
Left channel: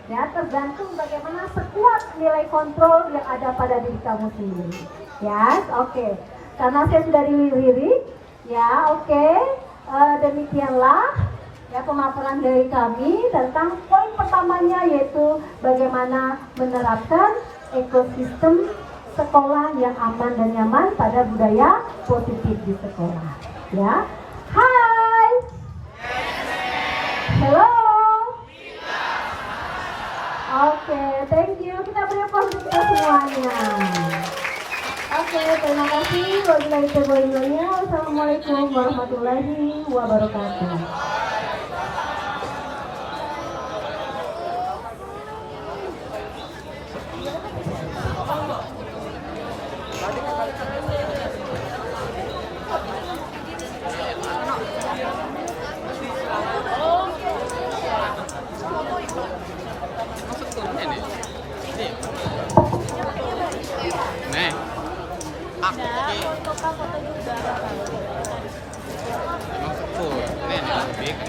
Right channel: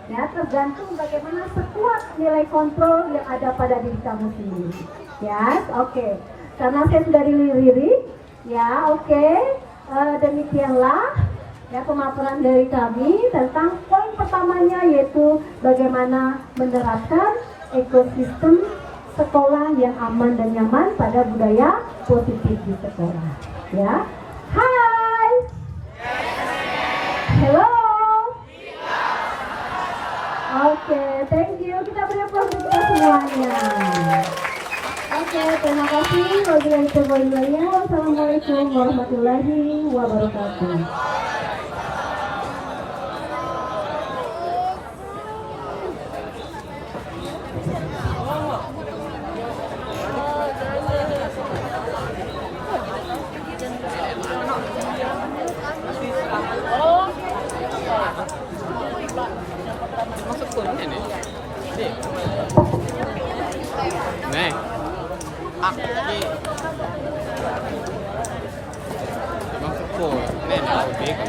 Ya, tergantung bagaimana sekuat nilai kontrol yang ada pada diri kamu sendiri. Ya, oke. Karena saya sudah lirik, ya, oke. Demikianlah ya pemaparan dari kami tentang poin pertamanya, yaitu bagaimana menerapkan ekosistem sekolah yang aman dan nyaman pada budaya positif di sekolah. Ya, hai, hello, oke, thank you. Kita beri aplaus untuk kita semuanya. Oke, terima kasih. Wassalamualaikum warahmatullahi wabarakatuh. Nih, aki. Maksudku, ini ubi kan.